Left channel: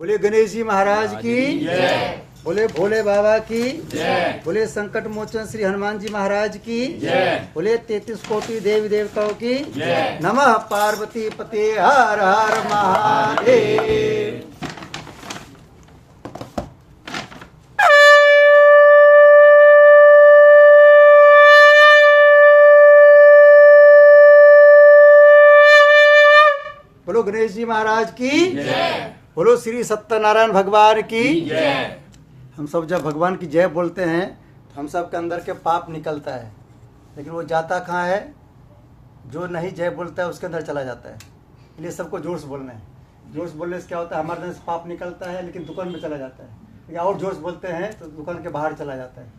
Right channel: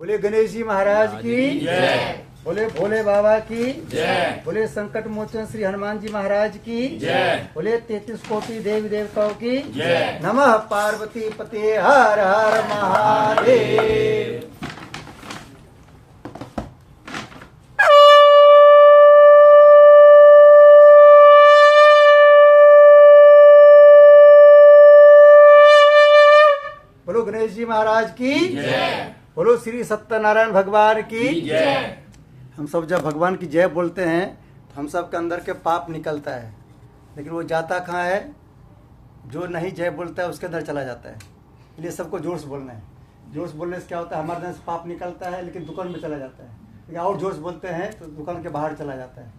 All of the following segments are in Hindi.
बोले गणेश जी महाराज की जय। बोले भोले बाबा की जय। बोले संकट मोचन श्री हनुमान जी महाराज की जय। बोले 33 कोटि देवी देवताओं की जय। नमः पार्वती पते हर हर महादेव। बोलो गणेश जी महाराज की जय। बोलो श्री सत्यनारायण भगवान की जय। हम सब जब भगवान की जय बोलते हैं तो हम सब के अंदर के पाप निकलता है, लेकिन वो जाता कहाँ है? जो नहीं जय बोलता है उसके अंदर चला जाता है। इसलिए सबको जोर से बोलना है। जोर से बोलने से क्या होता है? हमारे अंदर से पाप निकलता है लेकिन दुकान में चला जाता है। लेकिन और जोर से बोलते हैं तो दुकान के बाहर चला जाता है।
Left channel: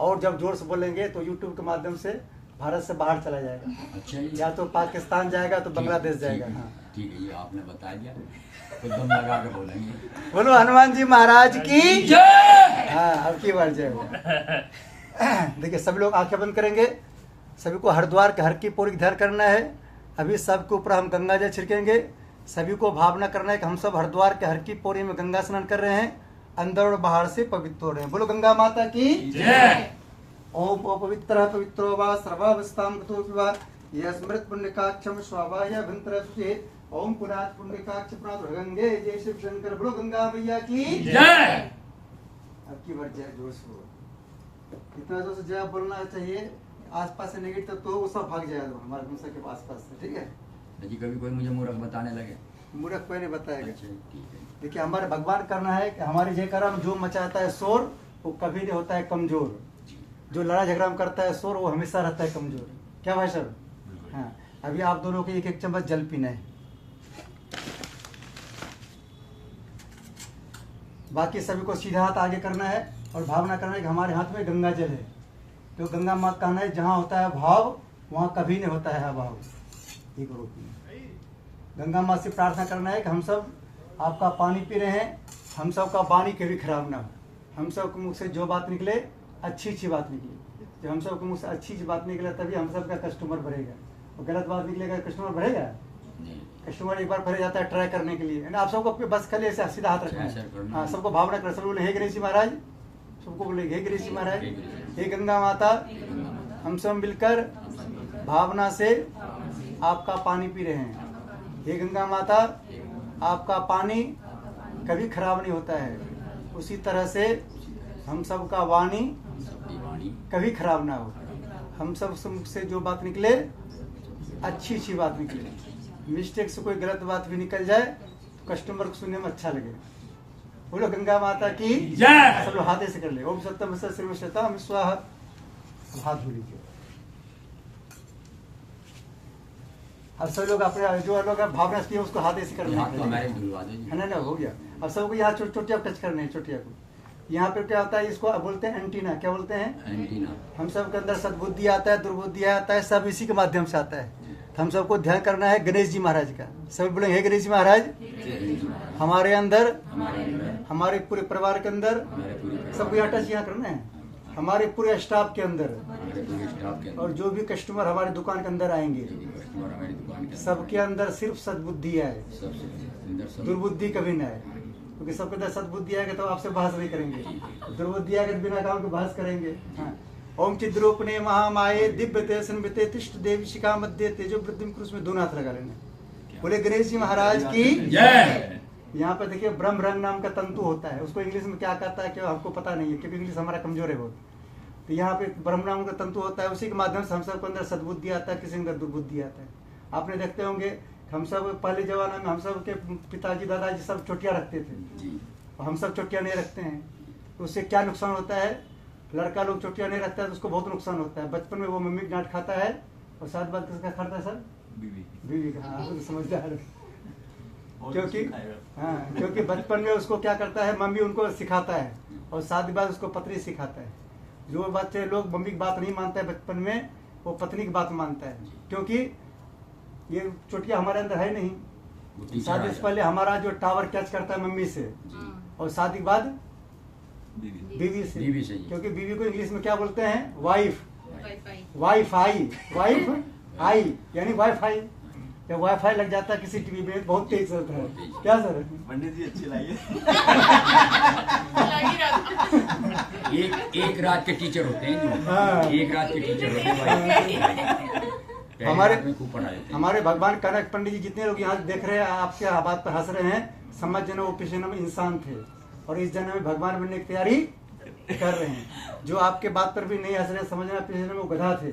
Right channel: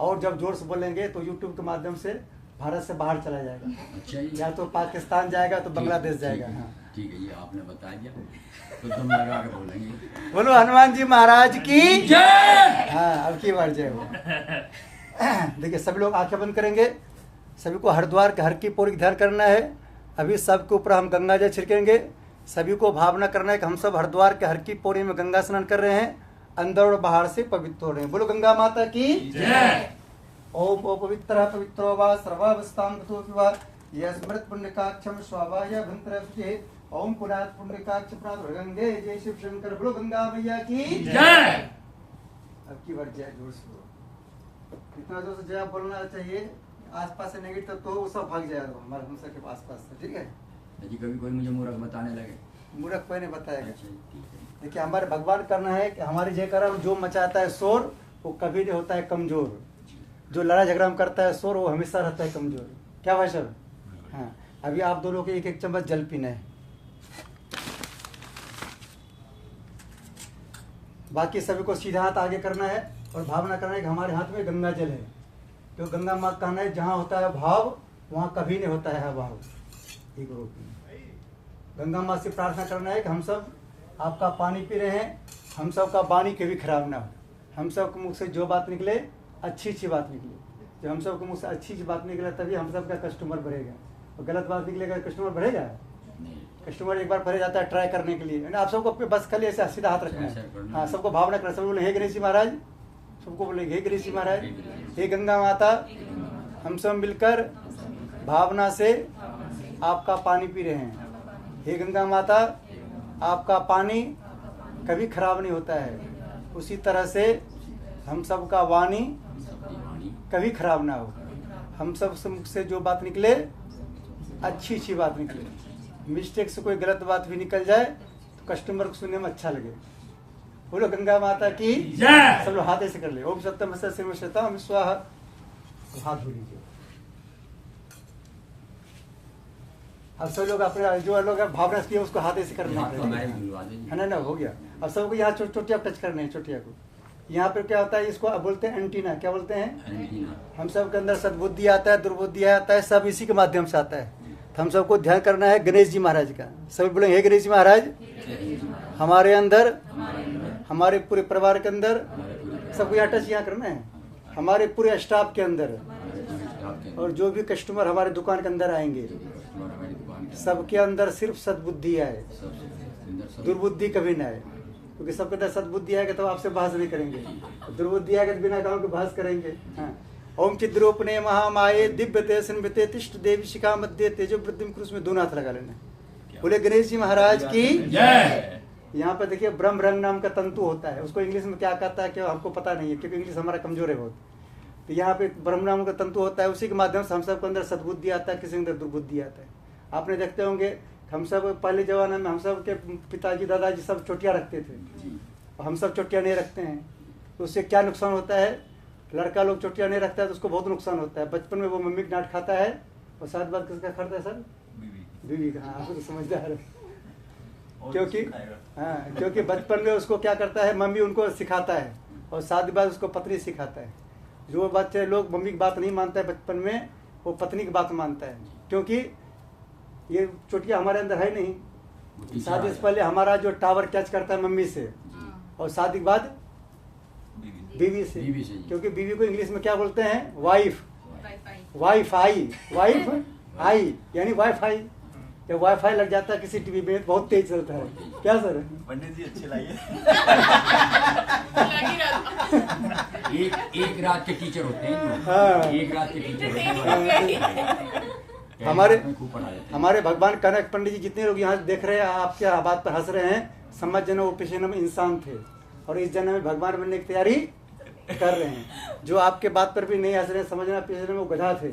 और जब जोर से बोलेंगे तो यूट्यूब के माध्यम से भारत से बाहर चला जाएगा। अच्छा जी। या तो पाकिस्तान जाएगा तो बांग्लादेश जाएगा। ठीक है, हाँ, ठीक है, ये आपने बता दिया तो दम लगा के बोलेंगे। बोलो हनुमान जी महाराज की जय। हाँ, अब की बार जय हो। देखिए सब लोग आंखें बंद करेंगे। सभी को हरिद्वार के हर की पौड़ी ध्यान करना है। अभी सबके ऊपर हम गंगा जल छिड़केंगे। सभी को भावना करना है कि हम सब हरिद्वार के हर की पौड़ी में गंगा स्नान कर रहे हैं, अंदर और बाहर से पवित्र हो रहे हैं। बोलो गंगा माता की जय। ओम ओ पवित्र पवित्रो वा सर्वावस्थां गतोऽपि वा यस्मृत पुण्यकाक्षम स्वावाय भंतरस्ते ओम पुनात पुण्यकाक्ष पुनात गंगे जय शिव शंकर। बोलो गंगा मैया की जय। अब की बार जय जोर से बोलो। कितना जोर से जय बोलना चाहिए? आसपास से नेगेटिव तो वो सब भाग जाएगा हमारे हमसे के आसपास से। ठीक है, यदि कभी कोई मुझे मूर्ख बताने लगे। मूर्ख कोई नहीं बताएगा। अच्छा, ठीक है। देखिए हमारे भगवान करना है कि हमारी जय कर्म जो मचाता है शोर वो कभी नहीं होता है कमजोर। जो लड़ाई झगड़ा में करता है शोर वो हमेशा रहता है कमजोर। क्या भाई साहब? हाँ, अभी आप दोनों को एक एक चम्मच जल पीना है। बाकी सभी को सीधा हाथ आगे करना है और भावना करना है कि हमारे हाथ में गंगा जल है। तो गंगा माँ का कहना है जहाँ होता है भाव वहाँ कभी नहीं होता है अभाव। एक रूप में गंगा माँ से प्रार्थना करना है कि हम सब आपका पानी पी रहे हैं, हम सब का वाणी कभी खराब ना हो। हम सब के मुख से जो बात निकले अच्छी अच्छी बात निकले। जब हम सब के मुख से अच्छी अच्छी बात निकले तभी हम सब का कस्टमर बढ़ेगा। और गलत बात निकलेगा कस्टमर बढ़ेगा? नहीं। कस्टमर एक बार पहले जाता है ट्राई करने के लिए। आप सबको अपने बस खाली ऐसे सीधा हाथ रखना ऐसा है। करना हाँ, है। सबको भावना कर। सब बोले हे गणेश जी महाराज। सबको बोलेंगे हे गणेश जी महाराज, हे गंगा माता। हम सब मिलकर भावना से आपका पानी पी रहे हैं। हे गंगा माता, आपका पानी कभी खराब नहीं होता है। उसी तरह से हम सब का वाणी वाणी कभी खराब ना हो। हम सब मुख से जो बात निकले अच्छी अच्छी बात निकले। मिस्टेक से कोई गलत बात भी निकल जाए तो कस्टमर को सुनने में अच्छा लगे। बोलो गंगा माता की जय। सब लोग हाथ ऐसे कर ले। ओम सत्यम श्री सत्यम स्वाहा। हाथ धो लीजिए। अब सब लोग अपने जो लोग भावना से किए उसको हाथ ऐसे करना हाथ तो हमारे ही धुलवा दो जी। है ना। हो गया। अब सबको यहाँ चोटिया टच करने हैं। चोटिया को यहाँ पे क्या होता है? इसको बोलते हैं एंटीना। क्या बोलते हैं? एंटीना। हम सब के अंदर सद्बुद्धि आता है, दुर्बुद्धि आता है, सब इसी के माध्यम से आता है। तो हम सबको ध्यान करना है गणेश जी महाराज का। सब बोले हे गणेश जी महाराज, हमारे अंदर, हमारे पूरे परिवार के अंदर, सबको यहाँ टच यहाँ करना है। हमारे पूरे स्टाफ के अंदर और जो भी कस्टमर हमारे दुकान के अंदर आएंगे सबके अंदर सिर्फ सद्बुद्धि आए, दुर्बुद्धि कभी ना आए। क्योंकि सबके अंदर सद्बुद्धि आएगा तो आपसे बहस नहीं करेंगे। दुर्बुद्धि आएगा तो बिना काम के बहस करेंगे। हाँ। ओम चिद्रूपने महामाये दिव्य ते संविते तिष्ठ देवी शिखा मध्य तेजो वृद्धि पुरुष में दोनों हाथ लगा लेना। बोले गणेश जी महाराज की जय। यहाँ पे देखिए ब्रह्म रंग नाम का तंतु होता है। उसको इंग्लिश में क्या कहता है कि हमको पता नहीं है, क्योंकि इंग्लिश हमारा कमजोर है बहुत। तो यहाँ पे ब्रह्म नाम का तंतु होता है। उसी के माध्यम से हम सबके अंदर सद्बुद्धि आता है, किसी के अंदर दुर्बुद्धि आता है। आपने देखते होंगे हम सब पहले जमाने में हम सब के पिताजी दादाजी सब चोटियां रखते थे। हम सब चोटियां नहीं रखते हैं। तो उससे क्या नुकसान होता है? लड़का लोग चोटियां नहीं रखता है तो उसको बहुत नुकसान होता है। बचपन में वो मम्मी की डांट खाता है और साथ बात किसका खाता है सर? बीवी का। हाँ, तो समझदार है। क्योंकि हाँ, क्योंकि बचपन में उसको क्या करता है? मम्मी उनको सिखाता है और शादी बाद उसको पत्नी सिखाता है। जो बच्चे लोग मम्मी की बात नहीं मानता है बचपन में, वो पत्नी की बात मानता है। क्योंकि ये चोटियां हमारे अंदर है नहीं। शादी से पहले हमारा जो टावर कैच करता है मम्मी से और शादी के बाद बीवी से। क्योंकि बीवी को इंग्लिश में क्या बोलते हैं? वाइफ। वाइफ आई, वाइफ आई यानी वाइफ आई। जब वाईफाई लग जाता है किसी टीवी में बहुत तेज चलता है। क्या सर? पंडित जी अच्छे लाइए। एक रात के टीचर होते हैं इन लोग। हाँ। एक रात के टीचर होते हैं। हमारे भगवान कनक पंडित जी जितने लोग यहाँ देख रहे हैं, आपके बात पर हंस रहे हैं, समझ जन्म वो पिछले जन्म में इंसान थे और इस जन्म में भगवान बनने की तैयारी कर रहे हैं। जो आपके बात पर भी नहीं हंस रहे हैं, समझना पिछले जन्म में वो गधा थे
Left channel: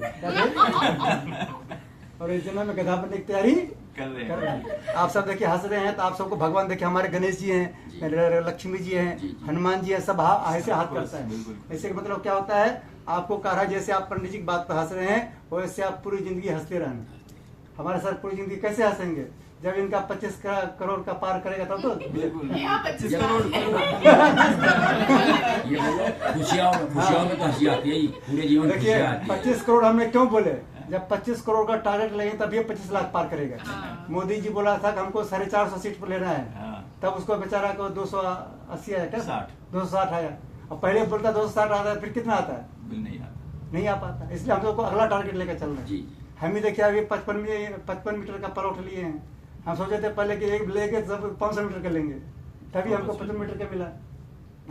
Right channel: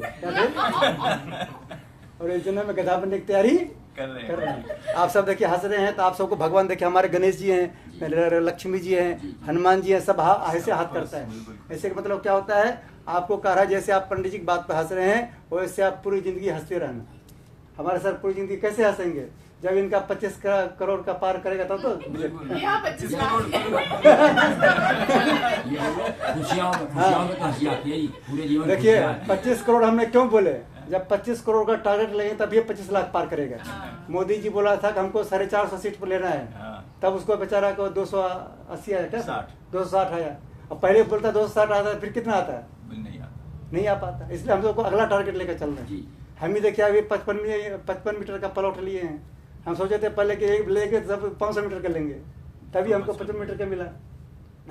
और इस जन्म में गधा बनने की तैयारी कर रहे हैं। आप सब देखिए हंस रहे हैं, तो आप सबको भगवान देखिए, हमारे गणेश जी हैं, लक्ष्मी जी हैं, हनुमान जी हैं, सब ऐसे हाथ करता है। ऐसे का मतलब क्या होता है? आपको कह रहा है जैसे आप पंडित जी की बात पर हंस रहे हैं, वैसे आप पूरी जिंदगी हंसते रहना। हमारे सर पूरी जिंदगी कैसे हंसेंगे? जब इनका 25 करोड़ का पार करेगा तब तो 25 करोड़ खुशियाँ में तो हंसी आती है ही, पूरे जीवन में देखिए खुशियाँ आती है। 25 करोड़ हमने क्यों बोले? जब 25 करोड़ का टारगेट लेंगे तब ये 25 लाख पार करेगा। मोदी जी बोला था कि हमको 450 सीट पर लेना है, तब उसको बेचारा को 280 आया, क्या 260 आया। और पहले बोलता 260 आता है, फिर कितना आता है? नहीं आ पाता। इसलिए हम लोग को अगला टारगेट लेकर चलना है। हम ही देखिए अभी 55 मीटर का प्लॉट लिए हैं। हम सोचे थे पहले कि एक लेके सब 500 मीटर का लेंगे, तभी हमको 55 मीटर का मिला।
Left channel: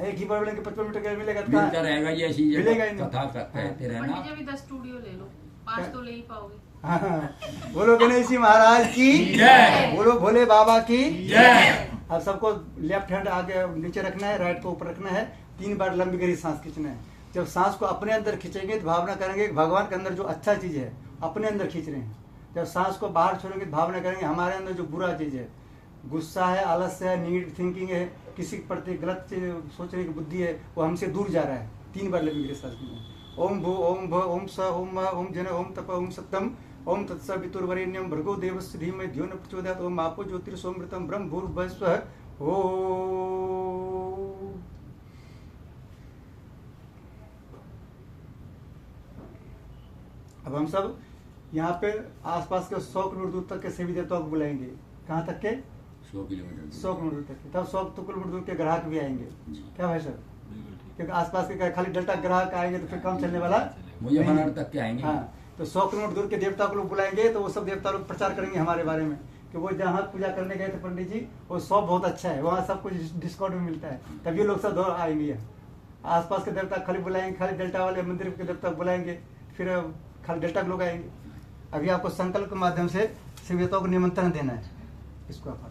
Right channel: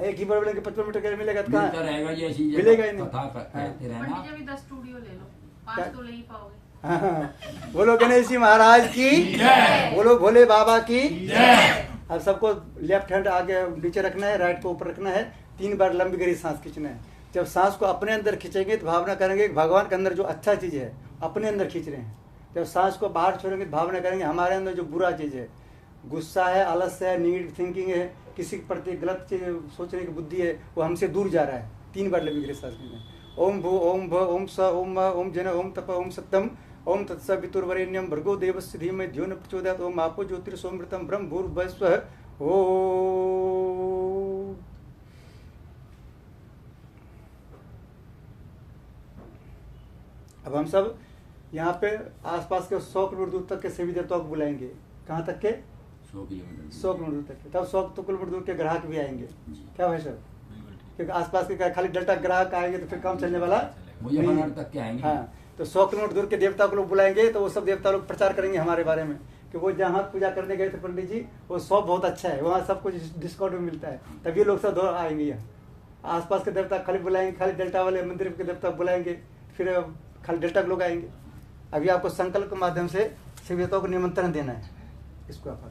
एक ही बार लेंगे 55 मीटर का मिलेगा, मिलता रहेगा जी, ऐसी मिलेगा ही नहीं। कथा कहते रहना। 10 स्टूडियो ले लो, 5 तो ले ही पाओगे। हाँ, बोलो गणेश जी महाराज की जय। बोलो भोले बाबा की जय। अब सबको लेफ्ट हैंड आगे नीचे रखना है, राइट को ऊपर रखना है, 3 बार लंबी गहरी सांस खींचना है। जब सांस को अपने अंदर खींचेंगे तो भावना करेंगे कि भगवान के अंदर जो अच्छा चीज है अपने अंदर खींच रहे हैं। जब सांस को बाहर छोड़ेंगे तो भावना करेंगे हमारे अंदर जो बुरा चीज है, गुस्सा है, आलस्य है, निगेटिव थिंकिंग है, किसी के प्रति गलत चीज सोचने की बुद्धि है, वो हमसे दूर जा रहा है। 3 बार लंबी गहरी सांस खींचना। ओम भू ओम भ ओम स ओम म ओम जन ओम तप ओम सत्यम ओम तत्सवितुर्वरेण्यम भर्गो देवस्य धीमहि धियो न प्रचोदयात् ओम आपो ज्योतिर्सोमृतम ब्रह्म भूर्भुवस्सुः ओम। अब हम सब यहाँ पे आसपास के 100 किलोमीटर दूर तक के सभी देवताओं को बुलाएंगे। कहाँ तक के? 100 किलोमीटर 100 किलोमीटर तक के। तब 100 किलोमीटर दूर के ग्राहक भी आएंगे। क्या भाई सर? क्योंकि आसपास के खाली डेल्टा ग्राहक आएंगे तो फिर काम चलने वाला मुजफ्फरनगर तक के आएंगे। हाँ, तो 100 किलोमीटर दूर के देवता को लोग बुलाएंगे, तो वो सब देवता लोग प्रचार करेंगे हमारे बारे में कि वो जहाँ पूजा करने गए थे पंडित जी, वो शॉप बहुत अच्छा है, वहाँ सब कुछ डिस्काउंट में मिलता है। तभी लोग सब दौड़ आएंगे यहाँ। आसपास के देवता खाली बुलाएंगे, खाली डेल्टा वाले मंदिर के देवता बुलाएंगे, फिर खाली डेल्टा के लोग आएंगे। अभी आपको संकल्प के माध्यम से सभी देवताओं को निमंत्रण देना है। इसको आप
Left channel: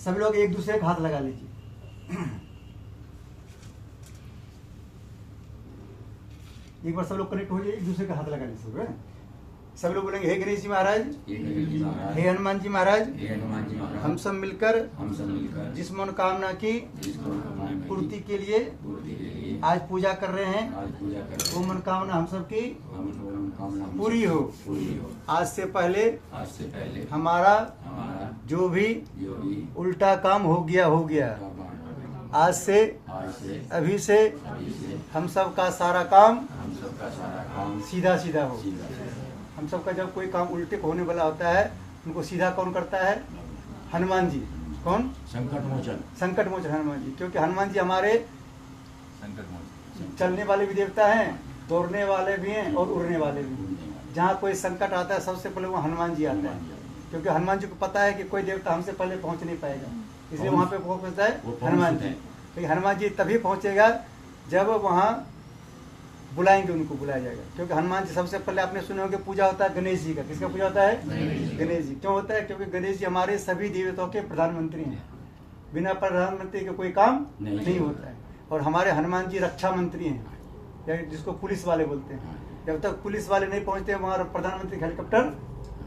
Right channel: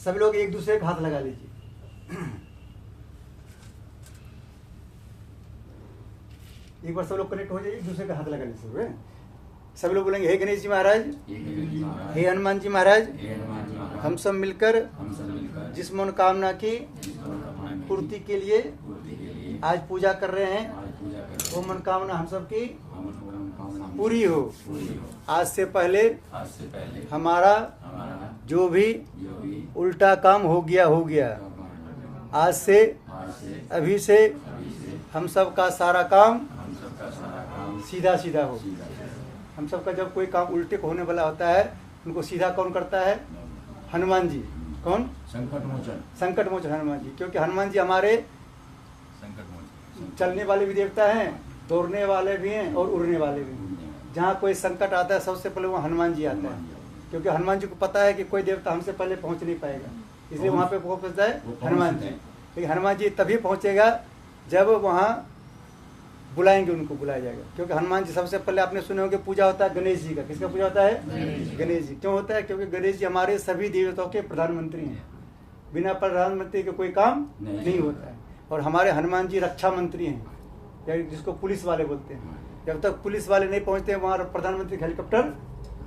सभी लोग एक दूसरे का हाथ लगा लीजिए। एक बार सब लोग कनेक्ट हो जाइए, एक दूसरे का हाथ लगा लीजिए। सब लोग बोलेंगे हे गणेश जी महाराज, हे हनुमान जी महाराज, हम सब मिलकर जिस मनोकामना की पूर्ति के लिए आज पूजा कर रहे हैं, वो मनोकामना हम सब की पूरी हो। आज से पहले हमारा जो भी उल्टा काम हो गया, आज से अभी से हम सब का सारा काम सीधा सीधा हो। हम सबका जब कोई काम उल्टे होने वाला होता है, उनको सीधा कौन करता है? हनुमान जी। कौन? संकट मोचन हनुमान जी। क्योंकि हनुमान जी हमारे चलने वाले भी देवता हैं, दौड़ने वाले भी हैं और उड़ने वाले भी। जहाँ कोई संकट आता है सबसे पहले वो हनुमान जी आता है, क्योंकि हनुमान जी को पता है कि कोई देवता हमसे पहले पहुंच नहीं पाएगा, इसलिए वहाँ पे पहुंचता है हनुमान जी। लेकिन हनुमान जी तभी पहुंचेगा जब वहाँ बुलाएंगे, उनको बुलाया जाएगा। क्योंकि हनुमान जी सबसे पहले आपने सुने होंगे पूजा होता है गणेश जी का। किसका पूजा होता है? गणेश जी। क्यों होता है? क्योंकि गणेश जी हमारे सभी देवताओं के प्रधानमंत्री हैं। बिना प्रधानमंत्री के कोई काम नहीं होता है। और हमारे हनुमान जी रक्षा मंत्री हैं, या जिसको पुलिस वाले बोलते हैं। जब तक पुलिस वाले नहीं पहुंचते वहाँ प्रधानमंत्री हेलीकॉप्टर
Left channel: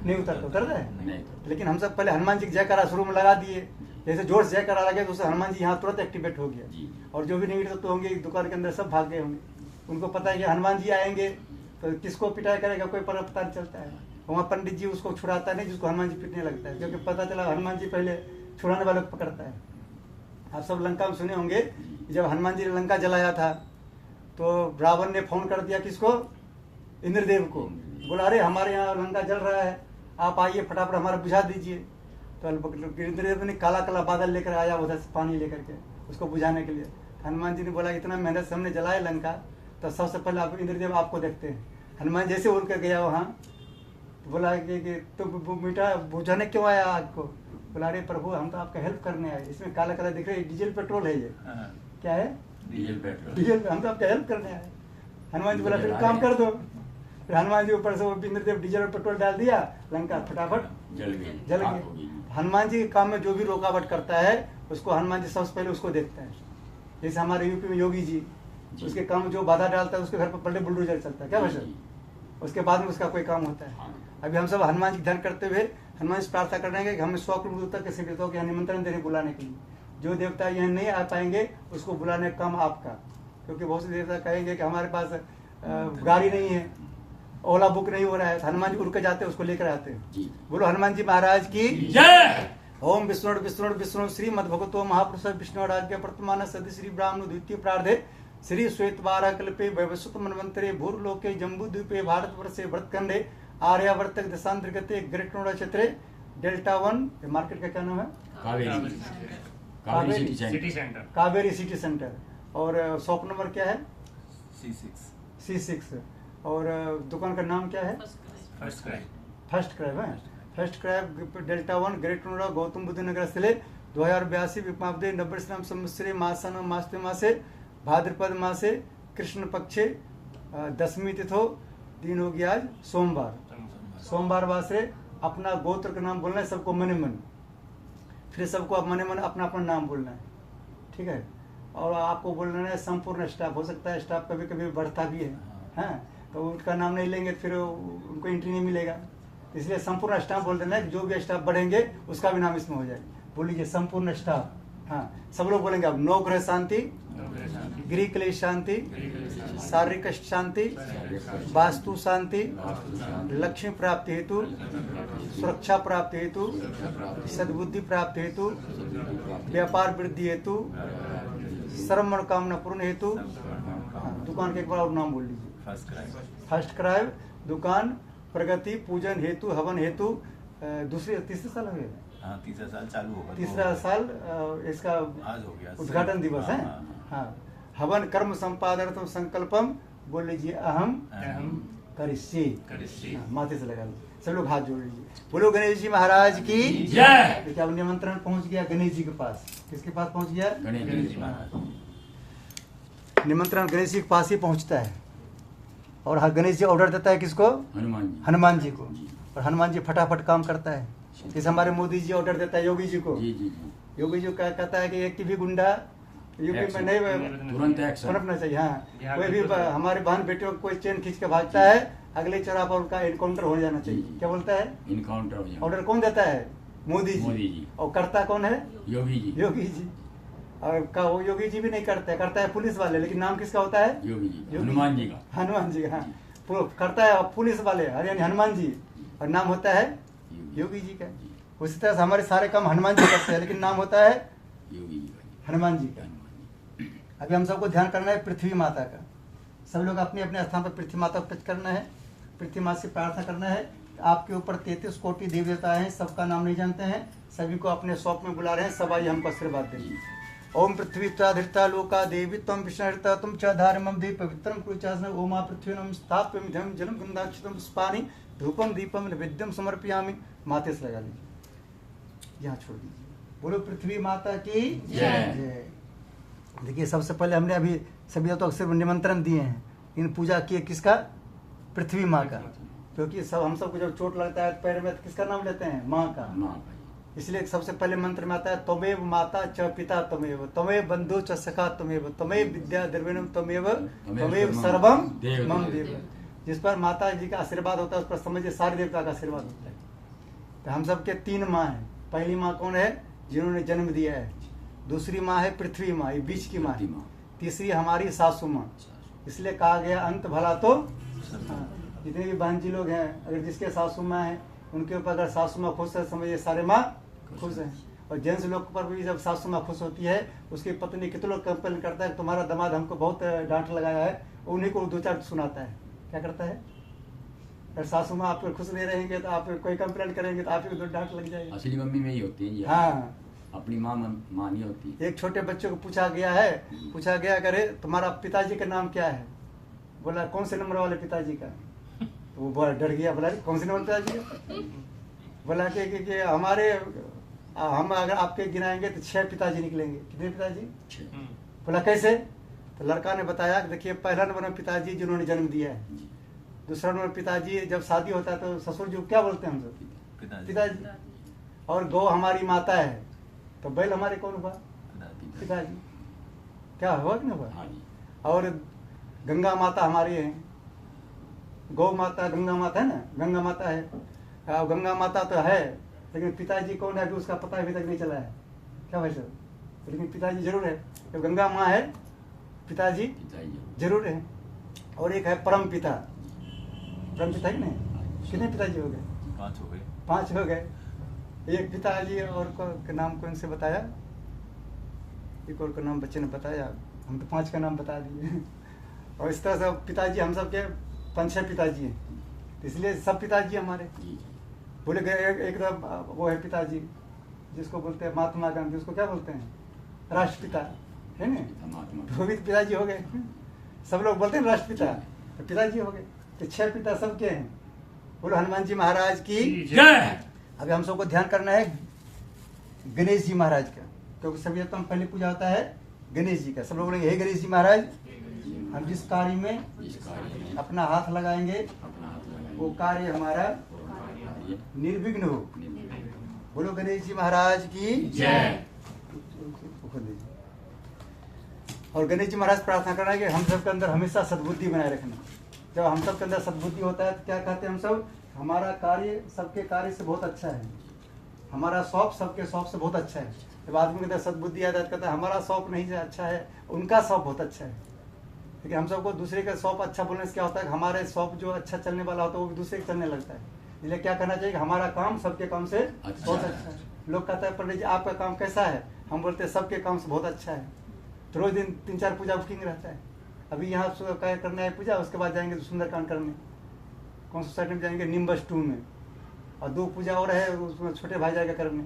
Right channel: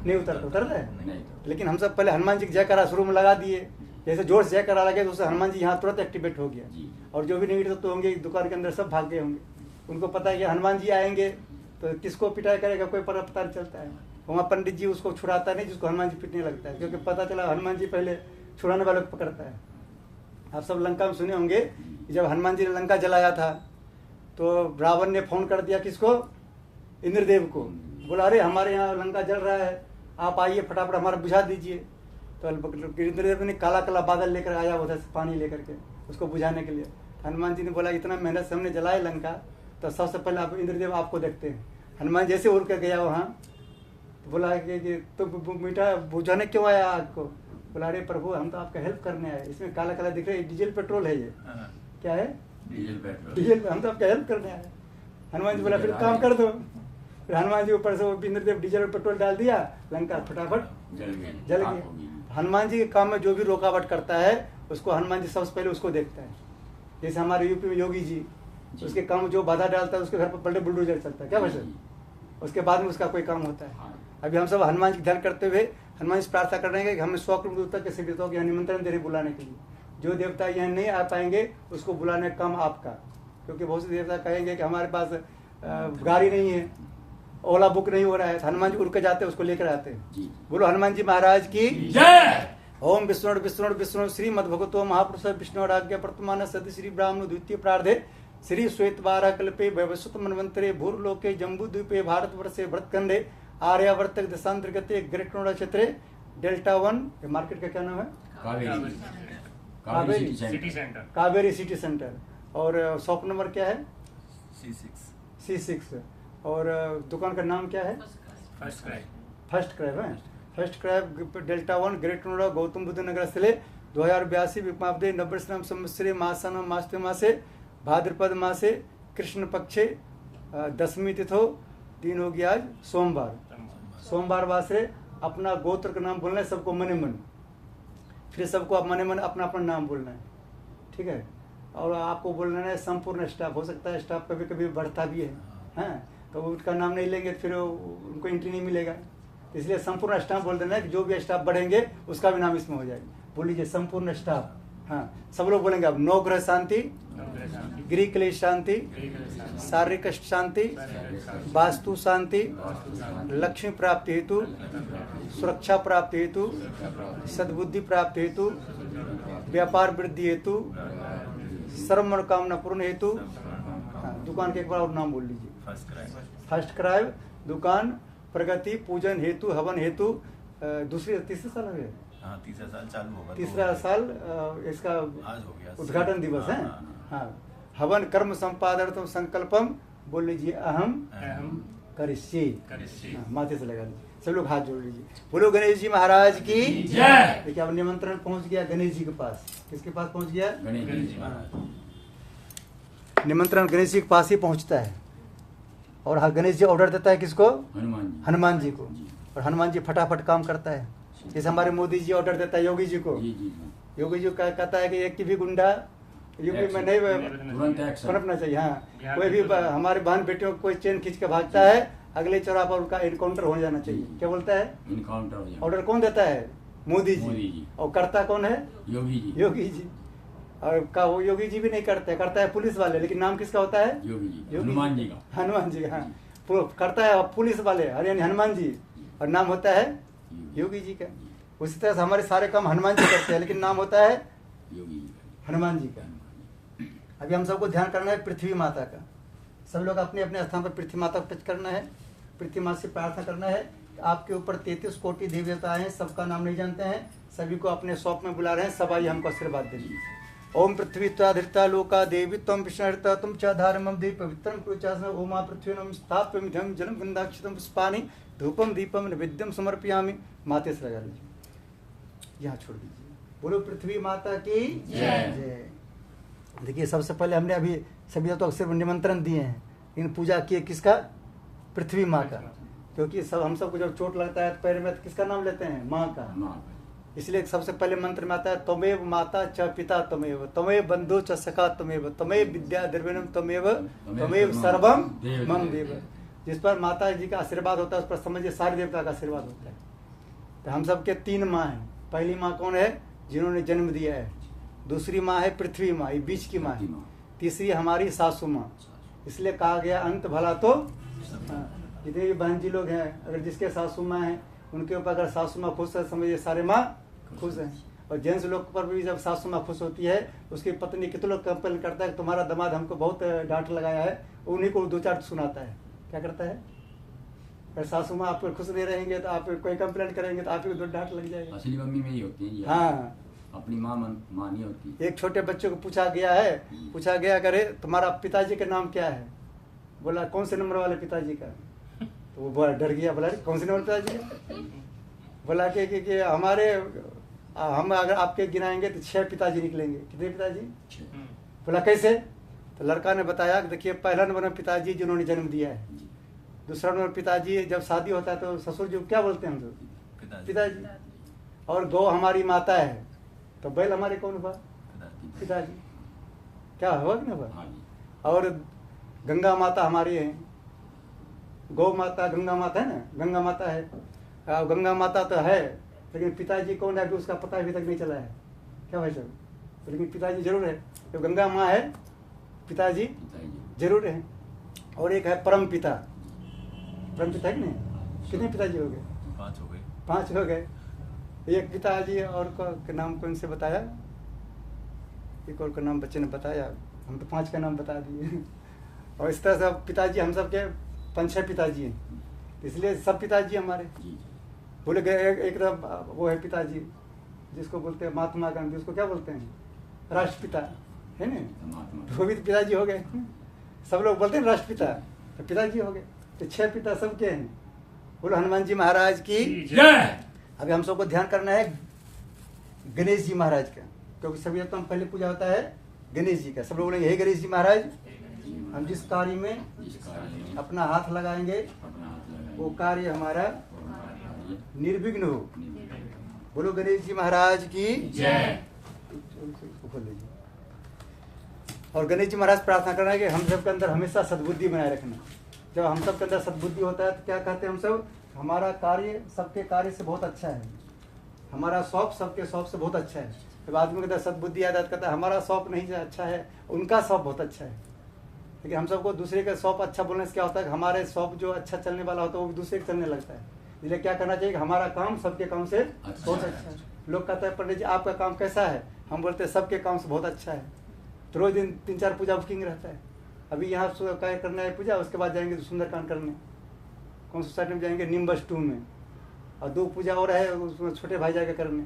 नहीं उतर रहे हैं। लेकिन हम सब पहले हनुमान जी की जयकारा शुरू में लगा दिए। जैसे जोर से जयकारा लगे तो उससे हनुमान जी यहाँ तुरंत एक्टिवेट हो गया। और जो भी निगेटिव तत्व होंगे दुकान के अंदर सब भाग गए होंगे। उनको पता है कि हनुमान जी आएंगे तो किसको पिटाई करेगा कोई पता नहीं चलता है। वहाँ पंडित जी उसको छुड़ाता नहीं जिसको हनुमान जी पिटने लगता है, क्योंकि पता चला हनुमान जी पहले छुड़ाने वाले को पकड़ता है। आप सब लंका में सुने होंगे, जब हनुमान जी ने लंका जलाया था तो रावण ने फोन कर दिया किसको? इंद्रदेव को। बोला अरे हमारे यहाँ लंका जल रहा है, आप आइए फटाफट हमारा बुझा दीजिए। तो इंद्रदेव ने काला काला बादल लेकर आया उधर से पानी लेकर के उसको बुझाने के लिए। हनुमान जी ने बोला इतना मेहनत से हमने जलाया लंका, तो सबसे पहले आप इंद्रदेव आपको देखते हैं। हनुमान जैसे उड़ कर गया वहाँ, तो बोला कि तो मीठा बुझाने क्यों आया आग को? बोला अरे प्रभु हम तो आपका हेल्प करने आए, इसमें काला काला दिख रहा है डीजल पेट्रोल है ये। हाँ, क्या है? Diesel petrol. डीजल, हम तो आपका हेल्प करने आए। हनुमान जी बोला फिर काम कर दो। फिर हनुमान जी ऊपर से वो इंद्रदेव डीजल और पेट्रोल डाल दिया, लंका फटाफट जल गई। जल आग हो गई। गई। हनुमान जी के काम में जो भी रुकावट करता है उसको हनुमान जी सबसे पहले उसको देखते हैं। जैसे हमारे यूपी में योगी जी, उसके काम में जो बाधा डालता है उसके घर पर बड़े बुलडोजर चलता है, क्या वैसे उसके बाद में उसका कोई काम होता है। हाँ। अभी हम सब हनुमान जी ध्यान करते हुए हनुमान से प्रार्थना कर रहे हैं कि हमें 100 करोड़ दूर तक कैसे देवताओं के यहाँ निमंत्रण दे रहे बुलाने के लिए। जो देवता यहाँ नहीं आ पाएंगे उसको बुलाने का काम आपका, क्योंकि बहुत से देवता कहेंगे कि हमारे पास गाड़ी नहीं है, ओला बुक नहीं हो रहा है, तो हनुमान जी उड़ के जाते हैं उसको लेकर आते हैं। जी। बोलो हनुमान जी महाराज की जय। ओम विष्णु श्रीमद भगवतो महापुरुष विष्णु आज्ञा वर्तमान सदि श्री ब्राह्मण द्वितीय प्रार्धे श्री श्वेतवारा कल्पे वैवस्वत मनवंतरे भूर्लोके जम्बूद्वीपे भारतवर्षे भरतखंडे आर्यावर्तक देशांतर्गते ग्रेट क्षेत्रे डेल्टा 1 मार्केट का क्या नाम है? Kaveri. Kaveri city centre. Kaveri city centre. और शॉप नंबर क्या है? C6 C6। और दुकान का नाम क्या है? First cry. फर्स्ट क्राइब है। First crib delta 1 great Noida Gautam Buddh Nagar स्थले 2082 विपाब्दे 90 संवत्सरे मासन मास्ते मासे भाद्रपद मासे कृष्ण पक्षे 10वीं तिथो, दिन होगी आज सोमवार वासरे। अपना गोत्र का नाम बोलना है सबको मने मन, फिर सबको आप मने मन अपना अपना नाम बोलना है, ठीक है? और आपको बोलना है संपूर्ण स्टाफ। हो सकता है स्टाफ कभी कभी बढ़ता भी है, हाँ, तो उसका नाम नहीं लेंगे फिर उनको एंट्री नहीं मिलेगा, इसलिए संपूर्ण स्टाफ बोल देना है कि जो भी स्टाफ बढ़ेंगे उसका भी नाम इसमें हो जाएगा। बोल लीजिए संपूर्ण स्टाफ। हाँ, सब लोग बोलेंगे अब नौ ग्रह शांति, गृह क्लेश शांति, शारीरिक कष्ट शांति, वास्तु शांति, लक्ष्मी प्राप्ति हेतु, सुरक्षा प्राप्ति हेतु, सद्बुद्धि प्राप्ति हेतु, व्यापार वृद्धि हेतु, सर्व मनोकामना पूर्ण हेतु। हाँ, दुकान के एक बार और नाम बोल लीजिए। फर्स्ट क्राइब दुकान प्रगति पूजन हेतु हवन हेतु तीसरे साल है। हाँ, तीसरा साल चालू होगा। तीसरा साल इसका आज हो गया उद्घाटन दिवस है। हाँ, हवन कर्म संपादन संकल्पम बोल लीजिए अहम करिष्ये। हाँ, माथे से लगा लीजिए, सब लोग हाथ जोड़ लीजिए। बोलो गणेश जी महाराज की जय। देखिए अब निमंत्रण पहुंच गया गणेश जी के पास। किसके पास पहुंच गया? गणेश जी महाराज। निमंत्रण गणेश जी के पास ही पहुंचता है। और हाँ, गणेश जी ऑर्डर देता है किसको? हनुमान जी को। और हनुमान जी फटाफट काम करता है। जैसे हमारे मोदी जी ऑर्डर देता है योगी जी को। योगी जी कहता है कि एक भी गुंडा यूपी में नहीं तुरंत एक्शन पनपना चाहिए। हाँ, कोई भी हमारे बहन बेटियों को कोई चेन खींच के भागता है, अगले चौराहे पर उनका एनकाउंटर हो जाना चाहिए। क्या बोलता है? इनकाउंटर। ऑर्डर कौन देता है? मोदी जी। और करता कौन है? योगी जी। योगी जी। और वो योगी जी भी नहीं करते, करता है पुलिस वाले। लेकिन नाम किसका होता है? योगी जी। हनुमान जी का। हनुमान जी का। हाँ, करता है पुलिस वाले यानी हनुमान जी, और नाम होता है योगी जी का। उसी तरह से हमारे सारे काम हनुमान जी करते हैं, लेकिन नाम होता है योगी जी का, हनुमान जी का। अभी हम सबको ध्यान करना है पृथ्वी माता का। सब लोग अपने अपने स्थान पर पृथ्वी माता को टच करना है, पृथ्वी माता से प्रार्थना करना है। आपके ऊपर 33 कोटि देवी देवता हैं, सबका नाम नहीं जानते हैं, सभी को अपने शॉप में बुला रहे हैं। सब आइए हमको आशीर्वाद देंगे। ओम पृथ्वी त्वाधृता लोका देवी तम विष्णुता तुम च धारमम देव पवित्रम कुचासन ओमा पृथ्वी नम स्थाप्य मिथम जलम गंधाक्षितम पुष्पानि धूपम दीपम नैवेद्यम समर्पयामि। माथे से लगा लीजिए, यहाँ छोड़ दीजिए। बोलो पृथ्वी माता की जय। देखिए सबसे पहले हमने अभी सभी तो सिर्फ निमंत्रण दिए हैं, इन पूजा किए किसका? पृथ्वी माँ का। क्योंकि सब हम सबको जब चोट लगता है पैर में तो किसका नाम लेते हैं? माँ का। इसलिए सबसे पहले मंत्र में आता है त्वमेव माता च पिता त्वमेव, त्वमेव बंधु च सखा त्वमेव, त्वमेव विद्या द्रविणम त्वमेव, त्वमेव सर्वम मम देव। जिस पर माता जी का आशीर्वाद होता है उस पर समझिए सारे देवता का आशीर्वाद होता है। तो हम सबके 3 माँ हैं। पहली माँ कौन है? जिन्होंने जन्म दिया है। दूसरी माँ है पृथ्वी माँ, ये बीच की माँ है। तीसरी हमारी सासू माँ। इसलिए कहा गया अंत भला तो जितने भी बहन जी लोग हैं, अगर जिसके सासू माँ है उनके ऊपर अगर सासू माँ खुश है समझिए सारे माँ खुश हैं। और जेंट्स लोग पर भी जब सासू माँ खुश होती है, उसकी पत्नी कितने लोग कंप्लेन करता है तुम्हारा दामाद हमको बहुत डांट लगाया है, उन्हीं को 2-4 सुनाता है। क्या करता है? अगर सासू माँ आप खुश नहीं रहेंगे तो आप कोई कंप्लेन करेंगे तो आप ही को डांट लग जाएगी। असली मम्मी में ही होती है ये। हाँ, अपनी माँ नहीं होती। एक छोटे बच्चे को पूछा गया करे तुम्हारा पिताजी का नाम क्या है? बोला कौन से नंबर वाले पिताजी का? वो बोला, डर गया, बोला कौन सी नंबर पिताजी? बोला कि हमारे हम अगर आपके गिनाएंगे तो 6 पिताजी निकलेंगे। कितने पिताजी? 6। बोला कैसे? तो लड़का ने बताया कि देखिए, पहला नंबर में पिताजी जिन्होंने जन्म दिया है, दूसरा नंबर पिताजी जब शादी होता है तो ससुर जी को क्या बोलते हैं हम लोग? पिताजी। और गौ हमारी माता है, तो बैल हमारे कौन हुआ? पिताजी। क्या हुआ कि नहीं हुआ? हाँ जी। और गंगा माता हमारी है, गौ माता गंगा माता है ना, गंगा माता है। गंगा माता तो है, लेकिन पिताजी कौन है अभी उसका पता अभी तक नहीं चला है। क्या भाई साहब? तो लेकिन पिताजी जरूर है, तो गंगा माँ है, पिताजी जरूर है। और एक है परम पिता। परम पिता है कि नहीं? कितने पिताजी हो गए? 5 हो गए। 5 हो गए। एक पिताजी और के नाम कौन से बताया? एक और का नाम बच्चे ने बताया, हम तो 5 का नाम बता दिए। और इस तरह से पिताजी हम सब के 5-6 पिताजी हैं, इसलिए सब पिताजी हमारे। बोले गए एक वो है पिताजी जिसको बोलते हैं महात्मा गांधी, उसको क्या बोलते हैं? राष्ट्रपिता है ना, वो भी पिताजी हो गए। सब लोग बोलते हैं राष्ट्रपिता, तो पिताजी हो गए। तो 6 पिता सबके हैं। बोलो हनुमान जी महाराज की जय। अभी हम सबको ध्यान करना है गणेश जी महाराज का, क्योंकि सभी तो हम पहले पूजा होता है गणेश जी का। सब लोग बोलेंगे हे गणेश जी महाराज, हम जिस कार्य में अपना हाथ लगाएंगे वो कार्य हमारा निर्विघ्न हो। बोलो गणेश जी महाराज की जय। और गणेश जी महाराज प्रार्थना करना है कि हम सब के अंदर हमेशा सद्बुद्धि बनाए रखना। जब हम सब के अंदर सद्बुद्धि होता है तो क्या कहते हैं हम सब? हमारा कार्य सबके कार्य से बहुत अच्छा है, हमारा शौक सबके शौक से बहुत अच्छा है। जब आदमी के अंदर सद्बुद्धि आ जाता है, हमारा शौक नहीं अच्छा है, उनका शौक बहुत अच्छा है। लेकिन हम सबको दूसरे का शौक अच्छा बोलने से क्या होता है कि हमारे शौक जो अच्छा चलने वाला होता है वो भी दूसरे के चलने लगता है। इसलिए क्या करना चाहिए कि हमारा काम सबके काम से बहुत अच्छा है। लोग कहते हैं पंडित जी आपका काम कैसा है? हम बोलते हैं सबके काम से बहुत अच्छा है। तो रोज दिन 3-4 पूजा बुकिंग रहता है। अभी यहाँ क्या करना है पूजा, उसके बाद जाएंगे सुंदरकांड करने, कौन सोसाइटी में जाएंगे? निम्बस 2 में, और 2 पूजा और है उसमें छोटे भाई जाएगा करने।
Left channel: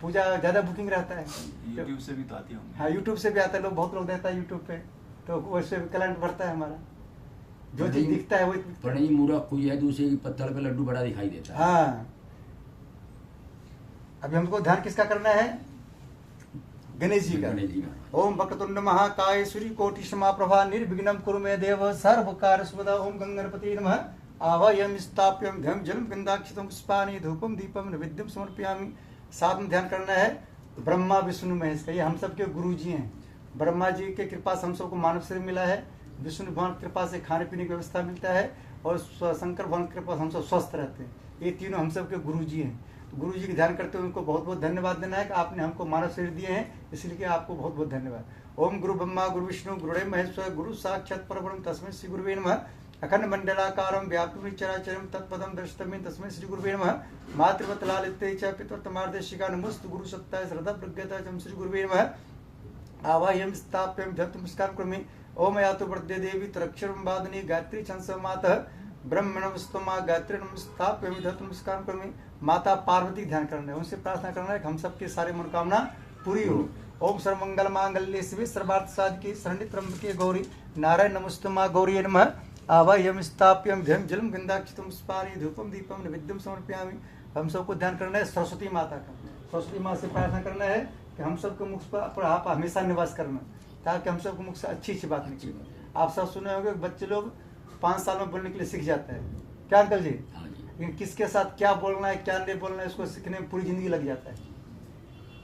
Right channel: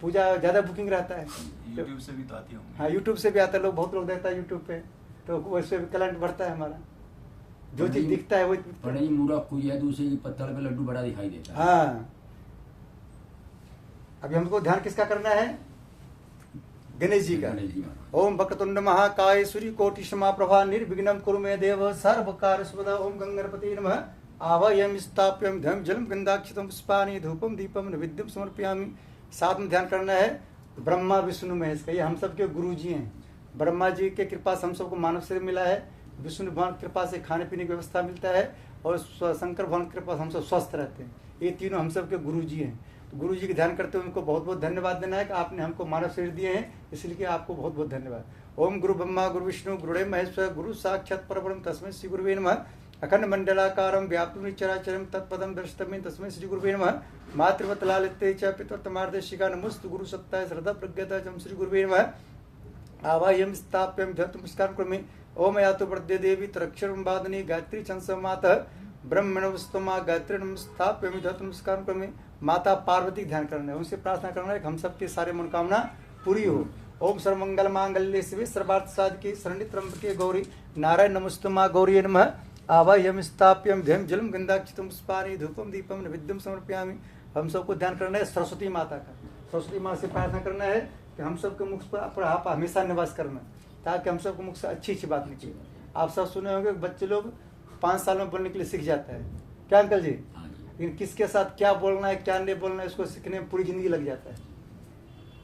पूजा ज्यादा बुकिंग रहता है। यूट्यूब से भी तो आती होंगी। हाँ, यूट्यूब से भी आता है, लोग बहुत लोग देखता है यूट्यूब पे, तो वैसे क्लाइंट बढ़ता है हमारा। जो चीज दिखता है वो पढ़ी मूर्ख कोई है, दूसरे की पत्तल पे लड्डू बड़ा दिखाई देता है। हाँ। अभी हमको ध्यान किसका करना है? गणेश जी का। ओम वक्रतुंड महाकाय सूर्य कोटि समाप्रभा निर्विघ्नं कुरु मे देव सर्व कार्य सर्वदा। ओम गंगणपति नमः। आवाहयामि स्थाप्यामि ध्यं जलं गंधाक्षितं पुष्पाणि धूपम दीपम नैवेद्यम समर्पयामि। साथ में ध्यान करना है ब्रह्मा विष्णु महेश का, ये हम सबके गुरु जी हैं। ब्रह्मा जी के कृपा से हम सबको मानव शरीर मिला है, विष्णु भगवान की कृपा से खाने पीने की व्यवस्था मिलता है, और शंकर भगवान की कृपा से हम सब स्वस्थ रहते हैं। ये तीनों हम सबके गुरु जी हैं। तो गुरु जी के ध्यान करते हुए उनको बहुत बहुत धन्यवाद देना है कि आपने हमको मानव शरीर दिए हैं, इसलिए आपको बहुत बहुत धन्यवाद। ओम गुरु ब्रह्मा गुरु विष्णु गुरुदेव महेश्वर गुरु साक्षात् परब्रह्म तस्मै श्री गुरुवे नमः। अखंड मंडलाकारं व्याप्तं चराचरं तत्पदं दर्शितमें तस्मै श्री गुरुवे नमः। मातृवत् लालित्ये च पितृतमार्देशिका नमोस्तु गुरु सत्ताय श्रद्धा प्रज्ञता च श्री गुरुवे नमः। आवाह्यं स्थाप्यं ध्यं नमस्कार करोमि। ओम यातु प्रद्य देवी तरक्षरं वादनी गायत्री छंदः मातः ब्रह्मणवस्तमा गायत्री नमस्ताप्यं ध्यं नमस्कार करोमि। माता पार्वती ध्यान करना है, उनसे प्रार्थना करना है कि हम सबकी सारी मनोकामना पूरी हो। ओम सर्वमंगल मांगल्ये शिवे सर्वार्थ साधके शरण्ये त्र्यंबके गौरी नारायण नमोस्तुमा गौरी नमः। आवाह्यं स्थाप्यं ध्यं जलं गंधाक्षितं पुष्पाणि धूपम दीपम नैवेद्यं समर्पयामि। हम सबको ध्यान करना है सरस्वती माता का। सरस्वती माँ से प्रार्थना करना है कि हम सबके मुख पर आप हमेशा निवास करना, ताकि हम सबको मुख से अच्छी अच्छी बात निकले। आप सब सुने होंगे बच्चे लोग 5 साल में बोलने के लिए सीख जाता है, क्या अंकल जी? लेकिन किसके साथ क्या बोलना है क्या नहीं बोलना है इसको सीखने में पूरी जिंदगी लग जाता है।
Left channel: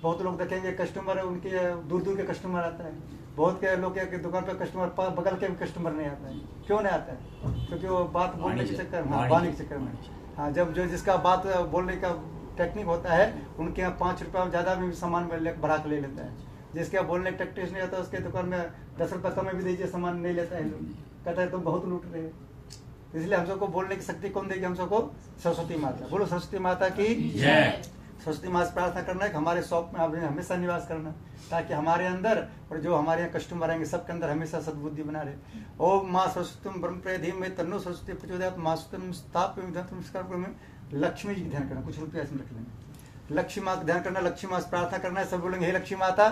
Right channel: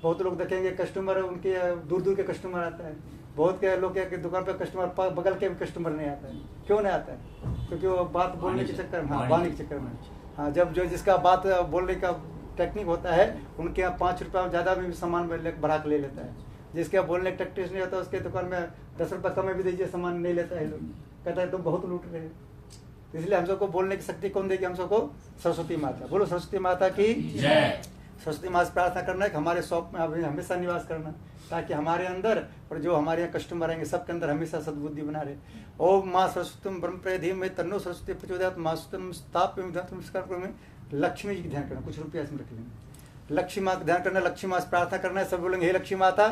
बहुत लोग देखेंगे कस्टमर उनके दूर दूर के कस्टमर आता है, बहुत के लोग के दुकान पर कस्टमर बगल के भी कस्टमर नहीं आता है। क्यों नहीं आता है? क्योंकि वो बात बोलने के चक्कर में, हाँ वाणी के चक्कर में, हाँ जब जो जिसका बात बोलने का टेक्निक होता है उनके यहाँ 5 रुपया ज्यादा में भी सामान बढ़ा के ले लेता है। जिसके बोलने का टेक्निक नहीं होता उसके दुकान में 10 रुपया कम में भी दीजिए सामान नहीं लेता है। लोग कहता है तुम बहुत लूट रहे हो। इसलिए हम सबको बोलने की शक्ति कौन देगी? हम सबको सरस्वती माता। बोलो सरस्वती माता की जय। सरस्वती माता से प्रार्थना करना है कि हमारे शॉप में हमेशा निवास करना, ताकि हमारे अंदर और जो हमारे यहाँ कस्टमर आएंगे सबके अंदर हमेशा सद्बुद्धि बना रहे। ओम माँ सरस्वती ब्रह्म प्रधीम में तन्नो सरस्वती प्रचोदयात् माँ नमस्कार करो। लक्ष्मी जी की ध्यान करना, कुछ रुपया इसमें रख लेंगे। लक्ष्मी माँ का ध्यान करना, लक्ष्मी माँ से प्रार्थना करना है। सब बोलेंगे हे लक्ष्मी माता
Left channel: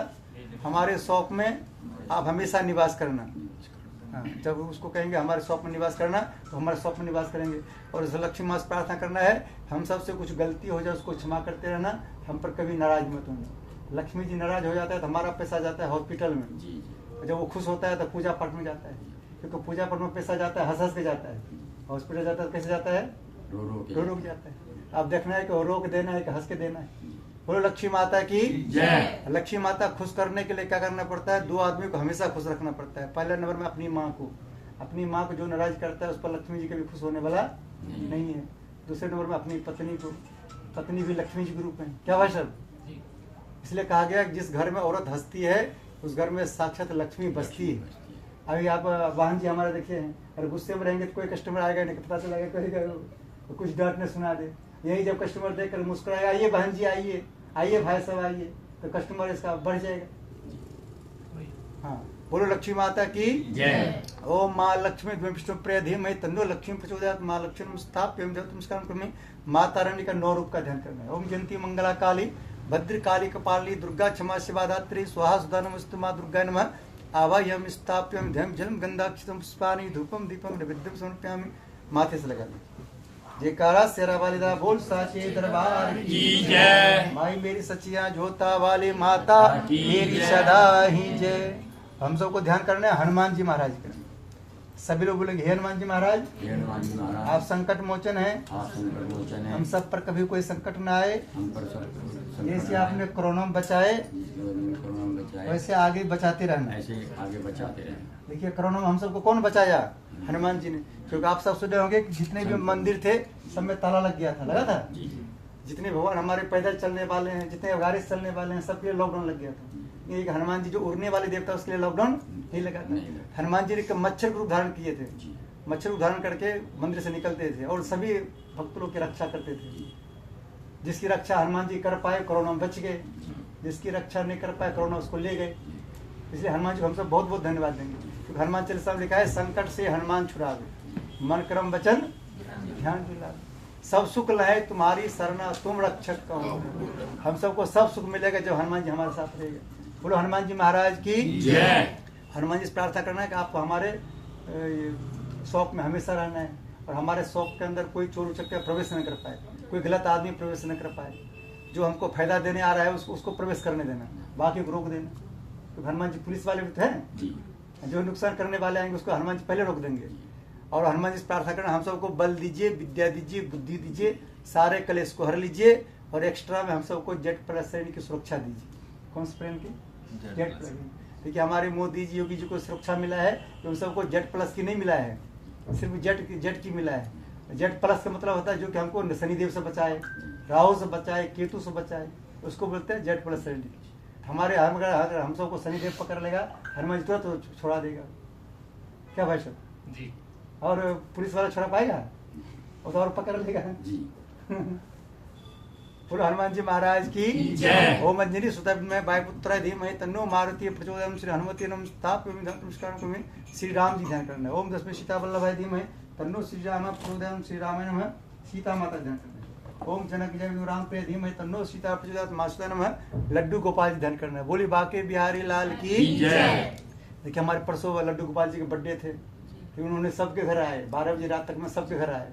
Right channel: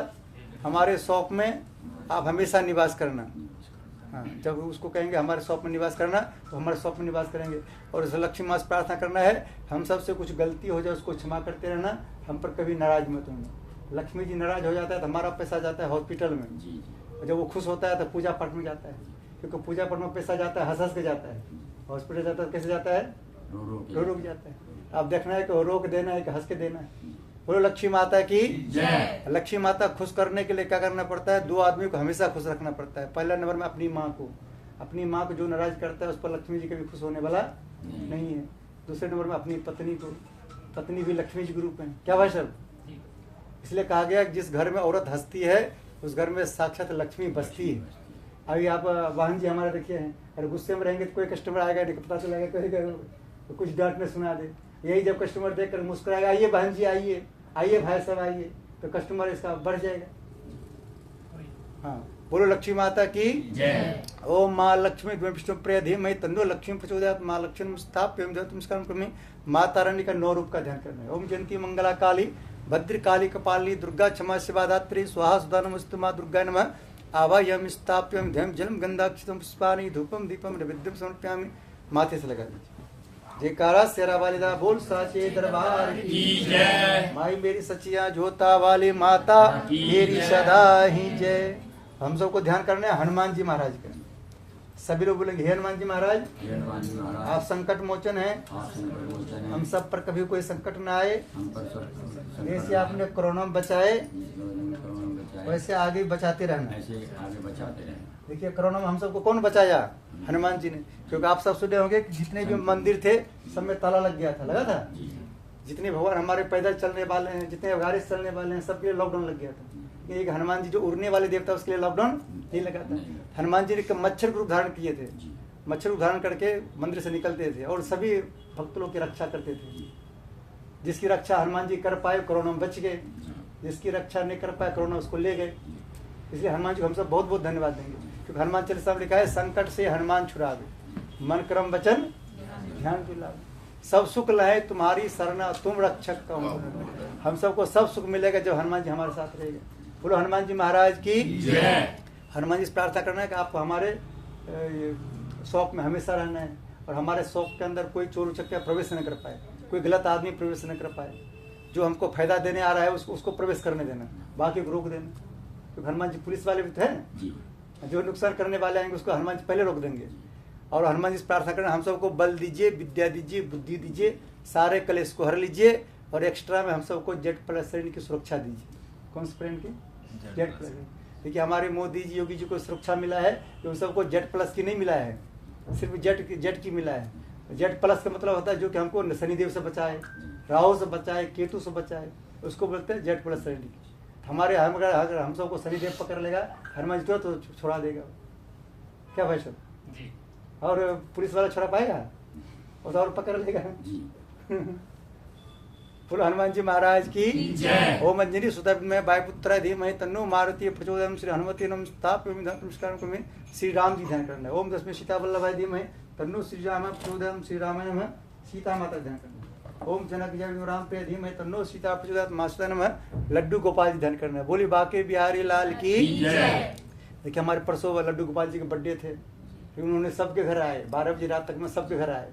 हमारे शॉप में आप हमेशा निवास करना। हाँ, जब उसको कहेंगे हमारे शॉप में निवास करना तो हमारे शॉप में निवास करेंगे। और इस लक्ष्मी माँ से प्रार्थना करना है हम सब से कुछ गलती हो जाए उसको क्षमा करते रहना, हम पर कभी नाराज मत होना। लक्ष्मी जी नाराज हो जाता है तो हमारा पैसा जाता है हॉस्पिटल में, जी जब वो खुश होता है तो पूजा पाठ में जाता है, क्योंकि पूजा पाठ में पैसा जाता है हंस हंस के जाता है, हॉस्पिटल जाता है कैसे जाता है, रो रो के जाता है। आप देखना है कि रो के देना है कि हंस के देना है। बोलो लक्ष्मी माता की जय। लक्ष्मी माता खुश करने के लिए क्या करना पड़ता है, दो आदमी को हमेशा खुश रखना पड़ता है। पहले नंबर में अपनी माँ को जो नाराज करता है उस पर लक्ष्मी जी कभी खुश होने वाला नहीं है। दूसरे नंबर में अपनी पत्नी को, पत्नी भी लक्ष्मी जी के रूप में, क्या भाई साहब? इसलिए कहा गया कि जिस घर में औरत हंसती है उस घर में साक्षात लक्ष्मी बसती है। अभी आप वाहन जी हमारे देखिए हैं, अरे गुस्से में रहेंगे तो कोई कस्टमर आएगा नहीं, पता चलेगा कहेगा तो कुछ डांटने सुना दे। यही जब कस्टमर देख कर मुस्कुराएगा, आइए बहन जी आइए, आइए भाई साहब आइए, तो कस्टमर इसका बढ़ जाएगा। हाँ, बोलो लक्ष्मी माता की जय। ओम माँ लक्ष्मी विष्णु प्रिय तन्नो लक्ष्मी प्रचोदयात् माँ लक्ष्मी स्थाप्य नमस्कार करने माता रानी का 9 रूप का ध्यान करना है। ओम जयंती मंगला काली भद्र काली कपाली दुर्गा क्षमा शिवा धात्री स्वाहा सुधा नमस्तु माँ दुर्गा नमः आवाह्यम स्थाप्यम ध्यम जलम गंधाक्षितम पुष्पानि धूपम दीपम नैवेद्यम समर्पयामि। माथे से लगा दीजिए। जयकारा शेरा वाली दा बोल साचे दरबार की जय। माई मेरी सचिया जोता वाली माता मेरी सदा ही जय। हम सबको ध्यान करना है हनुमान जी महाराज का। सभी लोग बोलेंगे हे हनुमान जी महाराज आप संकट मोचन है, हम सब पर कभी कोई संकट न आए, जैसे आपने कोरोना में बचाए वैसे आगे बचाते रहना। देखिए कोरोना में हम सबको कौन बचाया, हनुमान जी ने। क्योंकि आप सब सुने होंगे कि जितने भी मंदिर थे सब में ताला लग गया था, लगा था। जितने भगवान हमारे पैदल चलने वाले हैं, जितने गाड़ी से चलने वाले हैं, सबके लिए लॉकडाउन लग गया था। एक हनुमान जी जो उड़ने वाले देवता उसके लिए लॉकडाउन नहीं लगा था। हनुमान जी ने मच्छर को धारण किए थे, मच्छर को धारण करके मंदिर से निकलते थे और सभी भक्त लोग की रक्षा करते थे। जिसकी रक्षा हनुमान जी कर पाए कोरोना में बच गए, जिसकी रक्षा नहीं कर पाए कोरोना उसको ले गए। इसलिए हनुमान जी को हम सब बहुत बहुत धन्यवाद देंगे, क्योंकि हनुमान चालीसा में लिखा है संकट से हनुमान छुड़ावे, मन क्रम वचन ध्यान दिलावे, सब सुख लाए तुम्हारी शरणा तुम रक्षक कहो। हम सबको सब सुख मिलेगा जब हनुमान जी हमारे साथ रहेगा। बोलो हनुमान जी महाराज की जय। हनुमान जी से प्रार्थना करना है कि आपको हमारे शॉप में हमेशा रहना है और हमारे शॉप के अंदर कोई चोर उचक्का प्रवेश न कर पाए, कोई गलत आदमी प्रवेश न कर पाए। जो हमको फायदा देने आ रहा है उसको प्रवेश करने देना, बाकी को रोक देना। तो हनुमान जी पुलिस वाले भी थे, जो नुकसान करने वाले आएंगे उसको हनुमान जी पहले रोक देंगे। और हनुमान जी से प्रार्थना करना हम सबको बल दीजिए, विद्या दीजिए, बुद्धि दीजिए, सारे कलेश को हर लीजिए और एक्स्ट्रा में हम सबको जेट प्लस श्रेणी की सुरक्षा दीजिए। कौन सी श्रेणी की? Jet plus. देखिए हमारे मोदी जी योगी जी को सुरक्षा मिला है तो उन सबको जेट प्लस की नहीं मिला है, सिर्फ जेट की मिला है। जेट प्लस का मतलब होता है जो कि हमको शनिदेव से बचाए, राहु से बचाए, केतु से बचाए, उसको बोलते हैं जेट प्लस श्रेणी। हमारे अगर हम सबको शनिदेव पकड़ लेगा हनुमान जी तुरंत तो छोड़ा देगा, क्या भाई साहब जी। और पुलिस वाला छोड़ा पाएगा वो तो और पकड़ लेगा। बोलो हनुमान जी महाराज की जय। ओम अंजनी सुतः में वायुपुत्र धीमहि तन्नो मारुति प्रचोदयात् श्री हनुमते नमस्ताप्यामि नमस्कार में श्री राम जी ध्यान करना है। ओम दशमी सीता वल्लभाय धीमहि तन्नो श्री राम प्रचोदयात् श्री राम नमः सीता माता ध्यान करना है। ओम जनक जय राम पे धीमहि तन्नो सीता प्रचोदयात् मास्टर नमः लड्डू गोपाल जी ध्यान करना है। बोली बाके बिहारी लाल की जय। देखिए हमारे परसों लड्डू गोपाल जी के बर्थडे थे, उन्होंने सबके घर आए, 12 बजे रात तक में सबके घर आए।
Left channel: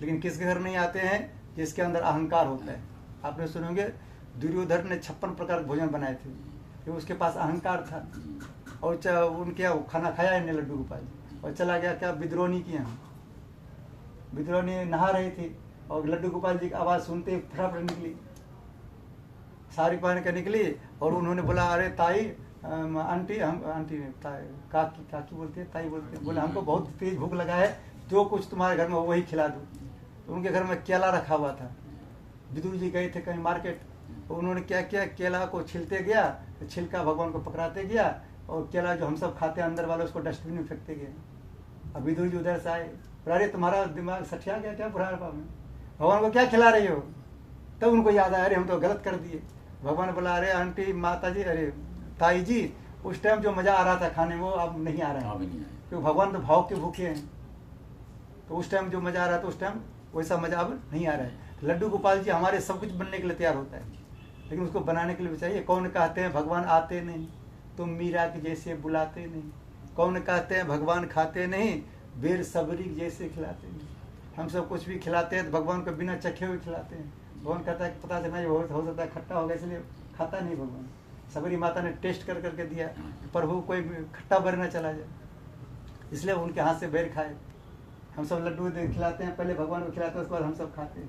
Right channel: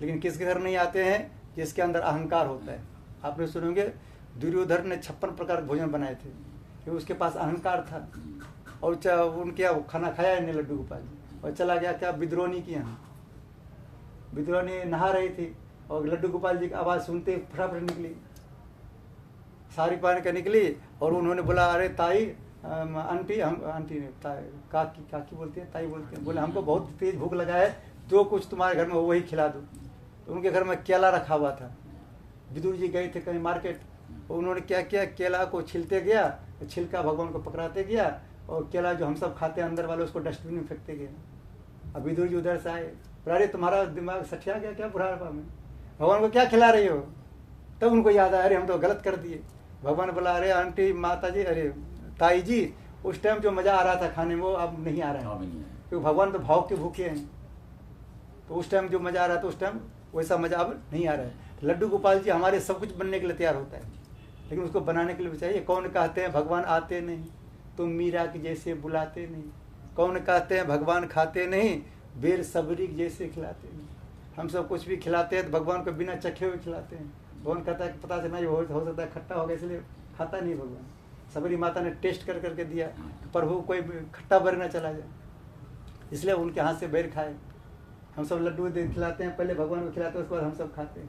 लेकिन किसके घर नहीं आते हैं जिसके अंदर अहंकार होता है। आपने सुनोगे दुर्योधन ने 56 प्रकार के भोजन बनाए थे, क्योंकि उसके पास अहंकार था। और उनके खाना खाया इन्हें लड्डू गोपाल जी, और चला गया क्या विद्रोही की यहाँ। विद्रोही नहा रही थी और लड्डू गोपाल जी की आवाज़ सुनते फटाफट निकली, साड़ी पहन के निकली और उन्होंने बोला अरे ताई आंटी, हम आंटी काकी बोलते हैं, ताई बोलते हैं, बोले हमको बहुत तेज भूख लगा है, जो कुछ तुम्हारे घर में हो वही खिला दो। तो उनके घर में केला रखा हुआ था। विदुर जी गए थे कहीं मार्केट, तो उन्होंने क्या किया, केला को छिलते गया, तो छिलका भगवान को पकड़ाते गया और केला जो हम सब खाते हैं अंदर वाले उसको डस्टबिन में फेंकते गया। अब विदुर जी उधर से आए, अरे तुम्हारा दिमाग सठिया गया क्या बुढ़ापा में, भगवान को क्या खिला रही हो। तब उनको याद आया अरे हम तो गलत कर दिए। भगवान बोला अरे आंटी माता जी, अरे ताई जी, उस टाइम जो मजा आ रहा था खाने में वो अब नहीं आ रहा है, क्योंकि भगवान तो भाव के भूखे हैं। तो उस टाइम जो मजा आ रहा था उस टाइम वैसा मजा अब नहीं आ रहा है। लड्डू गोपाल जी हमारे सब कुछ बनने के लिए तैयार होता है, लेकिन उसको बनाने के लिए चाहिए। कौन कहते हैं भगवान आते नहीं, तुम मीरा के जैसे बुलाते नहीं, कौन कहते हैं भगवान खाते नहीं, बेर सबरी जैसे खिलाते नहीं। हम सब कुछ भी खिलाते हैं तो भगवान को बिना चखे हुए खिलाते हैं। भगवान कहता है कि पता चलना ये हो सकता है खट्टा होगा, इसलिए खाता नहीं भगवान। सबरी माता ने टेस्ट कर करके दिया, प्रभु कोई खट्टा बेर ना चला जाए, इसलिए उनके हाथ से बेर खाए। हम सब लड्डू खिलाते हैं, पहले भगवान को खिलाते हैं, उसके बाद हम सब खाते हैं।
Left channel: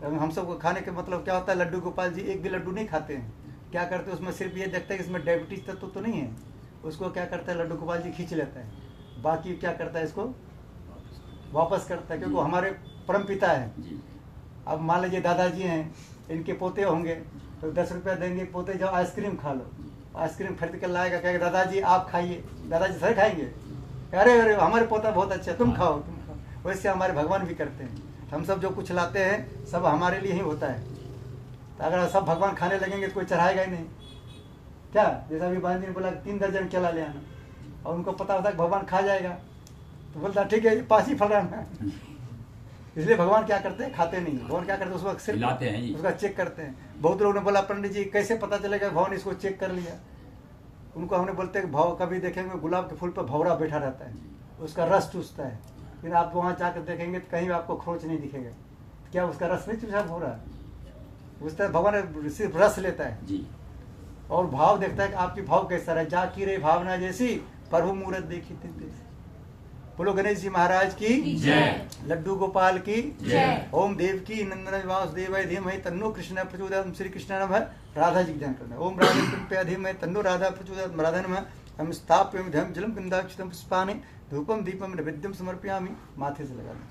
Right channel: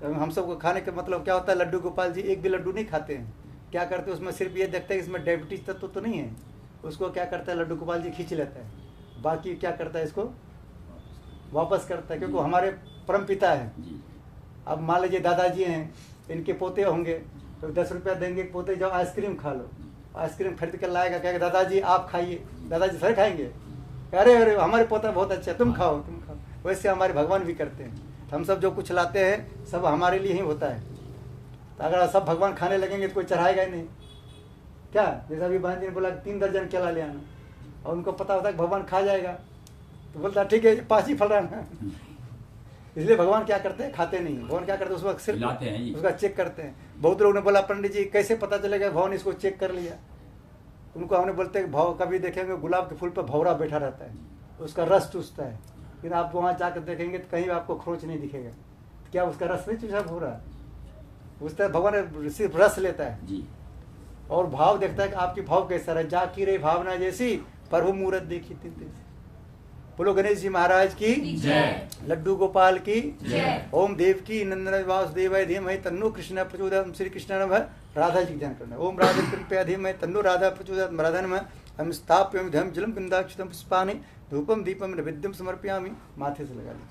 तो हम सबको खाने का मतलब क्या होता है, लड्डू गोपाल जी एक भी लड्डू नहीं खाते हैं। क्या करते हैं उसमें सिर्फ ये देखते हैं कि इसमें डायबिटीज तत्व तो नहीं है, उसको क्या करता है लड्डू गोपाल जी खींच लेता है, बाकी क्या करता है इसको वापस करता है, क्योंकि वो हमारे परम पिता है। अब मान लीजिए दादाजी हैं, इनके पोते होंगे तो 10 रुपया देंगे, पोते जाओ आइसक्रीम खा लो, आइसक्रीम खरीद कर लाएगा, कहेगा दादाजी आप खाइए, दादाजी सही खाएंगे, अरे अरे हमारे पोता बहुत अच्छा, तुम खाओ तुम खाओ। वैसे हमारे भगवान भी करते हैं। हम सब जो कुछ लाते हैं सब हमारे लिए ही होता है। तो अगर सब भगवान खाने लगेंगे तो कोई चढ़ाएगा ही नहीं क्या। जैसा अभी बहन जी ने बोला 3 दर्जन केला ले आना, और उनको पता होता है कि भगवान खा जाएगा, तो बोलता ठीक है 5 ही फल रहना। इसलिए भगवान क्या करते हैं, खाते नहीं। भगवान क्या करते हैं, उसको सिर्फ उसका चेक करते हैं। बहुत लोगों ने बोला पंडित जी कैसे पता चलेगा भगवान इसको चेक कर लिया। उनको हमने बोलते हैं भाव, कभी देखेंगे गुलाब के फूल पर भौरा बैठा रहता है, उसका रस चूसता है, लेकिन आप वहाँ जाकर देखेंगे तो कहीं आपको खरोच नहीं दिखेगा। क्या उसका रस नहीं चूसा भौरा, उस तरह भगवान सिर्फ रस लेता है जी। और भाव देखता है कि आपकी भाव कैसा है। जाकी रे भावना जैसी प्रभु मूरत देखी थी तैसी। बोलो गणेश जी महाराज की जय, लड्डू गोपाल की जय, ओम देव की नंदन वासुदेवाय धीमहि तन्नो कृष्ण प्रचोदयात्, श्री कृष्ण नमः। राधा जी की ध्यान करना, ओम राधे कृपया धीमहि तन्नो राधा प्रचोदयात्, राधा नमः। हम स्थाप्य धम जलम बिंदाक्षितम पुष्पानि धूपम दीपम नैवेद्यम समर्पयामि, माथे से लगा दें।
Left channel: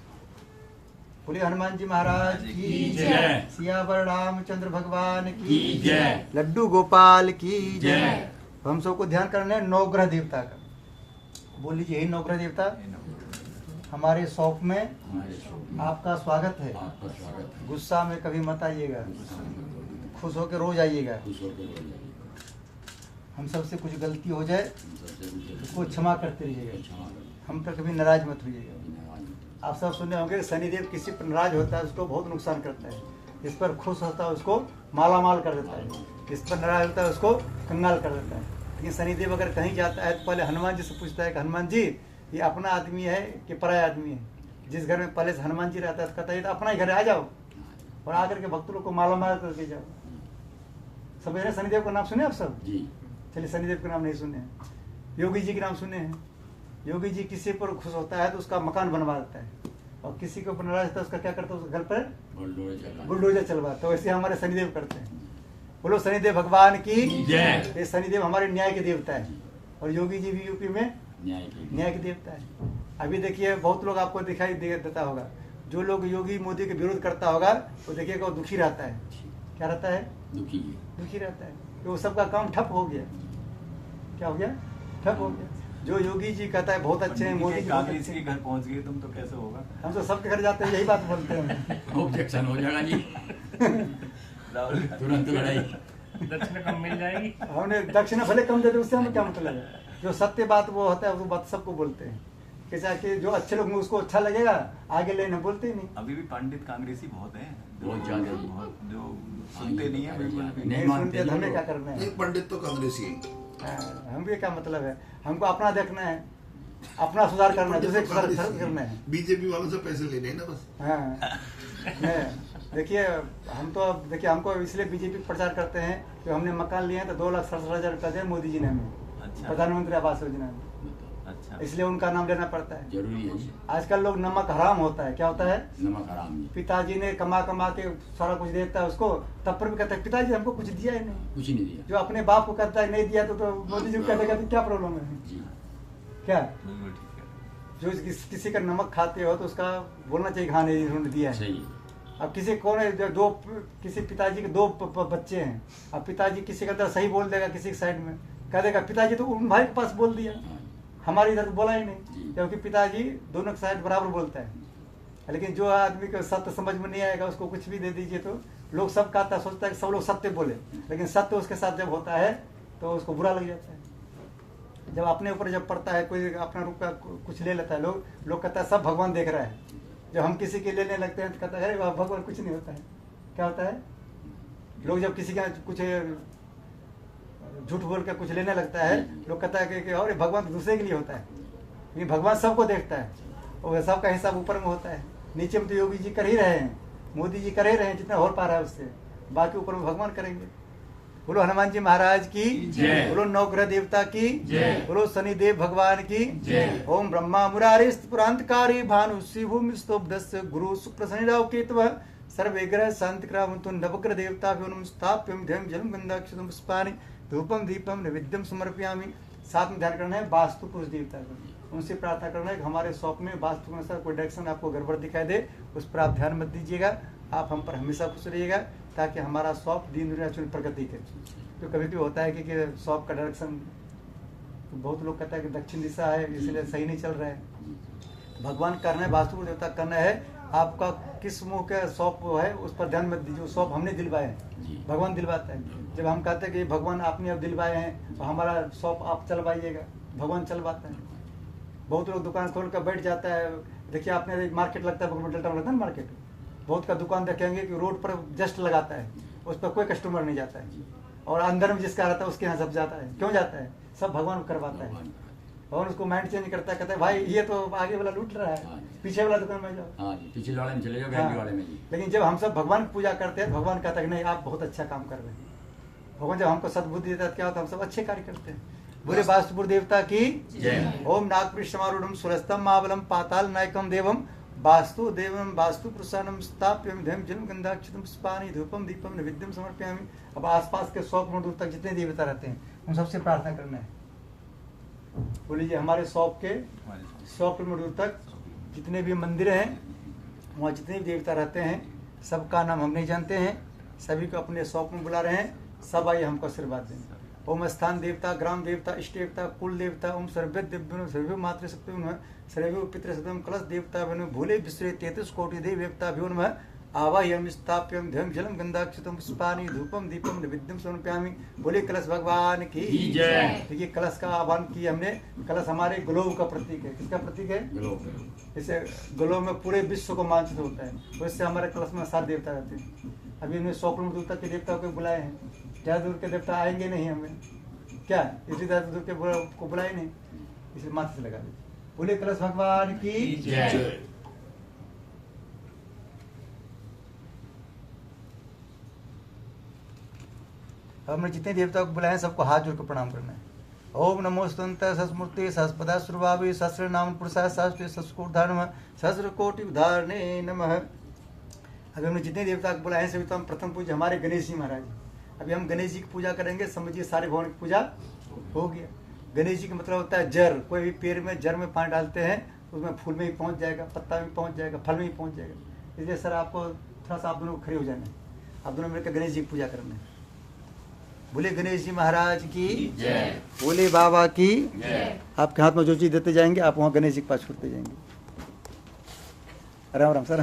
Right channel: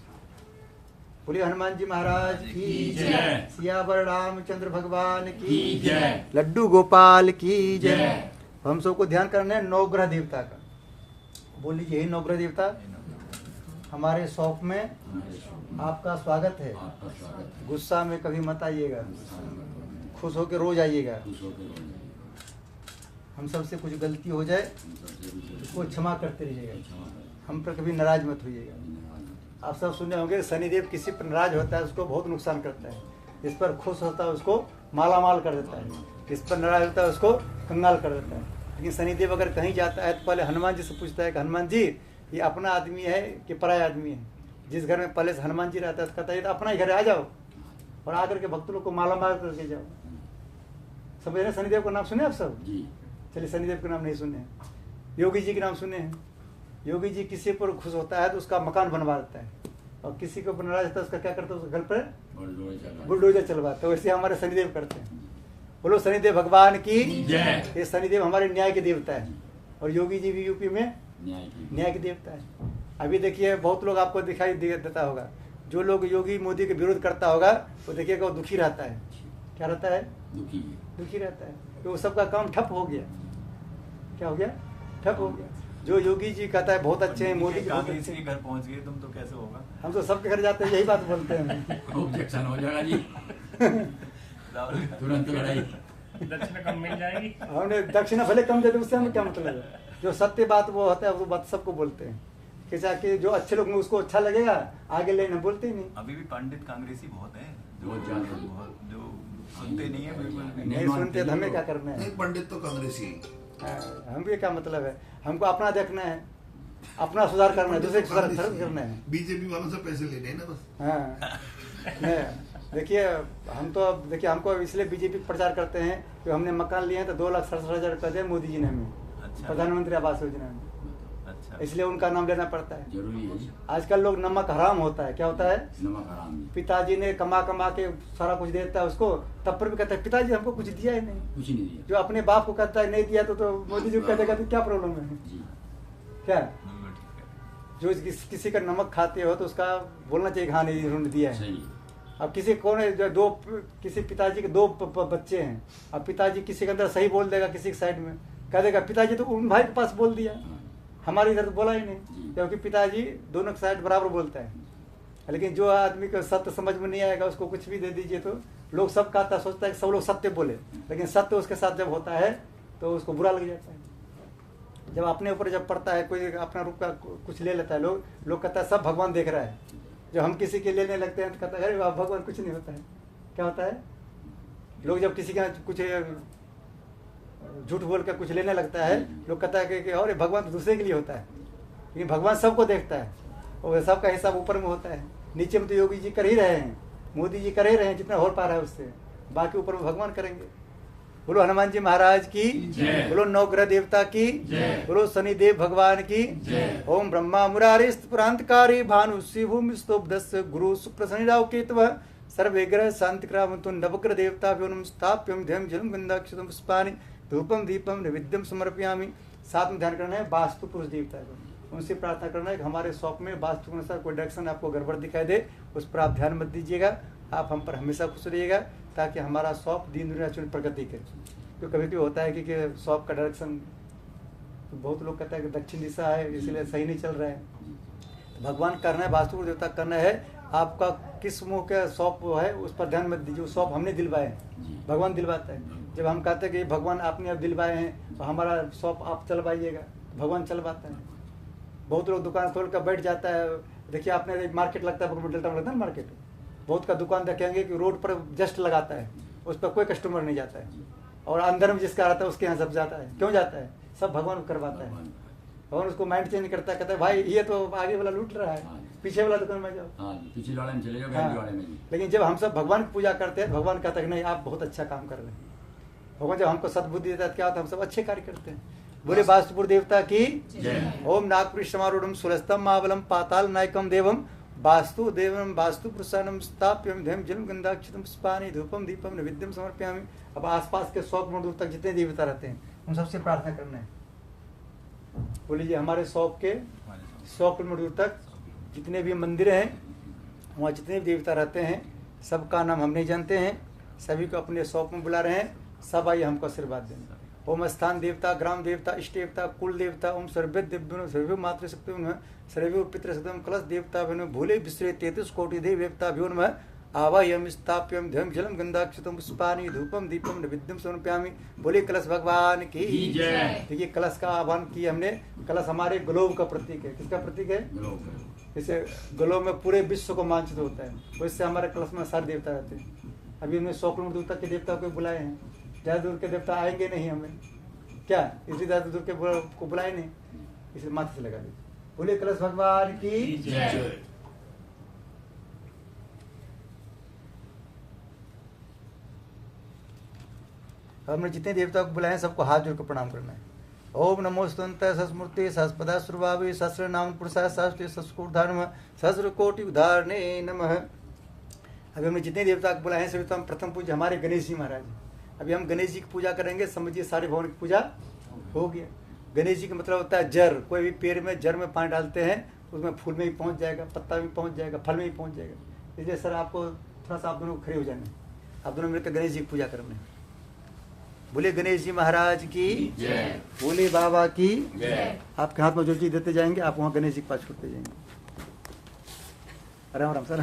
बोलिए हनुमान जी महाराज की जय, सियावर रामचंद्र भगवान की जय, लड्डू गोपाल की जय। हम सबको ध्यान करना है नवग्रह देवता का। बोल लीजिए हे नवग्रह देवता, हमारे शॉप में आपका स्वागत है। गुस्सा में कभी मत आइएगा, खुश होकर रोज आइएगा। हम सबसे कुछ गलती हो जाए उसको क्षमा करते रहिएगा, हम पर कभी नाराज मत होइएगा। आप सब सुने होंगे शनिदेव किसी पर नाराज होता है उसको बहुत नुकसान करता है, इस पर खुश होता है उसको माला माल कर देता है, इस पर नाराज होता है उसको कंगाल कर देता है। लेकिन शनिदेव अगर कहीं जाता है तो पहले हनुमान जी से पूछता है कि हनुमान जी ये अपना आदमी है कि पराया आदमी है। जिस घर में पहले से हनुमान जी रहता है तो कहता है तो अपना ही घर आ जाओ और आकर के भक्त लोग को माला माल करके जाओ। सब शनिदेव का नाम सुने आप सब? चलिए शनिदेव का नाम नहीं सुने हैं, योगी जी के नाम सुने हैं। योगी जी किसी पर खुश होता है तो उसका मकान बनवा देता है, और किसी को नाराज होता है उसका क्या करता है, उसके घर पर बुलडोजर चलवाता है। वैसे हमारे शनिदेव करते हैं। बोलो शनिदेव भगवान की जय। ये शनिदेव हमारे न्याय के देवता है, और योगी जी भी यूपी में न्याय के देवता है। अभी देखिए बहुत लोग आपको दिखाई देता होगा, जो लोग योगी मोदी के विरोध करता होगा तो देखिएगा वो दुखी रहता है। क्या रहता है? दुखी रहता है। तो सबका काम ठप हो गया। क्या हो गया? ठप हो गया। जो योगी जी कहता है बहुत अच्छे हैं, मोदी जी बहुत अच्छे हैं, घर पहुंच गए तुम तो कैसे होगा? हम तो सबके घर जाते हैं यही बात बोलते हैं। ऑब्जेक्शन हो जाएगा जी, तुरंत लड़ाई, दक्षिणा कम मिल जाएगी। हमने दक्षिणा भले कम देते उससे हमें क्या मतलब है। जो सत्य बात वो होता है वो बात सबको बोलते हैं, कैसा कि जो अच्छे लोग उसको अच्छा लगेगा आगे लेने बोलते ही नहीं। अभी भी पंडित कांग्रेसी बहुत हैं, बहुत ज्यादा, बहुत जो सुनते नहीं है बिल्कुल भी नहीं सुनते तो हमें क्या करना है? पंडित तो कांग्रेसी है। हम भी क्या मतलब है, हमको अपना देखना है, अपना सुधार करना है, दूसरे सुधार करना है। बीजेपी वालों से पैसे लेने हैं ना बस। हाँ देखिए हम तो देखिए हमको इसलिए बीजेपी प्रचार करते हैं कि हमने मकान लिए हैं तो 2,67,000 रुपया दिया मोदी जी ने हमें, प्रधानमंत्री आवास योजना में। अच्छा, इसलिए उनका नाम लेना पड़ता है। जरूरी है। आजकल लोग नमक हराम होता है। क्या होता है? नमक हराम। पिताजी ने कमा के सारा कुछ देता है उसको, तब पर भी कहता है पिताजी हमको कुछ दिया ही नहीं। कुछ नहीं दिया। जो अपने बाप को कहता है नहीं दिया तो मोदी जी को कहते कहते क्या प्रॉब्लम है? क्या बिल्कुल ठीक है। जो किसी का नमक खाते हो तो उसका बोलना चाहिए हाँ नहीं उन्होंने दिया है। अब किसी कौन है जो किसी पिताजी के 2 बच्चे हैं, अब पिताजी किसी के अंदर सही बोल देगा, किसी के साइड में कह देगा पिताजी तो उन भाई के पास बोल दिया, हमारी इधर बोला ही नहीं, क्योंकि पिताजी दोनों के साइड बराबर बोलता है। लेकिन जो आदमी को सत्य समझ में नहीं आएगा उसको कुछ भी दे दीजिए तो लोग सब कहता सोचता है कि सब लोग सत्य बोले, लेकिन सत्य उसके साथ जब होता है तो उसको बुरा लग जाता है। जब अपने ऊपर जब पड़ता है कोई अपना रूप का कुछ ले लेता है, लोग कहता है सब भगवान देख रहा है। जब हम किसी के लेने लगते हैं तो कहता है अरे भगवान कुछ नहीं होता है। क्या होता है? लोग जब किसी का कुछ झूठ बोल कर कुछ लेने लगता है, लोग कहता है कि और भगवान तो दूसरे के लिए होता है, लेकिन भगवान सबको देखता है और सबका हिसाब ऊपर में होता है। नीचे में तो योगी जी कर ही रहे हैं, मोदी जी कर ही रहे हैं जितना हो पा रहा है उससे, बाकी ऊपर में भगवान करेंगे। बोलो हनुमान जी महाराज की जय। बोलो नवग्रह देवता की जय। बोलो शनिदेव भगवान की जय। ओम ब्रह्मा मुरारी पुरांतकारी भानु शिवभूमि स्तोभदस्य गुरु शुक्र शनि राहु केतु सर्वे ग्रह शांति क्रामंतो नवग्रह देवता स्थाप्यम ध्यम जलम गंधाक्षतम पुष्पानि धूपम दीपम नैवेद्यम समर्पयामि। साथ में ध्यान करना है वास्तु पुरुष देवता को, उनसे प्रार्थना करना है कि हमारे शॉप में वास्तु के अनुसार कोई डायरेक्शन आपको गड़बड़ दिखाई दे उस पर आप ध्यान मत दीजिएगा, आप हम पर हमेशा खुश रहिएगा ताकि हमारा शॉप दिन दुनिया प्रगति करे। तो कभी भी होता है कि शॉप का डायरेक्शन तो बहुत लोग कहते हैं कि दक्षिण दिशा है इसलिए सही नहीं चल रहा है। तो भगवान करना है, वास्तु देवता करना है, आपका किस मुंह का शॉप है उस पर ध्यान मत दीजिए। शॉप हमने दिलवाए हैं, भगवान दिलवाते हैं। जब हम कहते हैं कि भगवान आपने अब दिलवाए हैं तो हमारा शॉप आप चलवाइएगा, भगवान चलवाता है। बहुत लोग दुकान खोल कर बैठ जाता है। देखिए आपने एक मार्केट लगता है लगता है ना मार्केट, बहुत का दुकान देखेंगे कि रोड पर जस्ट लगाता है, उस पर कोई कस्टमर नहीं जाता है, और अंदर में जिसका आता है उसके यहाँ सब जाता है। क्यों जाता है? सब भगवान करवाता है। भगवान उसको माइंड चेंज करता है, कहता है भाई ये तो आगे वाला लूट रहा है, पीछे वाला दुकान में जाओ। हाँ जी, पिछले वाले में चले जाओ, गैलरी वाले में जी। लेकिन जब हम सब भगवान की पूजा करते हैं, भगवान कहता है कि नहीं आप बहुत अच्छा काम कर रहे हैं। भगवान जब हमको सद्बुद्धि देता है क्या होता है, हम सब अच्छे कार्य करते हैं। बोले वास्तुपुर देवता की जय। ओम नागपुर समारूढ़ सुरस्तम महाबलम पाताल नायकम देवम वास्तु देवम वास्तु प्रसन्नम स्थाप्यम धैम जलम गंधाक्षतम पुष्पानि धूपम दीपम नैवेद्यम समर्पयामि। अब आसपास के 100 किलोमीटर तक जितने देवता रहते हैं उन सबसे प्रार्थना करना है। बोलिए हमारे शॉप के 100 किलोमीटर तक जितने भी मंदिर हैं, वहाँ जितने भी देवता रहते हैं, सबका नाम हम नहीं जानते हैं, सभी को अपने शॉप में बुला रहे हैं। सब आइए हमको आशीर्वाद दें। ओम स्थान देवता, ग्राम देवता, इष्ट देवता, कुल देवता, ओम सर्वे देव्यो सर्वे मातृ शक्ति सर्वे पितृ सदम कलश देवता भूले विश्रे 33 कोटि देव देवता भ्योन आवाह्यम स्थाप्यम ध्यम जलम गंधाक्षतम पुष्पानि धूपम दीपम नैवेद्यम समर्पयामि। बोले कलश भगवान की जय। देखिए कलश का आह्वान किया हमने। कलश हमारे ग्लोब का प्रतीक है। किसका प्रतीक है? जैसे ग्लोब में पूरे विश्व को मानचित होता है, वैसे हमारे कलश में सारे देवता रहते हैं। अभी हमने 100 किलोमीटर तक के देवता को बुलाए हैं, ज्यादा दूर के देवता आएंगे नहीं हमें, क्या इसी ज्यादा दूर के को बुलाए नहीं, इसलिए माथे से लगा दीजिए। बोले कलश भगवान की जय। हमने जितने देवताओं को बुलाए हैं सबको हाथ जोड़ कर प्रणाम करना है। ओम नमो स्तुते सस्मूर्ति सहस्पदा सुरभावी सहस्र नाम पुरुषाय सहस्त्र सहस्रकोटिधारण सहस्र कोटि उदाहरणे नमः। अभी हमने जितने देवता को बुलाए हैं सभी तो हम प्रथम पूजा हमारे गणेश जी महाराज। अभी हम गणेश जी की पूजा करेंगे, समझिए सारे भवन की पूजा हो गया। गणेश जी का मतलब होता है जड़। कोई भी पेड़ में जड़ में पानी डालते हैं उसमें फूल में भी पहुंच जाएगा, पत्ता में पहुंच जाएगा, फल में भी पहुंच जाएगा। इसलिए सर आपको थोड़ा सा आप दोनों को खड़े हो जाना है, आप दोनों मिलकर गणेश जी की पूजा करना है। बोले गणेश जी महाराज की जय। बोले बाबा की जय। आपके हाथ में जो चीज देते जाएंगे आप वहाँ गणेश जी के पास छूटते जाएंगे। राम राम सर।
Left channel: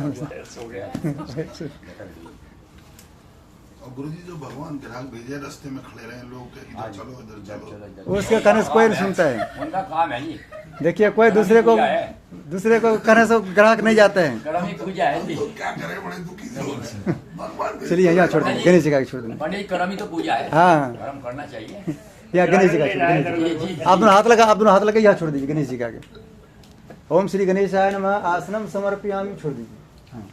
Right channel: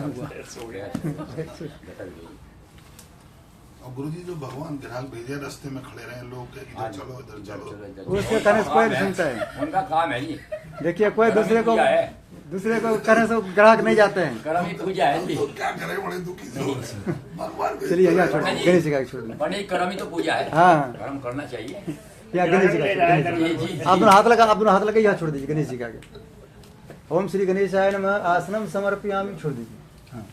और गुरुजी जो भगवान ग्राहक भेजे रास्ते में खड़े रहे लोग के इधर चलो इधर चलो, उसके कहने से कोई नहीं सुनता है। उनका काम है ये, देखिए कोई दूसरे को कहने से ग्राहक नहीं जाते हैं। कर्म ही पूजा है जी। तो क्या करे, बड़े दुखी से भगवान भेजे। चलिए यहाँ छोड़ दें, गणेश जी का छोड़ दें। पंडित कर्म ही तो पूजा है, हाँ। कर्म करना चाहिए। यहाँ गणेश जी का छोड़ दें। आप दोनों हाथ लगा यहाँ छोड़ दीजिए गणेश जी का आगे। ओम श्री गणेशाय नमः आसनम समर्पयामि छोड़ दीजिए। हाँ,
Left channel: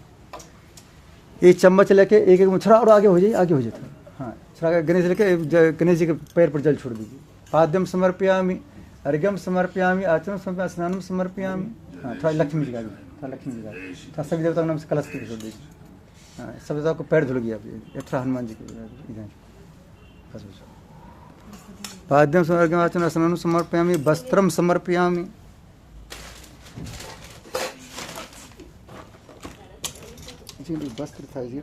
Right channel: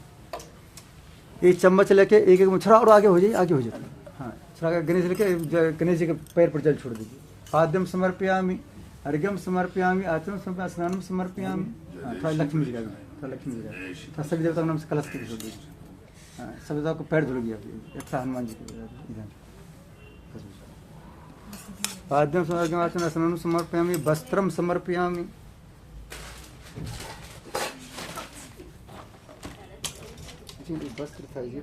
एक चम्मच लेके एक थोड़ा और आगे हो जाइए, आगे हो जाइए। हाँ, थोड़ा गणेश लेके गणेश जी के पैर पर जल छोड़ दीजिए। पाद्यम समर्पयामि, अर्घ्यम समर्पयामि, आचरण समर्पयामि, स्नानम समर्पयामि। हाँ, थोड़ा लक्ष्मी जी का, थोड़ा लक्ष्मी जी का, थोड़ा सभी देवता के नाम से कलश के छोड़ दीजिए। हाँ, सब देवता को पैर धुल गया अभी, थोड़ा हनुमान जी के इधर। पाद्यम समर्पयामि, आचरण स्नानम समर्पयामि, वस्त्रम समर्पयामि। जी वस्त्र था जी,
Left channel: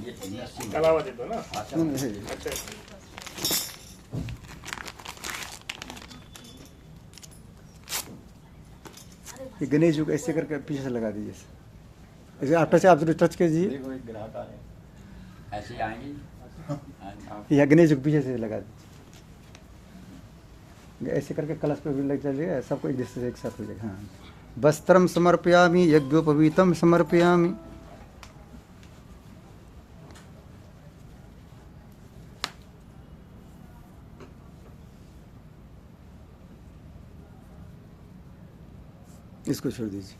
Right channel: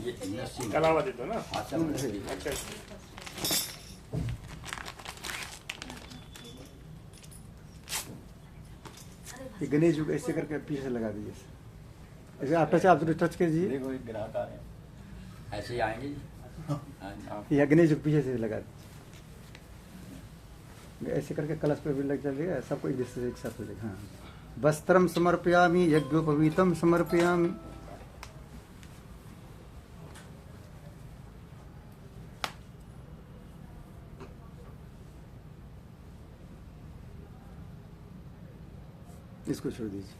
ये नरसिंह कलावा देते हो ना। आसन अच्छा ये गणेश जी को ऐसे करके पीछे से लगा दीजिए। ऐसे आप टच कीजिए, देखो एक ग्राहक आ रहे हैं। ऐसे ही आएंगे। हाँ, या गणेश जी को पीछे से लगा दीजिए। ऐसे करके कलश पे भी लग जाएगा, सबको एक दूसरे से एक साथ हो जाएगा। हाँ, वस्त्रम समर्पयामि, यज्ञोपवीतम समर्पयामि। इसको छोड़ दीजिए।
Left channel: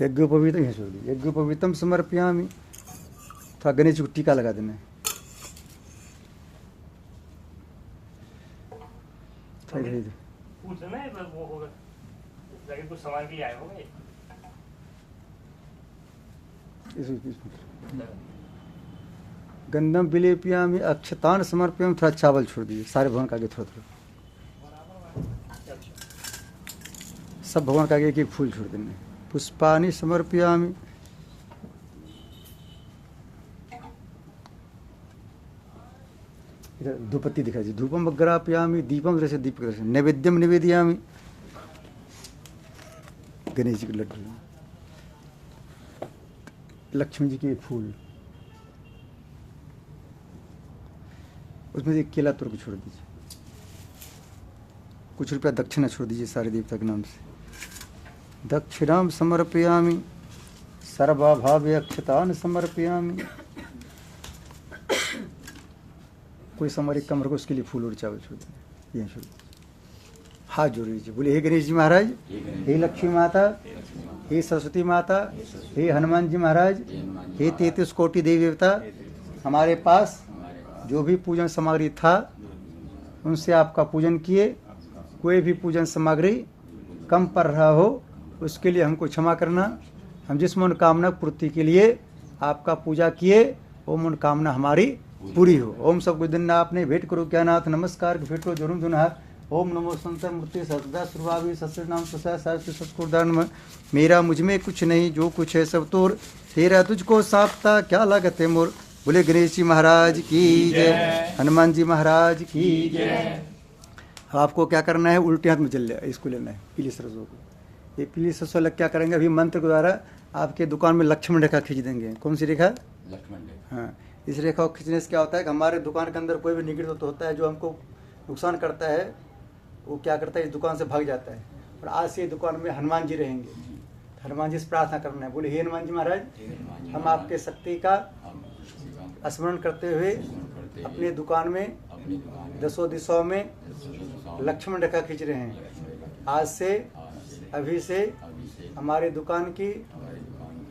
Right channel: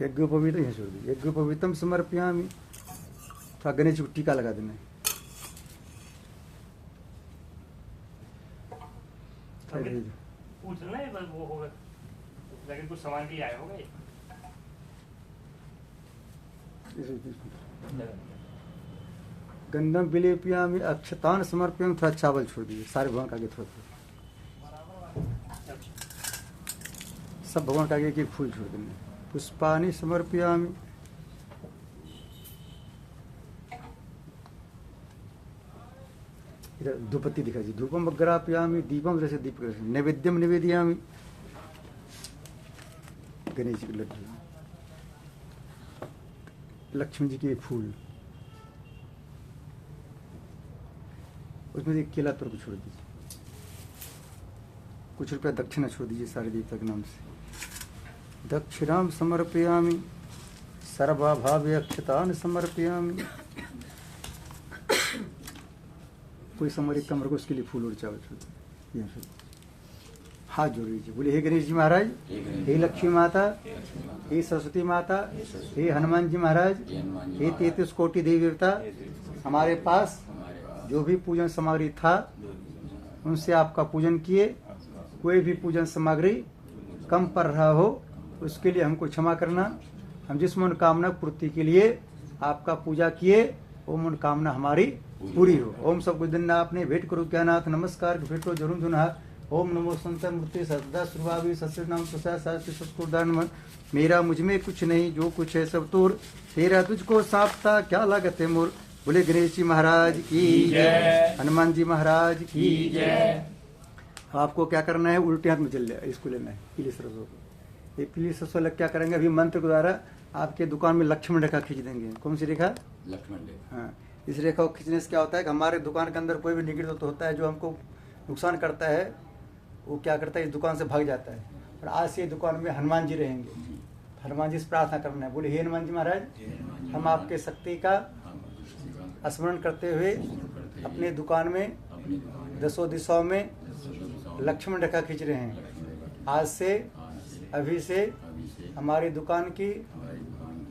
यज्ञोपवीत यहाँ छोड़ दीजिए। यज्ञोपवीतम समर्पयामि। थोड़ा गणेश जी को टीका लगा देना है। पूछना है बस वो होगा, लेकिन कुछ सामान के लिए आए होंगे। गंधम विलेपयामि अक्षतान समर्पयामि। थोड़ा चावल छोड़ दीजिए, सारे भगवान का आगे थोड़ा थोड़ा, सब भगवान का आगे एक एक फूल छोड़ देना। पुष्पानि समर्पयामि। इधर धूपत्ती दिखा दीजिए। धूपम अग्रापयामि दीपम रसे दीपक रसे नैवेद्यम निवेदयामि। गणेश जी के लड्डू, लक्ष्मी जी के फूल, उसमें से एक केला तोड़ के छोड़ दीजिए। कुछ रुपया दक्षिणा छोड़ दीजिए सारे देवता के नाम से। दक्षिणाम समर्पयामि। सर्वाभाव्य अक्षतान समर्पयामि। कोई हमारी कमर को उसके लिए फूल और चावल छोड़ दीजिए। यहाँ छोड़ हाथ जोड़ लीजिए। बोले हे गणेश जी महाराज, हे लक्ष्मी माता, हे सरस्वती माता, हे हनुमान जी महाराज, हे 33 कोटि देवी देवता, हमारे पास जो भी पूजन सामग्री था उनसे आपका पूजन किए। कोई भी पूजन सामग्री कम पड़ रहा हो उसके लिए हमको क्षमा करना। हम जिस मनोकामना पूर्ति के लिए आपका पूजा किए वो मनोकामना हमारी पूरी हो। ओम सब कुछ दिन आपने भेंट करो क्या नाथ, नमस्कार भेंट करो जरूर दुनहार। ओम नमो संत मूर्ति सदा सुरभावी सत्य नाम सुसा शास्त्री सत्पुरदान। मेरा मुझ में कुछ नहीं, जो कुछ है सब तोर, तेरा तुझको साफता क्या लागत है मोर। बोले गणेश जी महाराज की जय, हनुमान जी महाराज की जय। अब आपको क्या करना है, उल्टे हाथ में चल जाए, इसको लेना है पीली सरसों को। ये पीली सरसों लग क्या करेंगे, अभी मंत्र के द्वारा आपके दुकान में लक्ष्मण रेखा खींच देंगे। कौन सी रेखा? लक्ष्मण रेखा। हाँ, इस रेखा को खींचने से क्या होता है कि हमारे दुकान के अंदर कोई भी निगेटिव तत्व होता है जो हमको नुकसान करता है, वो क्या करता है, इस दुकान से भाग जाता है। और आज से दुकान में हनुमान जी रहेंगे। हनुमान जी से प्रार्थना करना है। बोले हे हनुमान जी महाराज, हम आपके शक्ति का स्मरण करते हुए अपने दुकान में दसों दिशाओं में लक्ष्मण रेखा खींच रहे हैं। आज से अभी से हमारी दुकान की,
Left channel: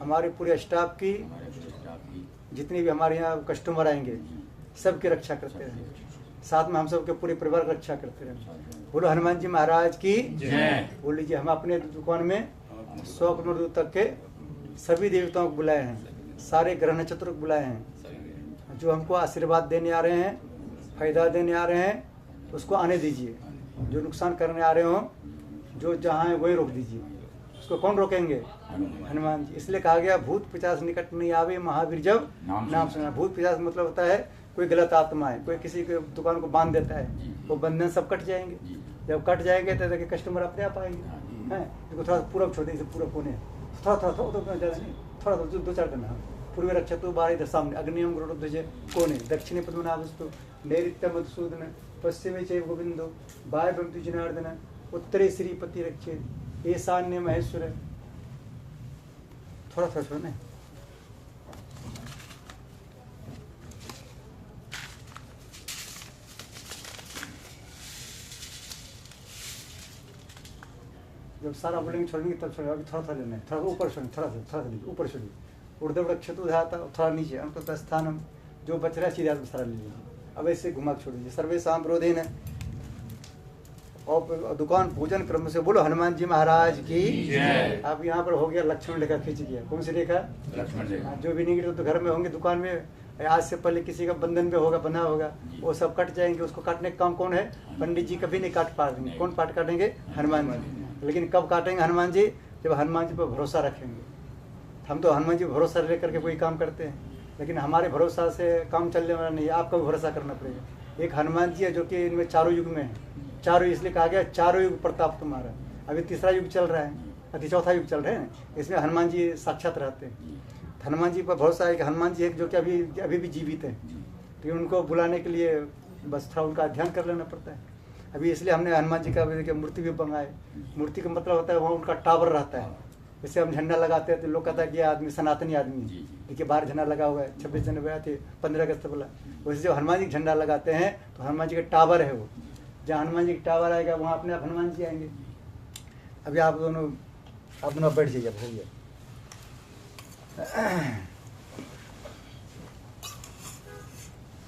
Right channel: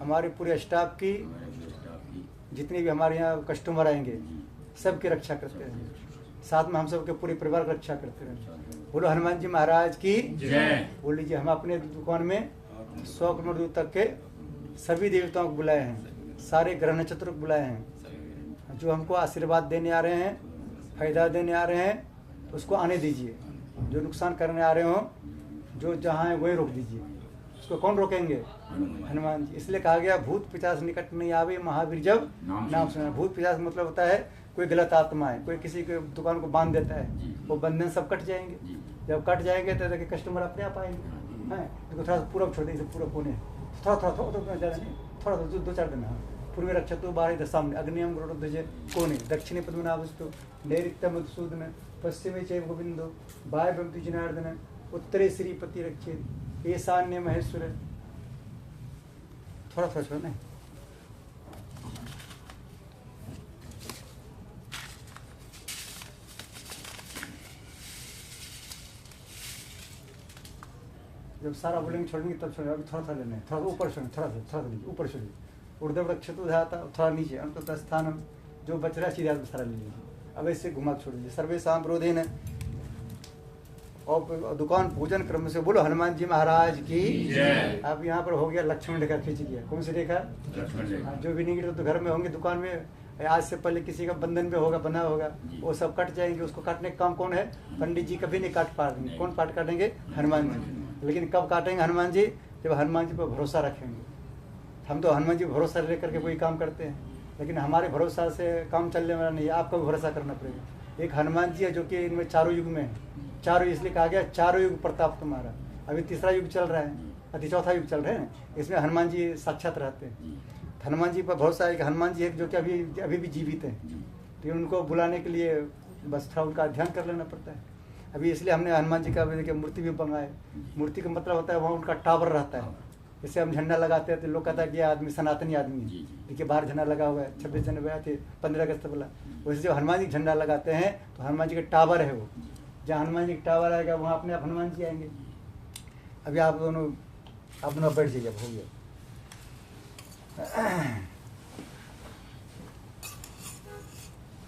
हमारे पूरे स्टाफ की, जितने भी हमारे यहाँ कस्टमर आएंगे सबकी रक्षा करते रहें। साथ में हम सब के पूरे परिवार की रक्षा करते रहें। बोलो हनुमान जी महाराज की जय। बोल लीजिए। हम अपने दुकान में 100 करोड़ दूर तक के सभी देवताओं को बुलाए हैं, सारे ग्रह नक्षत्र को बुलाए हैं। जो हमको आशीर्वाद देने आ रहे हैं, फायदा देने आ रहे हैं, उसको आने दीजिए। जो नुकसान करने आ रहे हो, जो जहाँ है वही रोक दीजिए। उसको कौन रोकेंगे? हनुमान जी। इसलिए कहा गया भूत पिशाच निकट नहीं आवे महावीर जब नाम सुना। भूत पिशाच मतलब होता है कोई गलत आत्मा है, कोई किसी के दुकान को बांध देता है, वो बंधन सब कट जाएंगे। जब कट जाएंगे तो देखिए कस्टमर अपने आप आएंगे। हैं, इसको थोड़ा पूरब छोड़ देंगे, पूरा कोने, थोड़ा थोड़ा थोड़ा ज़्यादा नहीं, थोड़ा थोड़ा 2-4 दिन। हाँ, पूर्वी रक्षतु बारिद सामने अग्नियम गुरुध्वज कोने, दक्षिणे पद्मनाभस्तु नैऋत्य मधुसूदन, पश्चिमे चैव गोविंदो, वायव्यं तु जनार्दन, उत्तरे श्रीपति रक्षेत, ईशान्य महेश्वर। थोड़ा थोड़ा छोड़ना है। जब सारा बोलेंगे छोड़ेंगे तब छोड़ेंगे। अभी थोड़ा थोड़ा लेना है, थोड़ा ऊपर छोड़ेंगे, थोड़ा लीजिए, ऊपर छोड़िए। ऊर्ध्व रक्षतु धाता, थोड़ा नीचे अंत स्थानम, जो बच रहा है सीधा सारा ले लीजिए। अब ऐसे घुमा छोड़ दीजिए। सर्वेषां विरोधेन। और दुकान पूजन क्रम से बोलो हनुमान जी महाराज की जय। अब यहाँ पर हो गया लक्ष्मण रेखा खींच दिया। कौन सी रेखा? लक्ष्मण रेखा। जो भी निगेटिव तो घर में होंगे, दुकान में आज से पहले किसी का बंधन भी होगा, बना होगा, वो सब कट जाएंगे। उसको काटने का काम कौन है? पंडित जी कभी नहीं काट पाएंगे। कौन पाट काटेंगे? हनुमान जी। लेकिन कब काटेंगे हनुमान जी? जब हनुमान जी पर भरोसा रखेंगे। हम तो हनुमान जी पर भरोसा लेकर के कोई काम करते हैं, लेकिन हमारे भरोसा से काम चलने वाला नहीं है। आपका भी भरोसा करना पड़ेगा। एक हनुमान जी है जो कि इनमें चारों युग में है। चारों इसलिए कहा गया चारों युग प्रताप तुम्हारा। अभी तीसरा युग चल रहा है, अति चौथा युग चल रहे हैं, इसमें हनुमान जी साक्षात रहते हैं। हनुमान जी पर भरोसा है कि हनुमान जी एक जो कि अभी भी जीवित है, तो उनको बुलाने के लिए बस थोड़ा उनका ध्यान कर लेना पड़ता है। अभी इसलिए हमने हनुमान जी का मूर्ति भी मंगाए। मूर्ति का मतलब होता है वहाँ उनका टावर रहता है। जैसे हम झंडा लगाते हैं तो लोग कहता है कि ये आदमी सनातनी आदमी है, देखिए बाहर झंडा लगा हुआ है, 26 जनवरी आए थे, 15 अगस्त बोला। वैसे जो हनुमान जी झंडा लगाते हैं तो हनुमान जी का टावर है वो। जहाँ हनुमान जी का टावर आएगा वहाँ अपने आप हनुमान जी आएंगे। अभी आप दोनों आप दोनों बैठ जाइए, अब हो गया।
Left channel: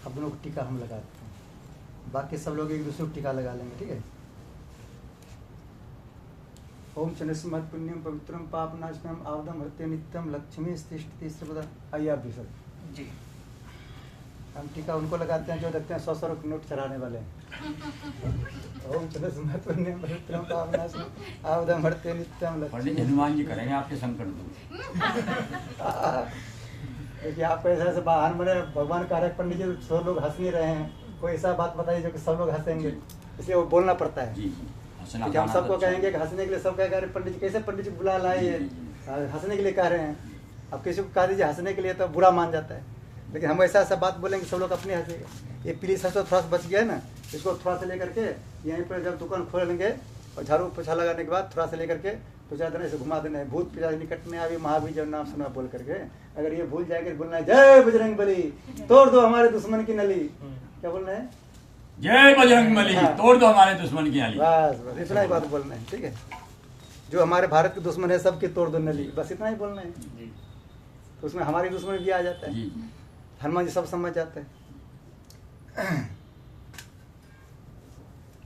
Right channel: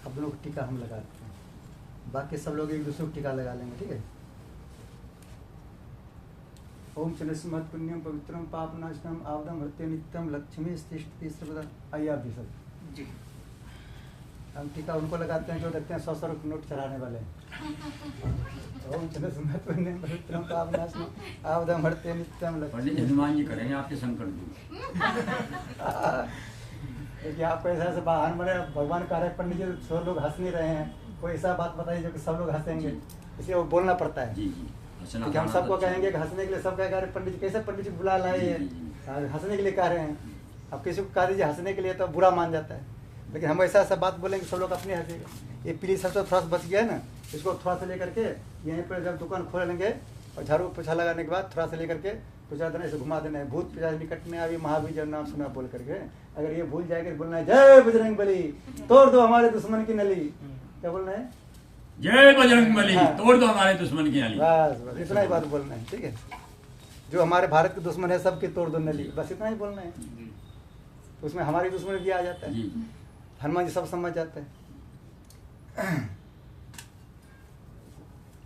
आप दोनों को टीका हम लगा देते हैं, बाकी सब लोग एक दूसरे को टीका लगा लेंगे, ठीक है। ओम चंद्रस्मत् पुण्यम पवित्रम पापनाशनम आवदम हृत्य नित्यम लक्ष्मी तिष्ठति सर्वदा। आइए आप भी सर जी। हम टीका उनको लगाते हैं जो देखते हैं 100 नोट चढ़ाने वाले हैं। ओम चंद्रस्मत् पुण्यम पवित्रम पापनाशनम आवदम हृत्य नित्यम पंडित लक्ष्मी। हनुमान जी करेंगे आपके संकट दूर। देखिए आपको ऐसा ऐसा बहान बने, भगवान का रहे पंडित जी, 100 लोग हंस नहीं रहे हैं, कोई ऐसा बात बताइए जो कि सब लोग हंसेंगे, इसलिए वो बोलना पड़ता है। जी जी, हंसना क्योंकि हम गाना सबको तो कहेंगे कि हंसने के लिए, सब क्या कह रहे हैं, पंडित जी कैसे पंडित जी बुला लाए, हंसने के लिए कह रहे हैं। अब किसी को कह दीजिए हंसने के लिए तो बुरा मान जाता है, लेकिन हम ऐसा ऐसा बात बोलेंगे सब लोग अपने हंसेगा। ये पीली सरसों थोड़ा सा बच गया है ना, इसको थोड़ा सा लेकर के यहीं पर जब दुकान खोल लेंगे और झाड़ू पोछा लगाने के बाद थोड़ा सा लेकर के पूछा देना, ऐसे घुमा देना है, भूत पिशाच निकट में अभी महावीर जब नाम सुना बोल करके। अगर ये भूल जाएगा बोलना है जय बजरंग बली, तोड़ दो हमारे दुश्मन की नली। क्या बोलना है? जय बजरंग बली, हाँ। तोड़ दो हमारे दुश्मन की नली। बस बस इतना ही बात बोलना है, ठीक है। जो हमारे भारत के दुश्मन है सबके तोड़ दो नली, बस इतना ही बोलना है। तो उसमें हमारे दुश्मन भी आ जाता है, जी हनुमान जी सब समझ जाते हैं।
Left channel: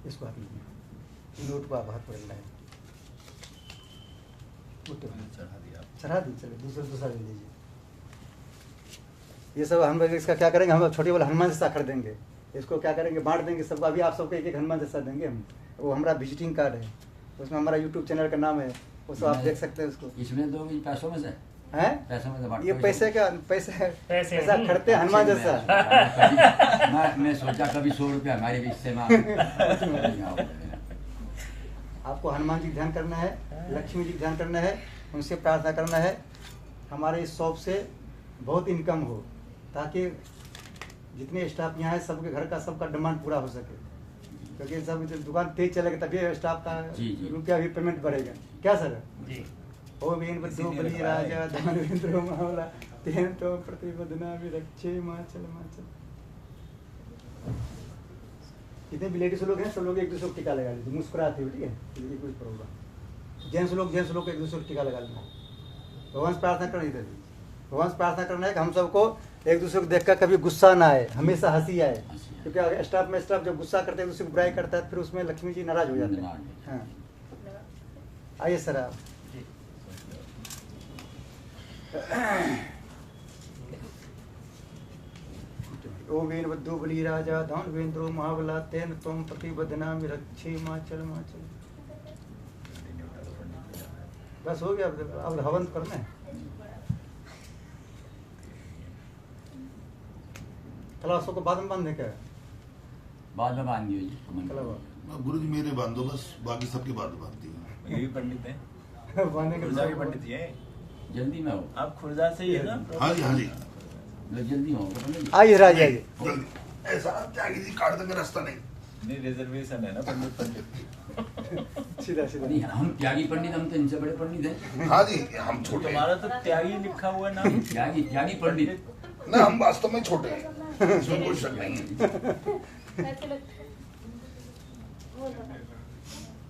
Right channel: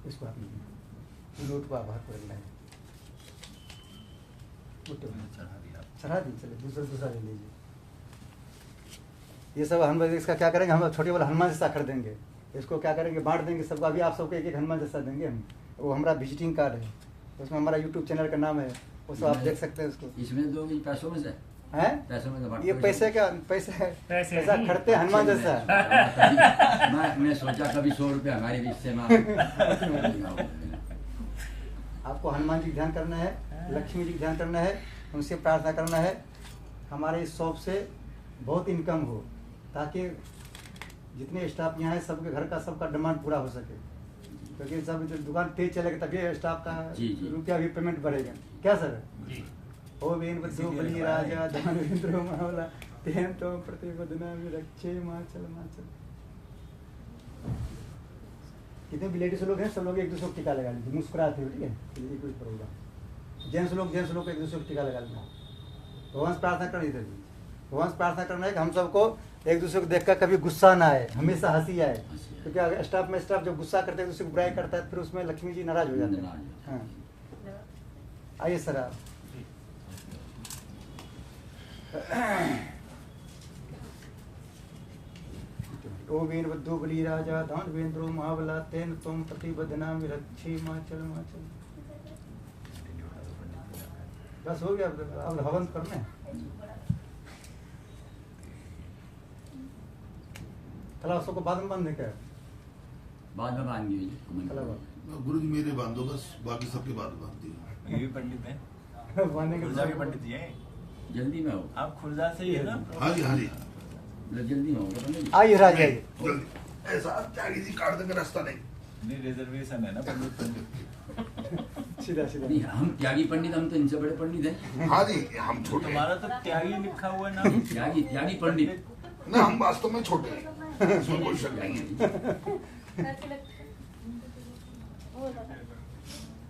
इसको आप नोट को आप हाथ पकड़ना है, चढ़ा दी, चलिए दूसरा ले लीजिए। ये सब हम इसका क्या करेंगे, हम छोटे वाला हनुमान जैसा खरीदेंगे, इसको क्या करेंगे बांट देंगे सबको। अभी आप सबको एक एक हनुमान जैसा देंगे हम, वो हमारा विजिटिंग कार्ड है, उसमें हमारा यूट्यूब चैनल का नाम है, वो सब आप देख सकते हैं उसको। इसमें दो पैसों में से हैं? पैसों में से ये पैसे क्या, पैसा खरीदते हैं हनुमान जैसा। मैं सोचा कभी 100 रुपया हमारे रिश्ते में आपको हनुमान जी ध्यान करना है, लक्ष्मी जी ध्यान करना है, उनसे प्रार्थना करना है हमारे इस शॉप से बहुत इनकम हो, ताकि जितने स्टाफ यहाँ है सबके घर का सबका डिमांड पूरा हो सके। क्योंकि सब दुकान तेज चलेगा तभी स्टाफ का रुपया भी पेमेंट बढ़ेगा। क्या सर? जी। ओ वीन बद्दो बलि राजा दानवेंद्र मावला तेन तो प्रतिपदना विरक्षे माचल माचल। जितने भी लेडीज लोग हैं सब लोग एक दूसरे को टीका लगा लीजिए, मुस्कुराते हुए, ठीक है। ये कोई प्रॉब्लम, जेंट्स लोग को एक दूसरे को टीका लगा लेना है। भगवान से प्रार्थना करनी थी, भगवान से प्रार्थना करना है कि हम सबको एक दूसरे को देखकर कभी गुस्सा ना आए, हमेशा हंसी आए। क्योंकि स्टाफ जब गुस्सा करते हैं, एक दूसरे को बुराई करता है, फिर उसमें लक्ष्मी जी नाराज हो जाते हैं। हाँ, आइए सर आप। ओ वीन बद्दो बलि राजा दानवेंद्रो महाबला तेन तुम प्रतिबद्धना विरक्षे माचल माचल। बस हो गया, अब हवन करना है। कलाशों को बाद में बांधने का, बाद में बांध दियो जी। गुरु जी मेरे बांधो बस, बाकी सबके बाद बांधती है। ये भी पंडित हैं, बांधने खुर्जा के का पंडित ही हैं। जल्दी में हो, आप खुर्जा से ही है ना? हाँ जी, हाँ जी, जल्दी में होगा। आइए राजा आइए। जल्दी। ऐसा त्यागी जी काट देंगे, रास्ता नहीं। नहीं, रिजर्वेशन है ना पंडित। सीधा सीधा। नहीं, हम त्यागी पंडित, हम तो इनसे बड़े पंडित हैं। हाँ जी, हम छोटे हैं तुम्हारा तो त्यागी लिखा हुआ नाम। त्यागी पंडित ना, हम वास्तव में छोटे हैं, इसमें कोई शक नहीं है।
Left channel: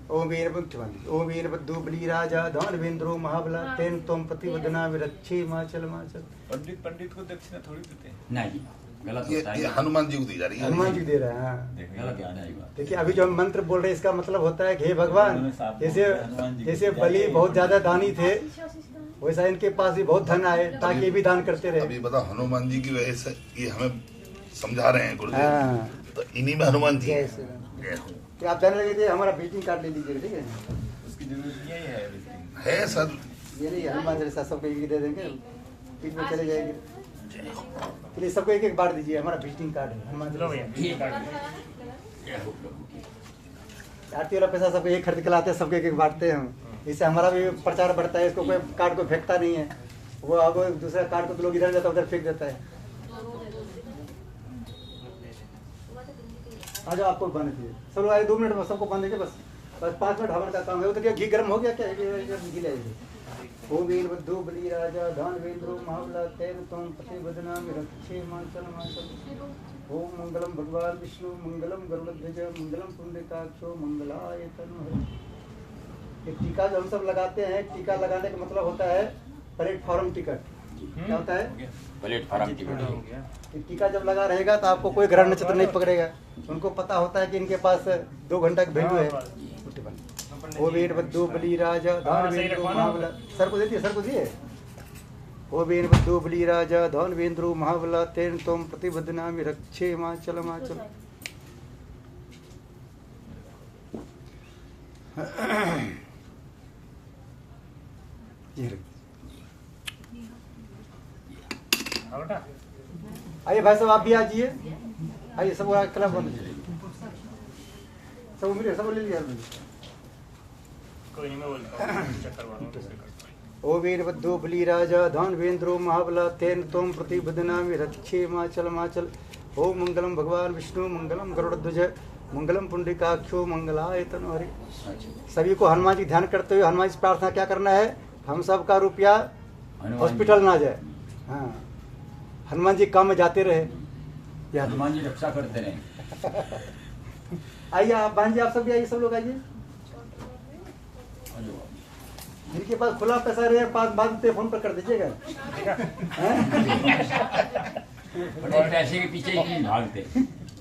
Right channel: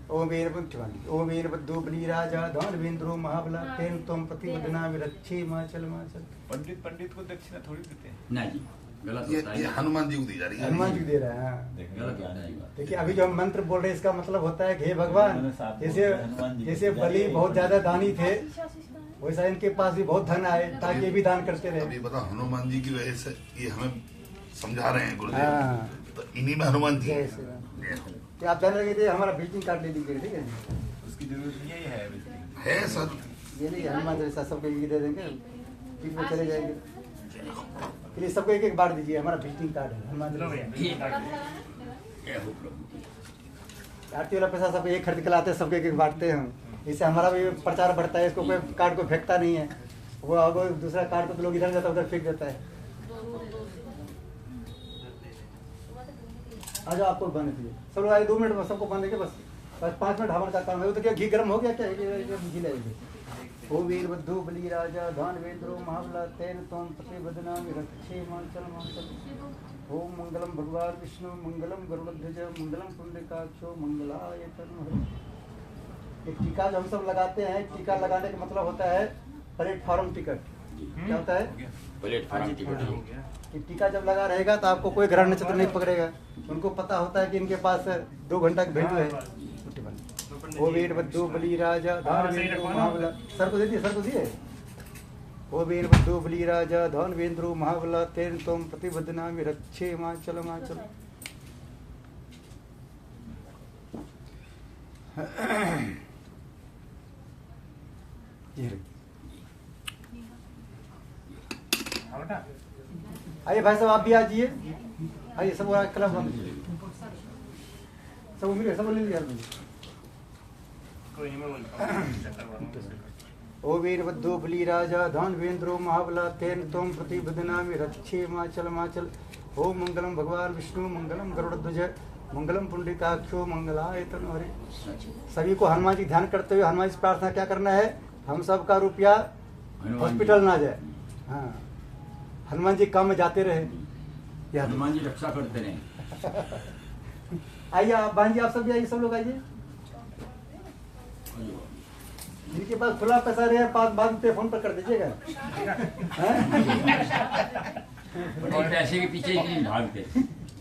ओम वीरभद्रो बलि राजा दानवेंद्रो महाबला तेन तुम प्रतिबद्धना विरक्षे माचल माचल। पंडित को दक्षिणा थोड़ी देते हैं। नहीं जी, गलत होता ये है। हनुमान जी को दी जा रही है। हनुमान जी दे रहे हैं। हाँ। गलत होता है ये बात। देखिए अभी जो हम मंत्र बोल रहे हैं इसका मतलब होता है कि हे भगवान, उन्होंने साथ में जैसे हनुमान जी को जैसे दिया। बलि बहुत ज्यादा दानी थे, वैसा इनके पास भी बहुत धन आए ताकि ये भी दान करते रहे। अभी बता, हनुमान जी की वजह से ये हमें समझा रहे हैं गुरु जी। हाँ। तो इन्हीं में हनुमान जी जय हैं। श्री राम। तो आप जाने लगे थे, हमारा विजिटिंग कार्ड ले लीजिए, ठीक है। उसकी जरूरत नहीं है, ये है वैसे। है सर। ये नहीं, हनुमान जैसा सबको एक दे देंगे, बीच में चले जाएंगे। इसलिए सबको एक एक बार दीजिए, हमारा विजिटिंग कार्ड है हनुमान लो भैया, जी। काट दीजिए। जय हो प्रभु की। आरती वाला पैसा सबको एक खरीद के लाते हैं, सबको एक एक बांटते हैं हम। इससे हमारा भी प्रचार बढ़ता है, इसको कोई कार्ड को फेंकता नहीं है। वो अगर दूसरा कार्ड को तो लोग इधर जाता है उधर फेंक देता है। आ जाओ, आपको बंद कीजिए सब लोग, आए 2 मिनट में सबको बंद देंगे, बस 5 मिनट हवन का काम है। वो तो क्या घी गर्म हो गया क्या, घी ले आइए। ओ वीरभद्रो बलि राजा दानवेंद्रो महाबला तेन तुम प्रतिबद्धना विरक्षे माचल माचल। ओम मंगलम भगवान विष्णु मंगलम गरुड़ध्वज मंगलम पुंडरीकाक्षो मंगलाय तनोहरि। ये टीका जो हम सब लगाते हैं, टीका लगाने का मतलब होता है प्लेटफॉर्म टिकट। क्या होता है प्लेटफार्म टिकट कि टीका जब लगा रहेगा तो आपको कोई ग्रह नक्षत्र नहीं पकड़ेगा। उनको पता होता है कि इनके पास 2 घंटा की वैल्यू है। ओ वीर बद्दू बली राजा धन वेंद्रु महाबला, सर को दिए ओ वीर बद्दू बली राजा धन वेंद्रु महाबला तेन तुम प्रतिबद्धनामि रक्षे माचल माचल। हाँ बेटा, आइए भाई साहब आप भी आइए, आइए सब क्लब बंद सब मिले, सब ले लिया कोई नहीं, मैं बोलता हूँ, चक्कर मारूंगा। ओ वीर बद्धो बली राजा धन वेंद्रो महाबला तेन तुम प्रतिबद्धनामि रक्षे माचल माचल। ओम मंगलम भगवान विष्णु मंगलम गरुड़ध्वज मंगलम पुंडरीकाक्षो मंगलाय तनो हरि। सभी को हनुमान जी ध्यान करते हुए हनुमान जी से प्रार्थना क्या करना है, हम सब का रुपया हॉस्पिटल ना जाए। हाँ, हनुमान जी काम में जाते रहे, हनुमान जी रक्षा करते रहे। आइए आप बहन जी, आप सब भी आइए, सब लोग आइए। जिनके पास खुला पैसा रहे पास बाद पे फोन पर कर दीजिएगा। बड़े पैसे के पीछे ही भागते।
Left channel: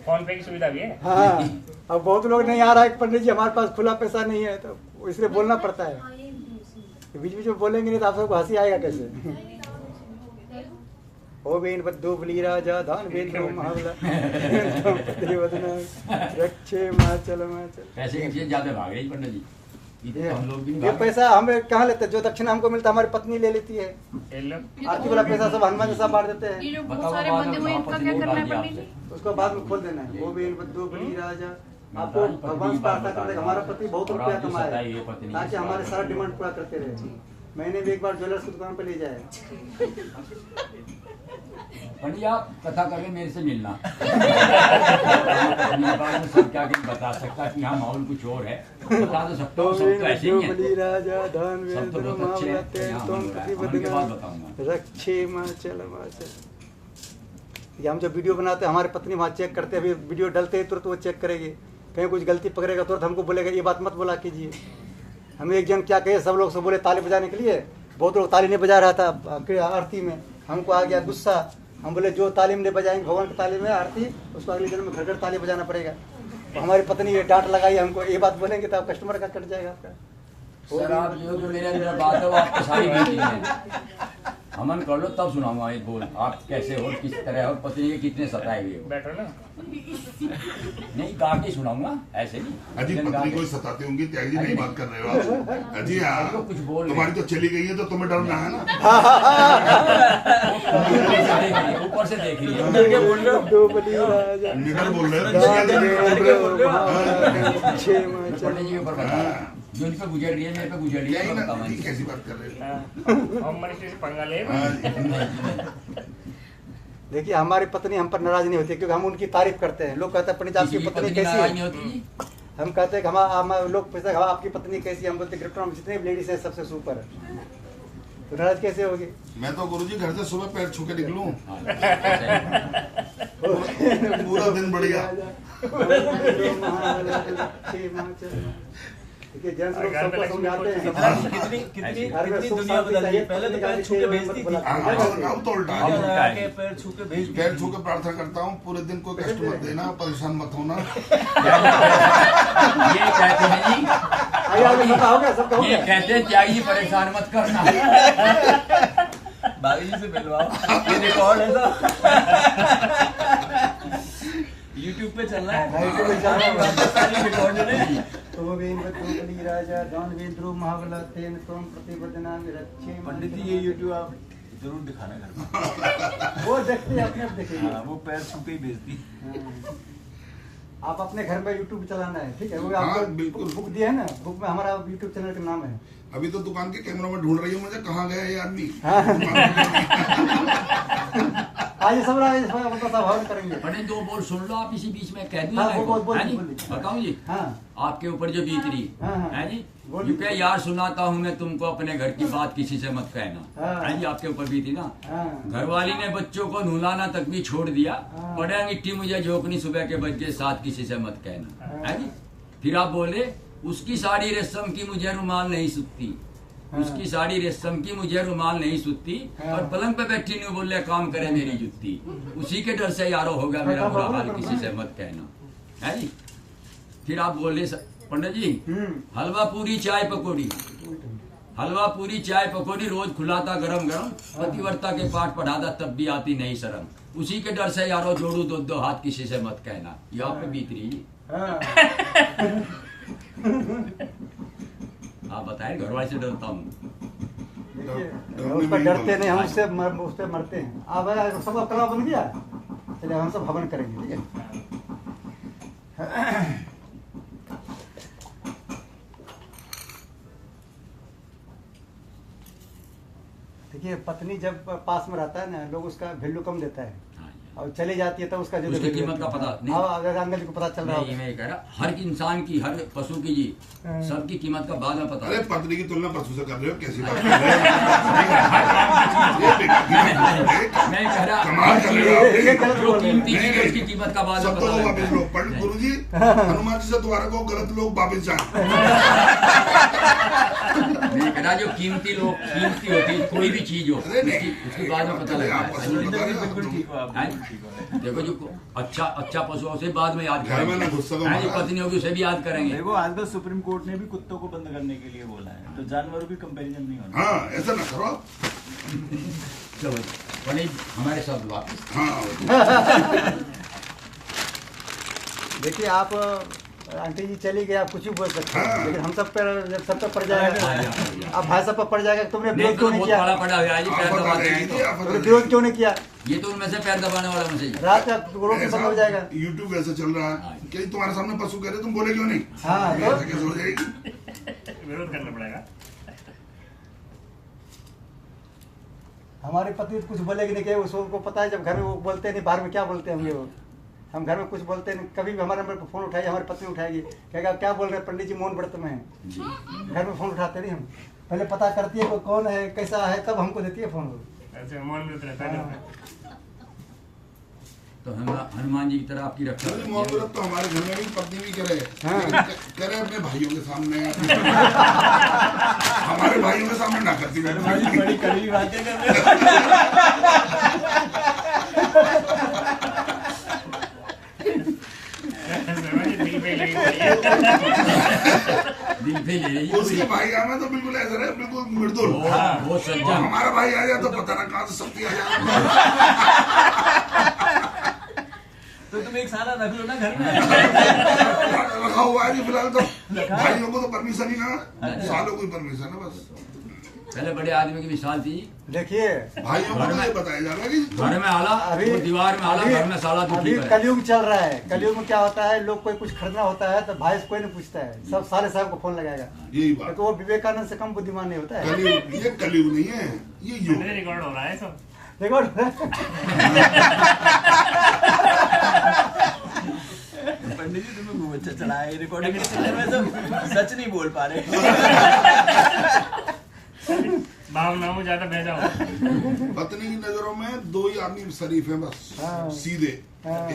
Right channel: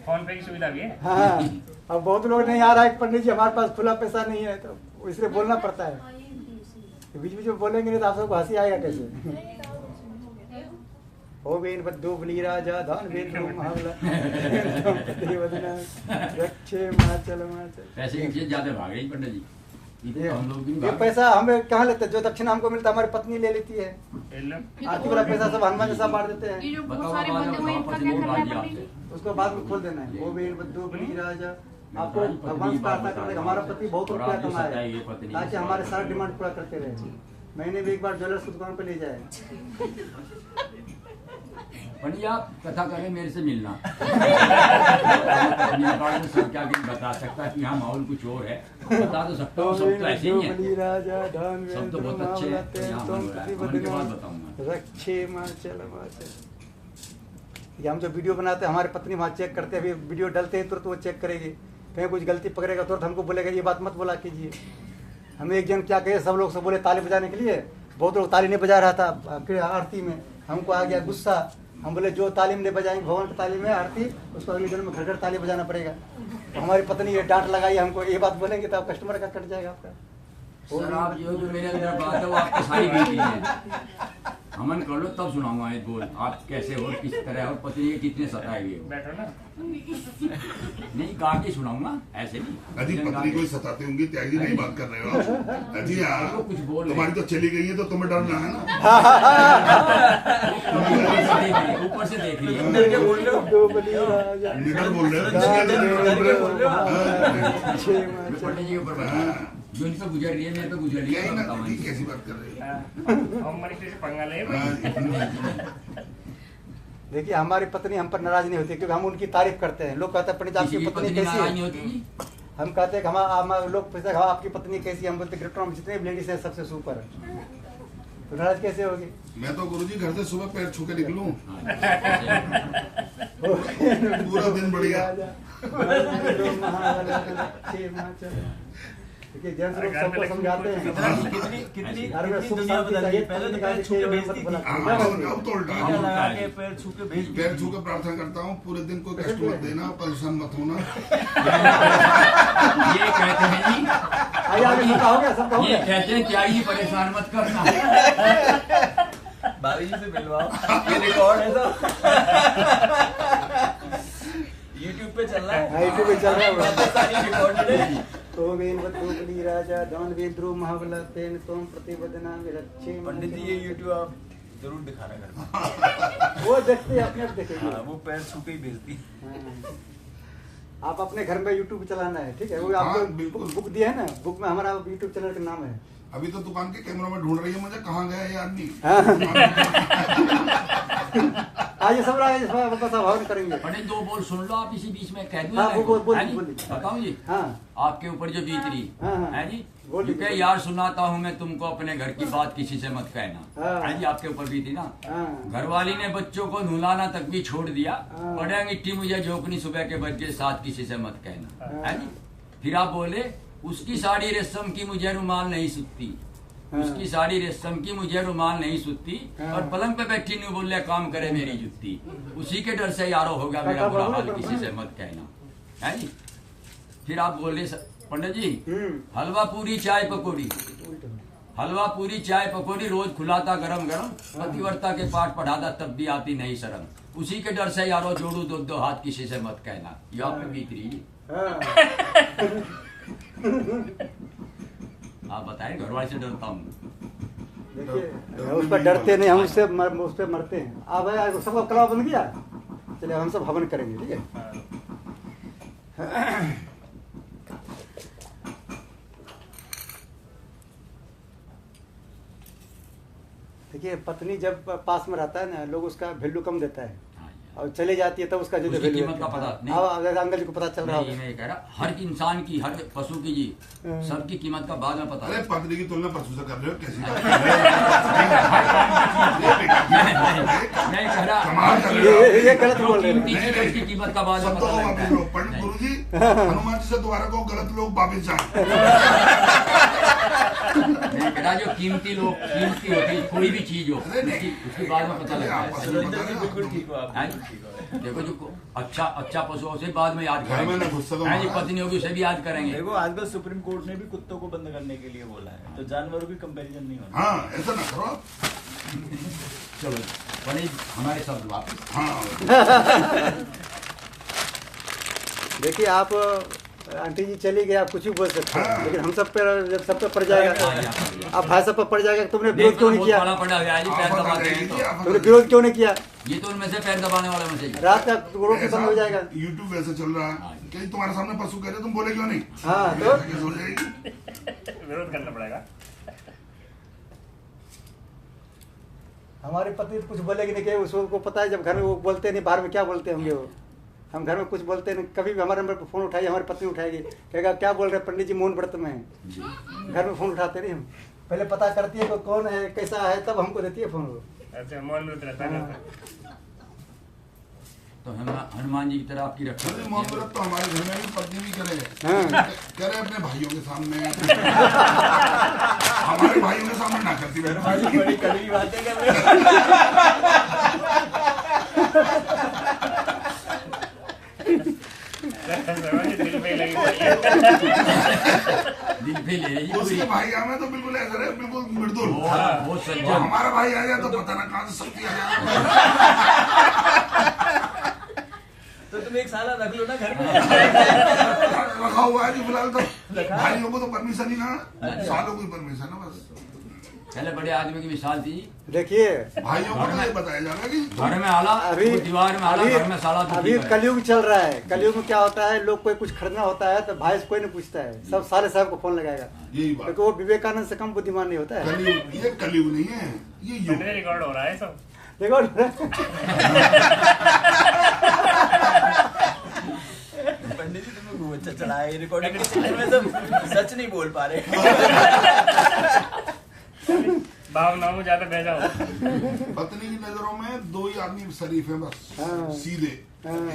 फोन पे की सुविधा भी है। हाँ, अब बहुत लोग नहीं आ रहा है पंडित जी हमारे पास खुला पैसा नहीं है, तो इसलिए बोलना पड़ता है। बीच बीच में बोलेंगे नहीं तो आप सबको हंसी आएगा कैसे। ओ बेन बद्धो बली राजा धन वेंद्रो महाबला रक्षे माचल माचल। पैसे के पीछे ज्यादा भाग रही पंडित जी। हम लोग भी ये पैसा हमें कहाँ लेते हैं, जो दक्षिणा हमको मिलता है हमारी पत्नी ले लेती है। लो। आरती वाला पैसा सब हनुमान जैसा बांट देते ये हैं, जो बहुत बताओ सारे बाद बंदे में हुए, इनका क्या करना है पंडित जी? उसको बाद में खोल देना है। ओ बेन बद्धो बली राजा, आपको भगवान से प्रार्थना करना है कि हमारा पति बहुत रुपया कमाए ताकि हमारे सारा डिमांड पूरा करते रहे। महीने में एक बार ज्वेलर्स की दुकान पर ले जाए। पंडित जी आप कथा करके मेरे से मिलना। मेरे पास में सब क्या बता सकता कि यहाँ माहौल कुछ और है, बता तो सकता हूँ, सब तो ऐसे ही है। बली राजा धन सब तो वेंद्रो बहुत अच्छे महाबला हैं, तेन यहाँ तुम मन के बाद प्रतिबद्धनामि बताऊंगा। रक्षे माचल माचल। ये हम जब वीडियो बनाते हैं हमारी पत्नी वहाँ चेक करते हैं, अभी वीडियो डलते हैं तुरंत वो चेक करेगी, कहीं कुछ गलती पकड़ेगा तुरंत हमको बोलेगा ये बात मत बोला कीजिए। हमें एक जन क्या कहे, सब लोग सब बोले ताली बजाने के लिए, बहुत लोग ताली नहीं बजा रहा था आरती में, हमको आ गया गुस्सा। हम बोले जो तालीम नहीं बजाएंगे भगवान की तालीम में आरती, उसको अगले जन्म में घर घर ताली बजाना पड़ेगा। तो हमारी पत्नी ये डांट लगाई हमको, ये बात बोलेंगे तो कस्टमर का कट जाएगा आपका। सर आप जो जो मेरे अंदर बात है वो आपको सारी बीती है। हमन कर लो तब सुनाऊंगा ये बोल, आप कैसे हो, किस तरह हो, पत्नी के कितने सताए हुए हो। बैठो ना। नहीं गा के सुनाऊंगा ऐसे नहीं। अजी पत्नी को ही सताते होंगे, त्यागी नहीं बात कर रहे हो आप। अजी हाँ, तो कुछ बोल तुम्हारी तो चली गई है तो तुम्हें डरना है ना। ऊपर से देख लीजिए। बद्धो बली राजा निकल बोल रहे धन वेंद्रो हो। महाबला रक्षे माचल। पंडित जी के ऊपर बता, जो इन पे गुजर रही है मेरे पे गुजर रही है, यही मैं ना, बताऊंगा। ये कैसी बात कर रहे हो। हाँ, हमारी किसी से पंगा ले। देखिए हमारी पत्नी हम पर नाराज नहीं होती, क्योंकि हम उनकी तारीफ करते हैं। लोग कहते हैं पंडित आपकी किसी की पत्नी पत्नी कैसी नाराज नहीं है, होती जी। हम कहते हैं कि हम लोग पूछते हैं आपकी पत्नी कैसी है, हम बोलते ग्रेटर में जितने भी लेडीज हैं सबसे सुपर है। तो नाराज कैसे होगी। मैं तो गुरुजी घर से सुबह पैर छू के निकलूं, हाँ, पूरा दिन बढ़िया। देखिए जेंट्स लोग सबको समझाते हैं कितनी कितनी घर में सुख कितनी शांति दुनिया चाहिए, पहले पत्नी तो का पैर भी छू के चाहिए, भेजती मत थी। बुला। अब तो उल्टा अब है। उल्टा है। आके पैर छू के भेजती थी। पैर छू के प्रार्थना करता हूँ, पूरे दिन कोई कष्ट मत देना, परेशान मत होना। ये कहते हैं जी, आइए आगे पता हो गया, सब हो ये गया। कहते हैं त्यागी परेशान मत करना। भाभी जी से मिलवाओ, ये रिकॉर्ड है तो यूट्यूब पे चल रहा है। YouTube पे चल रहा है। वापस सारी रिकॉर्डेड है। तो वेन बली राजा दान वेंद्रो महाबला तेन तुम प्रतिबद्धनामि रक्षे। पंडित जी ये यूट्यूब आप जरूर दिखाना घर में। वो देखते हैं, अपने आप देखेंगे। हाँ, वो पैर छू के ही भेजती। हाँ। आप अपने घर में YouTube चलाना है, ठीक है। वो हाँ, आपको बिल्कुल। बुक दिया है ना, बुक में हमारा YouTube चैनल का नाम है। अभी तो दुकान के कैमरों में ढूंढ रही है मुझे, कहाँ गया ये आदमी। आइए सब बस हवन करेंगे। पंडित दो बोल सुन लो आप इसी बीच में कह दूं हाँ, ना, बोल, है जी? बोल। बताऊं जी हाँ आपके ऊपर जो बीत रही हाँ, हाँ। है जी, बोल। जो कह यार सुनाता हूँ मैं तुमको अपने घर की बात, किसी से मत कहना, हाँ। है जी, आपके ऊपर बीती ना। हाँ। घरवाली ने बच्चों को नहलाना तक भी छोड़ दिया, हाँ। पड़े अंगीठी मुझे झोंकनी सुबह के बज के 7, किसी से मत कहना, है जी। फिर आप बोले उसकी साड़ी रेशम की मुझे रुमाल नहीं सुतती, उसकी साड़ी रेशम की मुझे रुमाल नहीं सुतती, और पलंग पे बैठी नहीं बोले काम करे मेरी जुत्ती, उसी के डर से यारो होगा मेरा बुरा हाल किसी से मत कहना, है जी। फिर आप बोले पंडित जी, हलवा पूरी चाय पकौड़ी, हलवा पूरी चाय पकौड़ी रोज खुलाता गरम गरम, पतिव्रता के पाठ पढ़ाता तब भी आती नहीं शर्म, उसी के डर से यारो जोड़ू दो दो हाथ किसी से मत कहना, ये आप पे बीत रही है। आप बताएं, घरवाले से डरता हूँ। देखिए उस पर डरते नहीं, हम उस पर मरते हैं। अब सबका कला बन गया, चलिए हम सब हवन करेंगे, ठीक है। देखिए पत्नी जब पास में रहता है ना, लोग उसका वैल्यू कम देता है, और चली जाती है तब उसका जो उसकी कीमत का पता नहीं। अंकल जी को पता चल रहा है। मैं कह रहा हर इंसान की, हर पशु की जी, सबकी कीमत का बाद में पता। अरे पत्नी की तुलना पशु से कर रहे हो, कैसी बात कर रहे हो? नहीं कह रहा, कमाल कर रहे हो। जो कीमती चीज है उसकी कीमत का बाद में सब तो पता लोग लगता वापिस है। लो, पंडित गुरु जी हनुमान जी से दोबारा को गलत लोग वापिस जाए। मैं कह रहा जो कीमती लोग, कीमती होती है कोई भी चीज हो, उसके बाद में पता लगता है। देखो जो अच्छा पशु उसे बाद में याद करेंगे, जो पत्नी होगी उसे भी याद करेंगे। देखो आजकल सुप्रीम कोर्ट ने भी कुत्तों को बंद करने के लिए बोला है, तो जानवरों की कंपैरिजन नहीं होना। हाँ ऐसा ना करो। चलो पंडित हमारे शब्द वापस। हाँ देखिए आप आंटी जी चली गई, आप कुछ भी बोल सकते हैं, लेकिन हम सब पे पड़ जाएगा। आप भाई सब पे पड़ जाएगा, तुमने विरोध क्यों नहीं किया? पड़ा हुआ है जी, पैर दबाते हैं तो तुमने विरोध क्यों नहीं किया? ये तो उनमें से पैर दबाने वाला मैसेज। रात में रोड पे समझ जाएगा। यूट्यूब ऐसे चल रहा है कि तुम्हारे सामने पशु कह रहे तुम बोले क्यों नहीं? हाँ ऐसे कैसे हो जाएगी? विरोध करना पड़ेगा। हमारे पति कुछ बोलेगी नहीं, क्या उसको पता है, जब घर में वो बोलते नहीं, बाहर में क्या बोलते होंगे वो। हम घर में कुछ बोलते नहीं, कभी भी हमारे नंबर पर फोन उठाइए, हमारी पत्नी उठाएगी, कहेगा क्या बोल रहे हैं पंडित जी, मौन व्रत में है। घर में फोन उठाते नहीं हम, पहले पता करती है कौन है कैसा है, तब हमको देती है फोन वो। अच्छा मौन व्रत रहता है। तो हनुमान जी की तरह आपकी रक्षा। मौन व्रत तो हमारे घर में भी पत्नी भी करे, करे अपने भाइयों के सामने। हमारे भाइयों के सामने ना करती। बड़ी कड़वी बातें कर रहे हो। दिल पे लगी। दिल पे ले लीजिए। उसके भाई आना तो बिल्कुल ऐसा रहे, बिल्कुल मृदुल। वो सज्जन। हमारा भाई आ जाए तो पता ना कहाँ से शक्ति आ जाए। तो तुम एक साला रख लो ना घर में। रखा हुआ है जी फिलहाल तो। भाइयों को तो परमिशन ही ना, सालों को परमिशन है बस। पहले बड़े आदमी की मिसाल थी। देखिए भाइयों को तो ये बताया जा रहा है कि घर में आला, अभी दीवार में आला, घर में साला दुखी अभी करे। कलयुग चल रहा है। कलयुग में क्या होता है, लोग कोई कुछ खरीदना होता है तो भाई से कोई नहीं पूछता है, सब साले साहब को फोन लगाएगा, यही बात। क्योंकि वो विवेकानंद से कम बुद्धिमान नहीं होता है। कलयुग, ये कलयुग नहीं है, ये युग। रिकॉर्ड हो रहा है सब। देखो पंडित जी तुम्हें बहुत अच्छा चला है, रिकॉर्डिंग के चक्कर में सब सच नहीं बोल पा रहे। भावनाओं में ज्यादा भेजा हो। पत्नी की नजरों में दो ही आदमी शरीफ है बस, सीधे।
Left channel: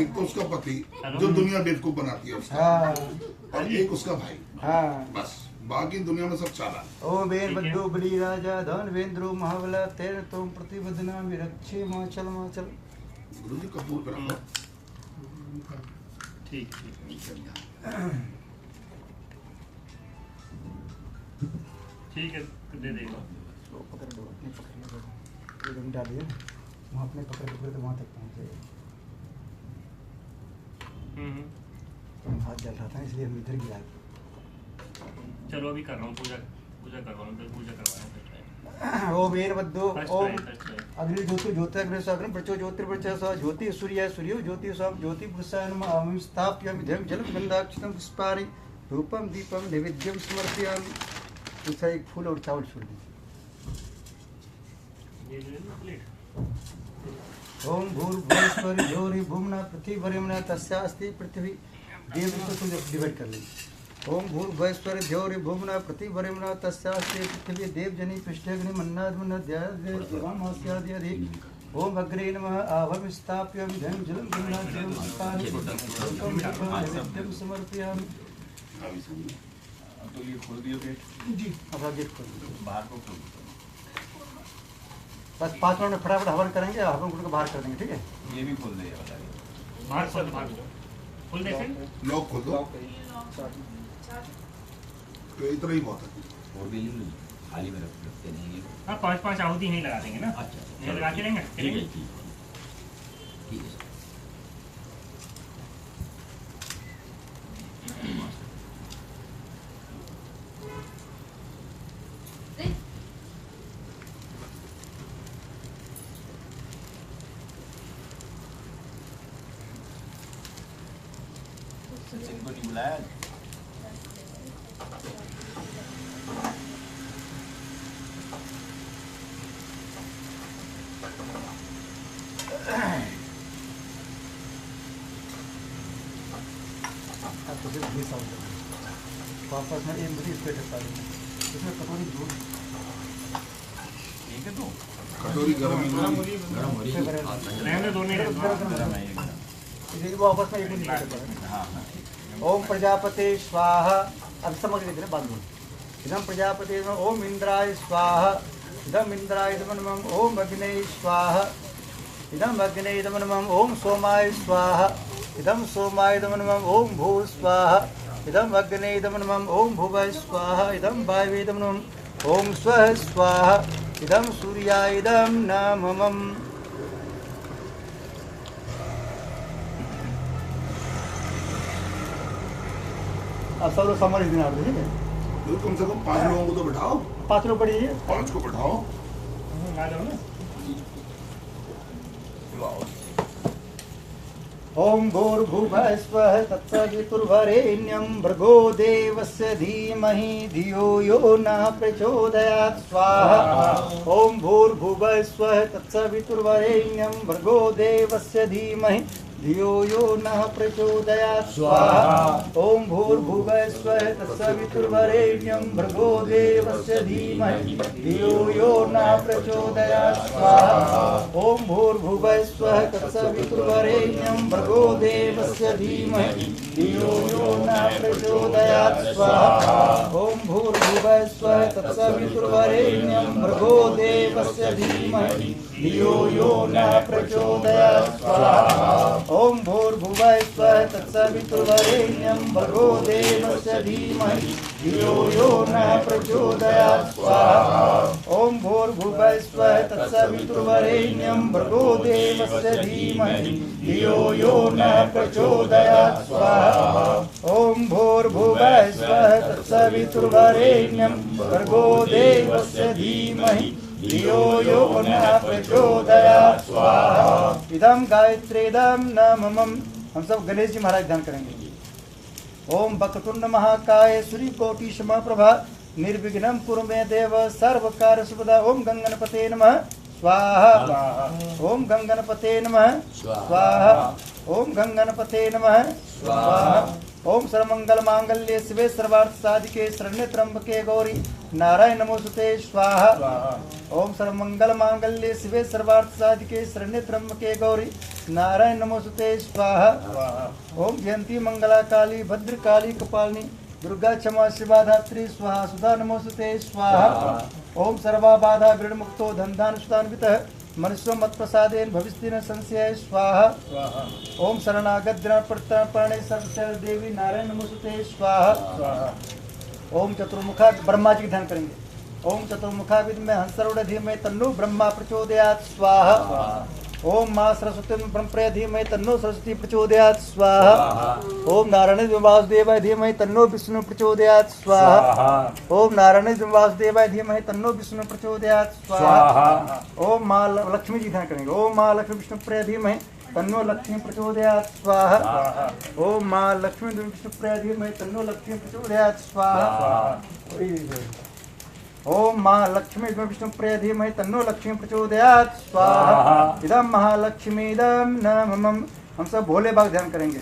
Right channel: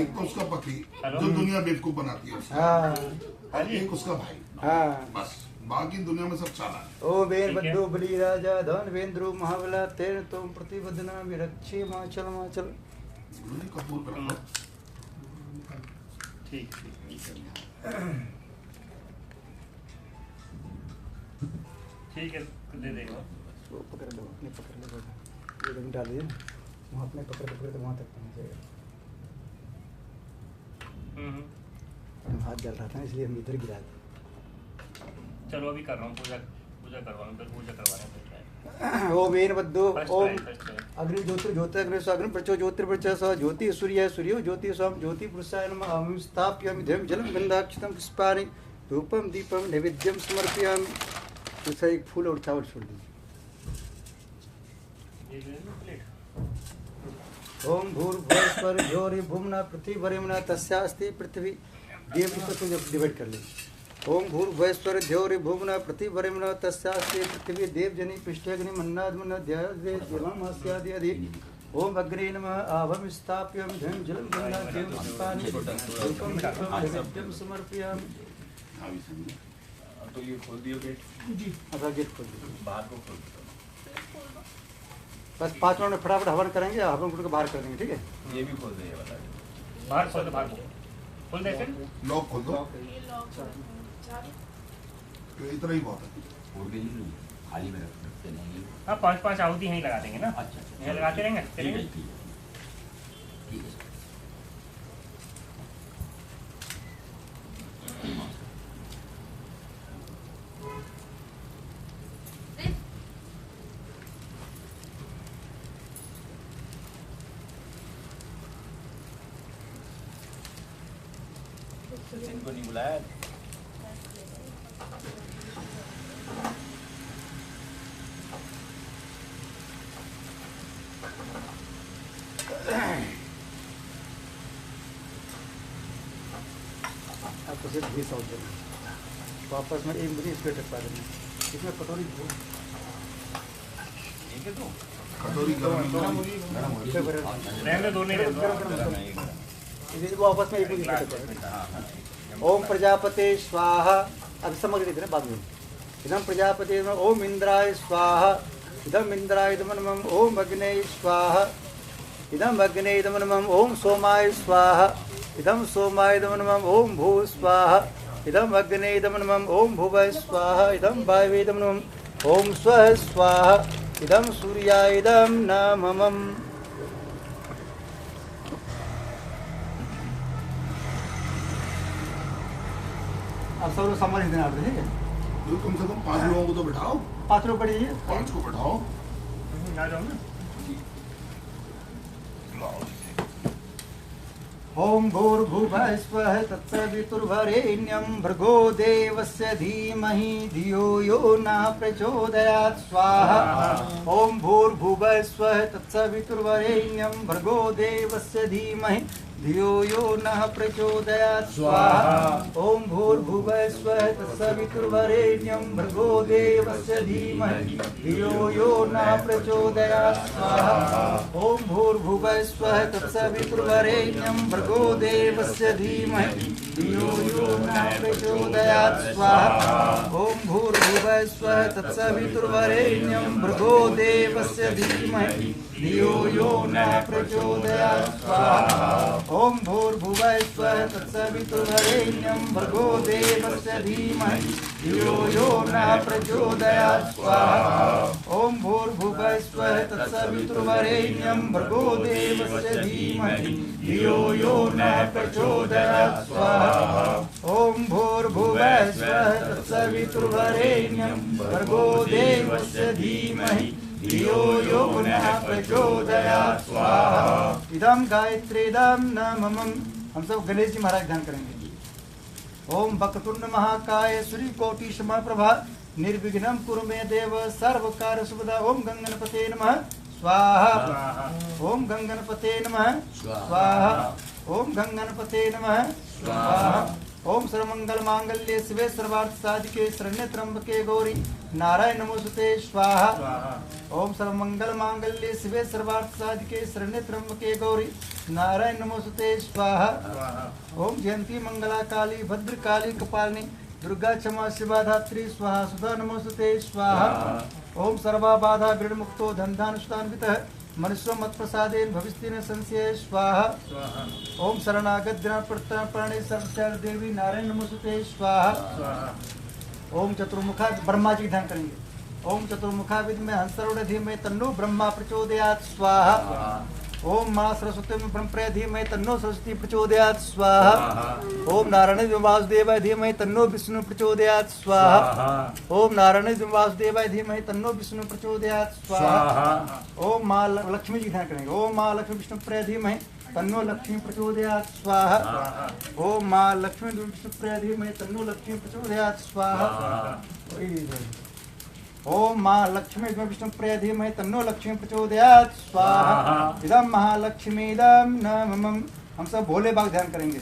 एक तो उसका पति जो दुनिया बेवकूफ बनाती है उसका, और एक उसका भाई, बस। बाकी दुनिया में सब चाला। ओ बेन बद्दो बली राजा धन वेंद्रो महाबला तेरे तुम प्रतिबद्धना में रक्षे माचल माचल। गुरु जी कपूर कर लो। ठीक ठीक है, दे देगा। पकड़ लो, अपने पकड़ लो, एकदम डालिए ना, वहाँ अपने पकड़ तो वहाँ तक पहुँचेगा। हाथ जल रहा था ना, इसलिए हम इधर गिरा दिए। चलो अभी कर रहा हूँ, पूजा करवाऊँ, तो पूजा करवाना। ओम वीर बद्दो ओम फर्स्ट है। अग्नि ज्योति ज्योति अग्नि स्वाग्नि प्रचो ज्योति प्रचो स्व ज्योति सूर्य सूर्यो ज्योति स्वाम ज्योति पुरुषाय नमः अहं स्थापयामि ध्यं जलं गंधाक्षतं पुष्पाणि धूपम दीपम नैवेद्यम समर्पयामि। दूसरा एक फूल और चावल छोड़ दीजिए। ओम भूर्भुवस्सुः ज्योति भूम्ना पृथ्वीर्यमना तस्यास्ति पृथ्वी देव को तुम डिवाइड कर लेंगे। ओम भूर्भुवस्सुः ज्योति भूम्ना पृथ्वीर्यमना तस्यास्ति पृथ्वी देवजनी पृष्ठग्नि मन्नाद्मनद्याद्याद्यामास्यादि अधि। ओम अग्रे नमः आवम स्थापयामि ध्यं जलं गंधाक्षतं पुष्पाणि धूपं दीपं नैवेद्यं समर्पयामि। अब तो ये खोल दियो गेट, अपना गेट खोल दो। बाहर को खोल दो। बस 5 मिनट में फटाफट हवन करेंगे, हवन को बाहर कर देंगे, ठीक है। ये भी खोल दे ये वाला। बाहर खोल दो, बाहर खोल दे फिर। लॉक खोल दो, तो इतना ही बहुत है। और भी खाली में रखते नहीं। हाँ 5 आहुति यहीं लगा देंगे ना। अच्छा यहीं लगाते रहेंगे, ठीक चलेंगे। है, ठीक है। सचिन को नहीं बुलाया। आपको सिर्फ घी साफ करना है। तो आपस में 1 मुट्ठी इस पे रखा देंगे, इसमें कटोरी धो। ठीक है तो कटोरी गरम ही गरम हो होगी। रही है, गरम हो रही है। हाँ, रहने दो, नहीं रहने दो। गरम है ये गरम। इसे वो आपस में 1 मुट्ठी रखा देंगे। हाँ हाँ। ओम प्रजापते स्वाहा। अब समझ लेते हैं बाद में। इदम प्रजापते ओम इंद्राय स्वाहा। इदम इंद्राय नमः ओम अग्ने स्वाहा। इदम अग्ने नमः ओम सोमाय स्वाहा। इदम सोमाय नमः ओम भू स्वाहा। इदम अग्ने नमः ओम भुवः स्वाहा। इदम वायवे नमः ओम स्वः स्वाहा। इदम सूर्याय नमः। अब सब लोग समझ देना, ठीक है। तो कम से कम 5 लोगों को तो बिठाओ, 5 लोग पढ़िए। 5 को बिठाओ। ना जाओ ना। ओम भूर्भुवः स्वः तत्सवितुर्वरेण्यं भर्गो देवस्य धीमहि धियो यो नः प्रचोदयात् स्वाहा। ओम भूर्भुवः स्वः तत्सवितुर्वरेण्यं भर्गो देवस्य धीमहि धियो यो नः प्रचोदयात् स्वाहा। ओम भूर्भुवः स्वः तत्सवितुर्वरेण्यं भर्गो देवस्य धीमहि धियो यो नः प्रचोदयात् स्वाहा। ओम भूर्भुवः स्वः तत्सवितुर्वरेण्यं भर्गो देवस्य धीमहि धियो यो नः प्रचोदयात् स्वाहा। ओम भूर्भुवः स्वः तत्सवितुर्वरेण्यं भर्गो देवस्य धीमहि धियो यो नः प्रचोदयात् स्वाहा। ओम भूर्भुवः स्वः तत्सवितुर्वरेण्यं भर्गो देवस्य धीमहि धियो यो नः प्रचोदयात् स्वाहा। ओम भूर्भुवः स्वः तत्सवितुर्वरेण्यं भर्गो देवस्य धीमहि धियो यो नः प्रचोदयात् स्वाहा। ओम भूर्भुवः स्वः तत्सवितुर्वरेण्यं भर्गो देवस्य धीमहि धियो यो नः प्रचोदयात् स्वाहा। इदं गायत्रीदं नमः। हम सब गणेश जी महाराज ध्यान करेंगे। ओम वक्रतुंड महाकाय सूर्यकोटि समप्रभा निर्विघ्नं कुरु मे देव सर्वकार्य सर्वदा। ओम गंगणपते नमः स्वाहा। ओम गंगणपते नमः स्वाहा। ओम गंगणपते नमः स्वाहा। ओम सर्वमंगल मांगल्ये शिवे सर्वार्थ साधिके शरण्ये त्र्यंबके गौरी नारायण नमोस्तुते स्वाहा। ओम सर्वमंगल मांगल्ये शिवे सर्वार्थ साधिके शरण्ये त्र्यंबके गौरी नारायण नमोस्तुते स्वाहा। ओम जयंती मंगला काली भद्रकाली कपालिनी दुर्गा क्षमा शिवा धात्री स्वाहा सुधा नमोस्तुते स्वाहा। ओम सर्वा बाधा विमुक्तो धनधान सुधान्वितः मनुष्यो मत प्रसादेन भविष्यति संशय स्वाहा। ओम शरणागत प्राणे सर्वशरण देवी नारायण नमोस्तुते स्वाहा। ओम चतुर्मुखा ब्रह्मा जी ध्यान करेंगे। ओम चतुर्मुखा विद्महे हंसरूढ़ धीमहि तन्नो ब्रह्मा प्रचोदयात् स्वाहा। ओम मां सरस्वती ब्रह्मणे धीमहि तन्नो सरस्वती प्रचोदयात् स्वाहा। ओम नारायण वासुदेवाय धीमहि तन्नो विष्णु प्रचोदयात् स्वाहा। ओम नारायण वासुदेवाय धीमहि तन्नो विष्णु प्रचोदयात् स्वाहा। ओम मां लक्ष्मी जी ध्यान करेंगे। ओम मां लक्ष्मी विष्णु प्रिय धीमहि तन्नो लक्ष्मी प्रचोदयात् स्वाहा। ओम मां लक्ष्मी विष्णु प्रिय धीमहि तन्नो लक्ष्मी प्रचोदयात् स्वाहा। ओम मां लक्ष्मी विष्णु प्रिय धीमहि तन्नो लक्ष्मी प्रचोदयात् स्वाहा। इदं महालक्ष्मीदं नमः। हम सब भोले बाग ध्यान करेंगे।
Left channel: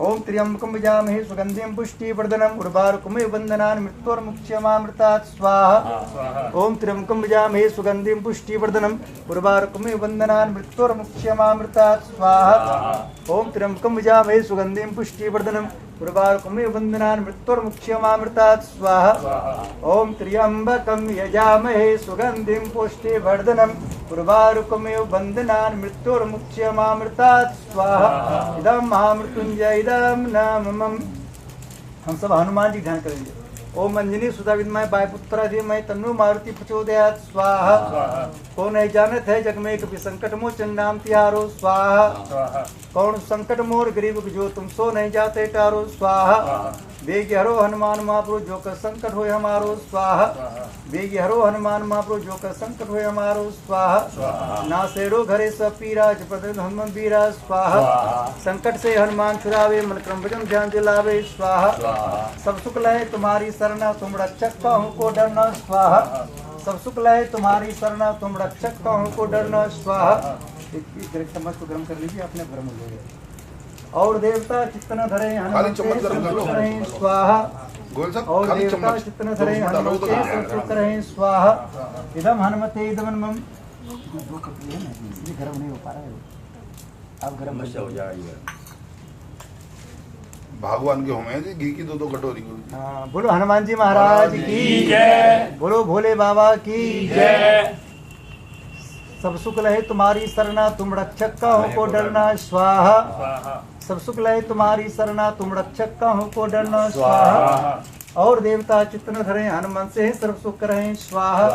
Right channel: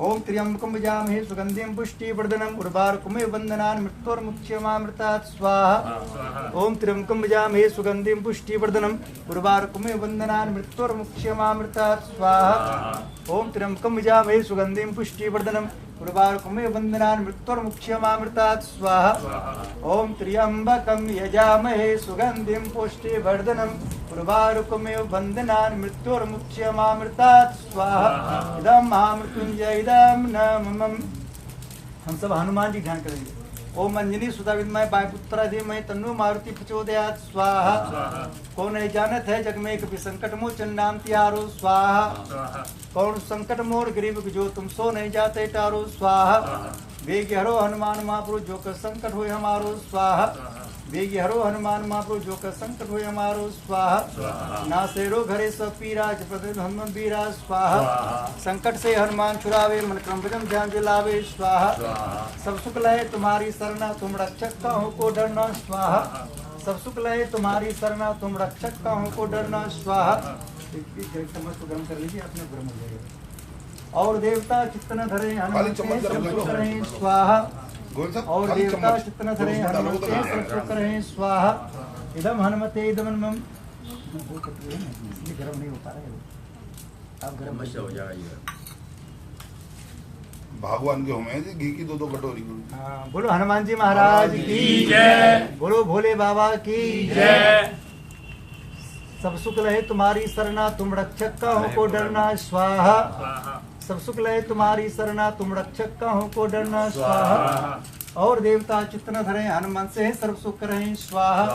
ओम त्र्यंबकं यजामहे सुगंधिं पुष्टिवर्धनम् उर्वारुकमिव बन्धनान् मृत्योर्मुक्षमामृतात् स्वाहा। ओम त्र्यंबकं यजामहे सुगंधिं पुष्टिवर्धनम् उर्वारुकमिव बन्धनान् मृत्योर्मुक्षमामृतात् स्वाहा। ओम त्र्यंबकं यजामहे सुगंधिं पुष्टिवर्धनम् उर्वारुकमेव बन्धनान् मृत्युर्मुक्ष्यमामृतात् स्वाहा ओम त्र्यम्बकं यजामहे सुगन्धिं पुष्टिवर्धनम् उर्वारुकमेव बन्धनान् मृत्युर्मुक्ष्यमामृतात् स्वाहा इदं महामृत्युंजय इदं नामम्। हम सब हनुमान जी ध्यान करेंगे। ओम अंजनी सुधा विद्मय वायुपुत्र धीमहि तन्नो मारुति प्रचोदयात् स्वाहा। कौन है जानत है जग में कभी संकट मोचन नाम त्यारो स्वाहा। कौन संकट मोर गरीब जो तुम सो नहीं जाते टारो स्वाहा। वेग हरो हनुमान महापुरुष जो कर संकट हो हमारो स्वाहा। वेग हरो हनुमान महापुरुष जो कर संकट हो हमारो स्वाहा। नासेरो घरे सब पीरा जपद हनुमान बीरा स्वाहा। संकट से हनुमान छुड़ावे मन क्रम भजन ध्यान दिलावे स्वाहा। सब सुख लहे तुम्हारी शरणा तुम रक्षक कहो को डरना स्वाहा। सब सुख लहे तुम्हारी शरणा तुम रक्षक कहो को डरना स्वाहा। चम्मच को गर्म कर लीजिए अपने गर्म हो जाएगा। और देवता चित्तन धरे हनुमते स्वाहा। और देवता चित्तन धरे हनुमते रहे स्वाहा। इदम हनुमते इदम मम गर्म नहीं हो पा रहा है अब गर्म हो जाएगा। भगवान के होमे जी घी की 2-2 कटोरी। बोलो हनुमान जी महाराज की जय। बोलो भोले बाबा की जय। सब सुख लहे तुम्हारी शरणा तुम रक्षक कहो को डरना स्वाहा। सब सुख लहे तुम्हारी शरणा तुम रक्षक कहो को डरना स्वाहा। और देवता चित्तन धरे हनुमान से सर्व सुख रहे स्वाहा।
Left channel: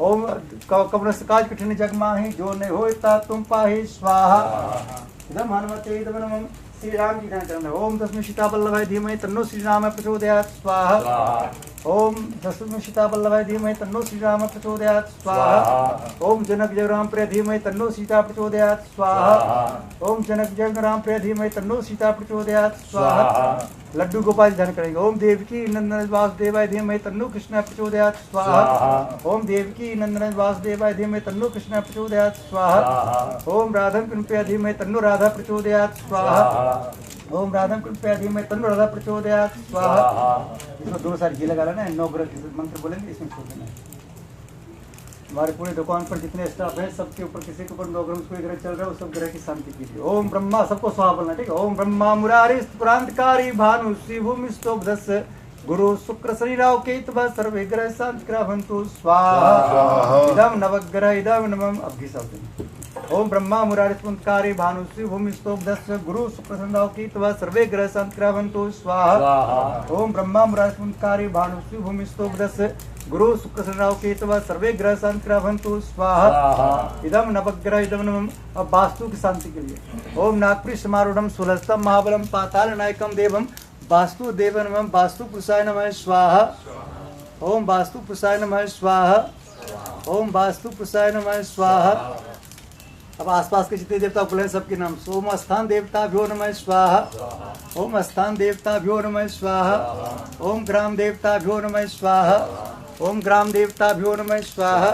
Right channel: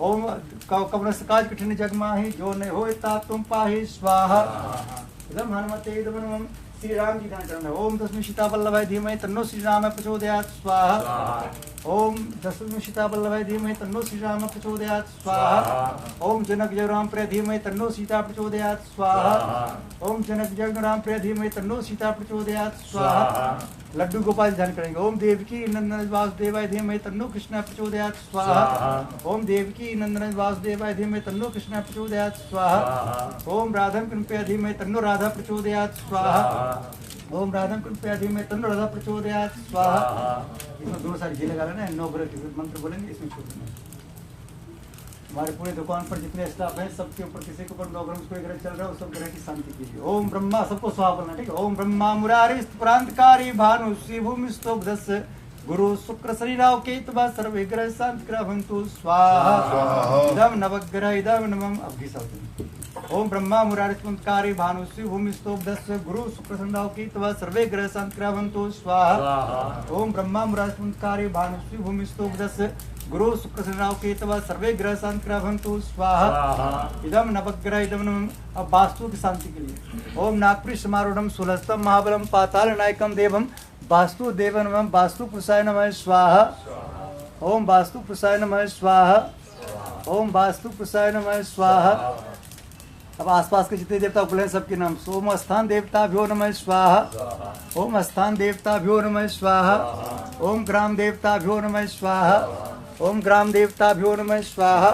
ओम कवन काज कठिन जग माहि जो न होता तुम पाहि स्वाहा। इदम हनुमते इदम नमः। श्री राम जी ध्यान करना। ओम दशमी सीता वल्लभाय धीमहि तन्नो श्री राम प्रचोदयात् स्वाहा। ओम दशमी सीता वल्लभाय धीमहि तन्नो श्री राम प्रचोदयात् स्वाहा। ओम जनक जय राम प्रिय धीमहि तन्नो सीता प्रचोदयात् स्वाहा। ओम जनक जय राम प्रिय धीमहि तन्नो सीता प्रचोदयात् स्वाहा। लड्डू गोपाल ध्यान करेंगे। ओम देवकी नंदन वासुदेवाय धीमहि तन्नो कृष्ण प्रचोदयात् स्वाहा। ओम देवकी नंदन वासुदेवाय धीमहि तन्नो कृष्ण प्रचोदयात् स्वाहा। ओम राधम कृपया धीमहि तन्नो राधा प्रचोदयात् स्वाहा। ओम राधम कृपया धीमहि तन्नो राधा प्रचोदयात् स्वाहा। इसमें 2 सारी घी लगा लेना है। 9 ग्रह मंत्र बोलेंगे इसमें छोड़ देना है। हमारे पूरी दुकान पर जितने स्टाफ हैं सबके ऊपर किसी के ऊपर 9 ग्रह कोई ग्रह चल रहा है, सब ग्रह की शांति कीजिए। ओम ब्रह्मा सबको स्वाहा बोलना ठीक है। ओम ब्रह्मा मुरारी क्रांतिकारी भानु श्री भूमि स्तोभदस गुरु शुक्र शनि राव केतु सर्वे ग्रह शांति ग्रहंतु स्वाहा। इदम नवग्रह इदम नमः। अब घी सब ओम ब्रह्मा मुरारी क्रांतिकारी भानु श्री भूमि स्तोभदस गुरु शुक्र शनि राव केतु सर्वे ग्रह शांति ग्रहंतु स्वाहा। ओम ब्रह्मा मुरारी क्रांतिकारी भानु श्री भूमि स्तोभदस गुरु शुक्र शनि राव केतु सर्वे ग्रह शांति ग्रहंतु स्वाहा। इदम नवग्रह इदम नमः। अब वास्तु की शांति के लिए ओम नागपुरी समारूढ़ सुलस्तम महाबलम पाताल नायकम देवम वास्तु देव नमः। वास्तु पुरुषाय नमः स्वाहा। ओम वास्तु पुरुषाय नमः स्वाहा। ओम वास्तु पुरुषाय नमः स्वाहा। अब आसपास के जितने देवता बोले सबके नाम। ओम स्थान देवता भ्यो नमः स्वाहा। ओम स्थान देवता भ्यो नमः स्वाहा। ओम ग्राम देवता भ्यो नमः स्वाहा। ओम ग्राम देवता भ्यो नमः स्वाहा।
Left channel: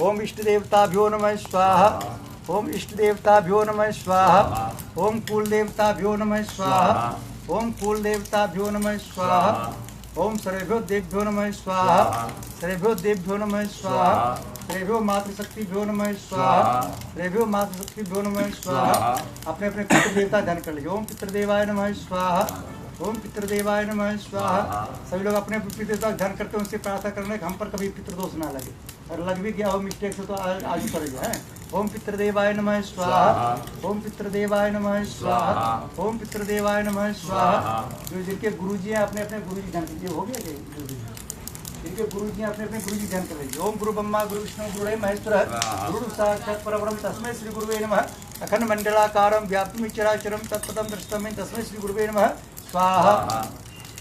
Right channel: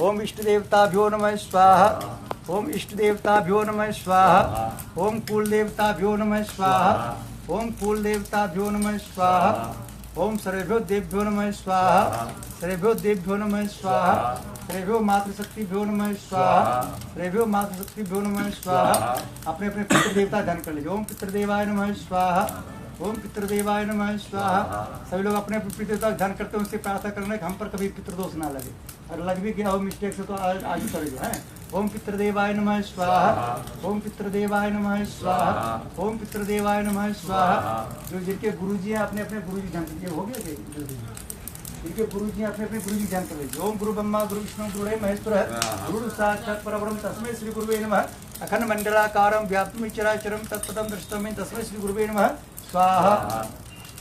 ओम इष्ट देवता भ्यो नमः स्वाहा। ओम इष्ट देवता भ्यो नमः स्वाहा। ओम कुल देवता भ्यो नमः स्वाहा। ओम कुल देवता भ्यो नमः स्वाहा। ओम सर्वेभ्यो देवभ्यो नमः स्वाहा। सर्वेभ्यो देवभ्यो नमः स्वाहा। सर्वेभ्यो मातृशक्ति भ्यो नमः स्वाहा। सर्वेभ्यो मातृशक्ति भ्यो नमः स्वाहा। अपने अपने पितृ देवता ध्यान कर लीजिए। ओम पितृदेवाय नमः स्वाहा। ओम पितृदेवाय नमः स्वाहा। सभी लोग अपने पितृ देवता ध्यान करते हैं, उनसे प्रार्थना करना कि हम पर कभी पितृदोष ना लगे, और लग भी गया हो मिस्टेक से तो आगे पड़ेगा है। ओम पितृदेवाय नमः स्वाहा। ओम पितृदेवाय नमः स्वाहा। ओम पितृदेवाय नमः स्वाहा। जो जिनके गुरुजी हैं अपने अपने गुरुजी ध्यान कीजिए। हो गया जिनके गुरुजी हैं अपने अपने गुरुजी ध्यान कर लीजिए। ओम गुरु ब्रह्मा गुरु विष्णु गुरुदेव महेश्वर गुरु साक्षात् परब्रह्म तस्मै श्री गुरुवे नमः। अखंड मंडलाकारं व्याप्तं चराचरं तत्पदं दृष्टं तस्मै श्री गुरुवे नमः स्वाहा।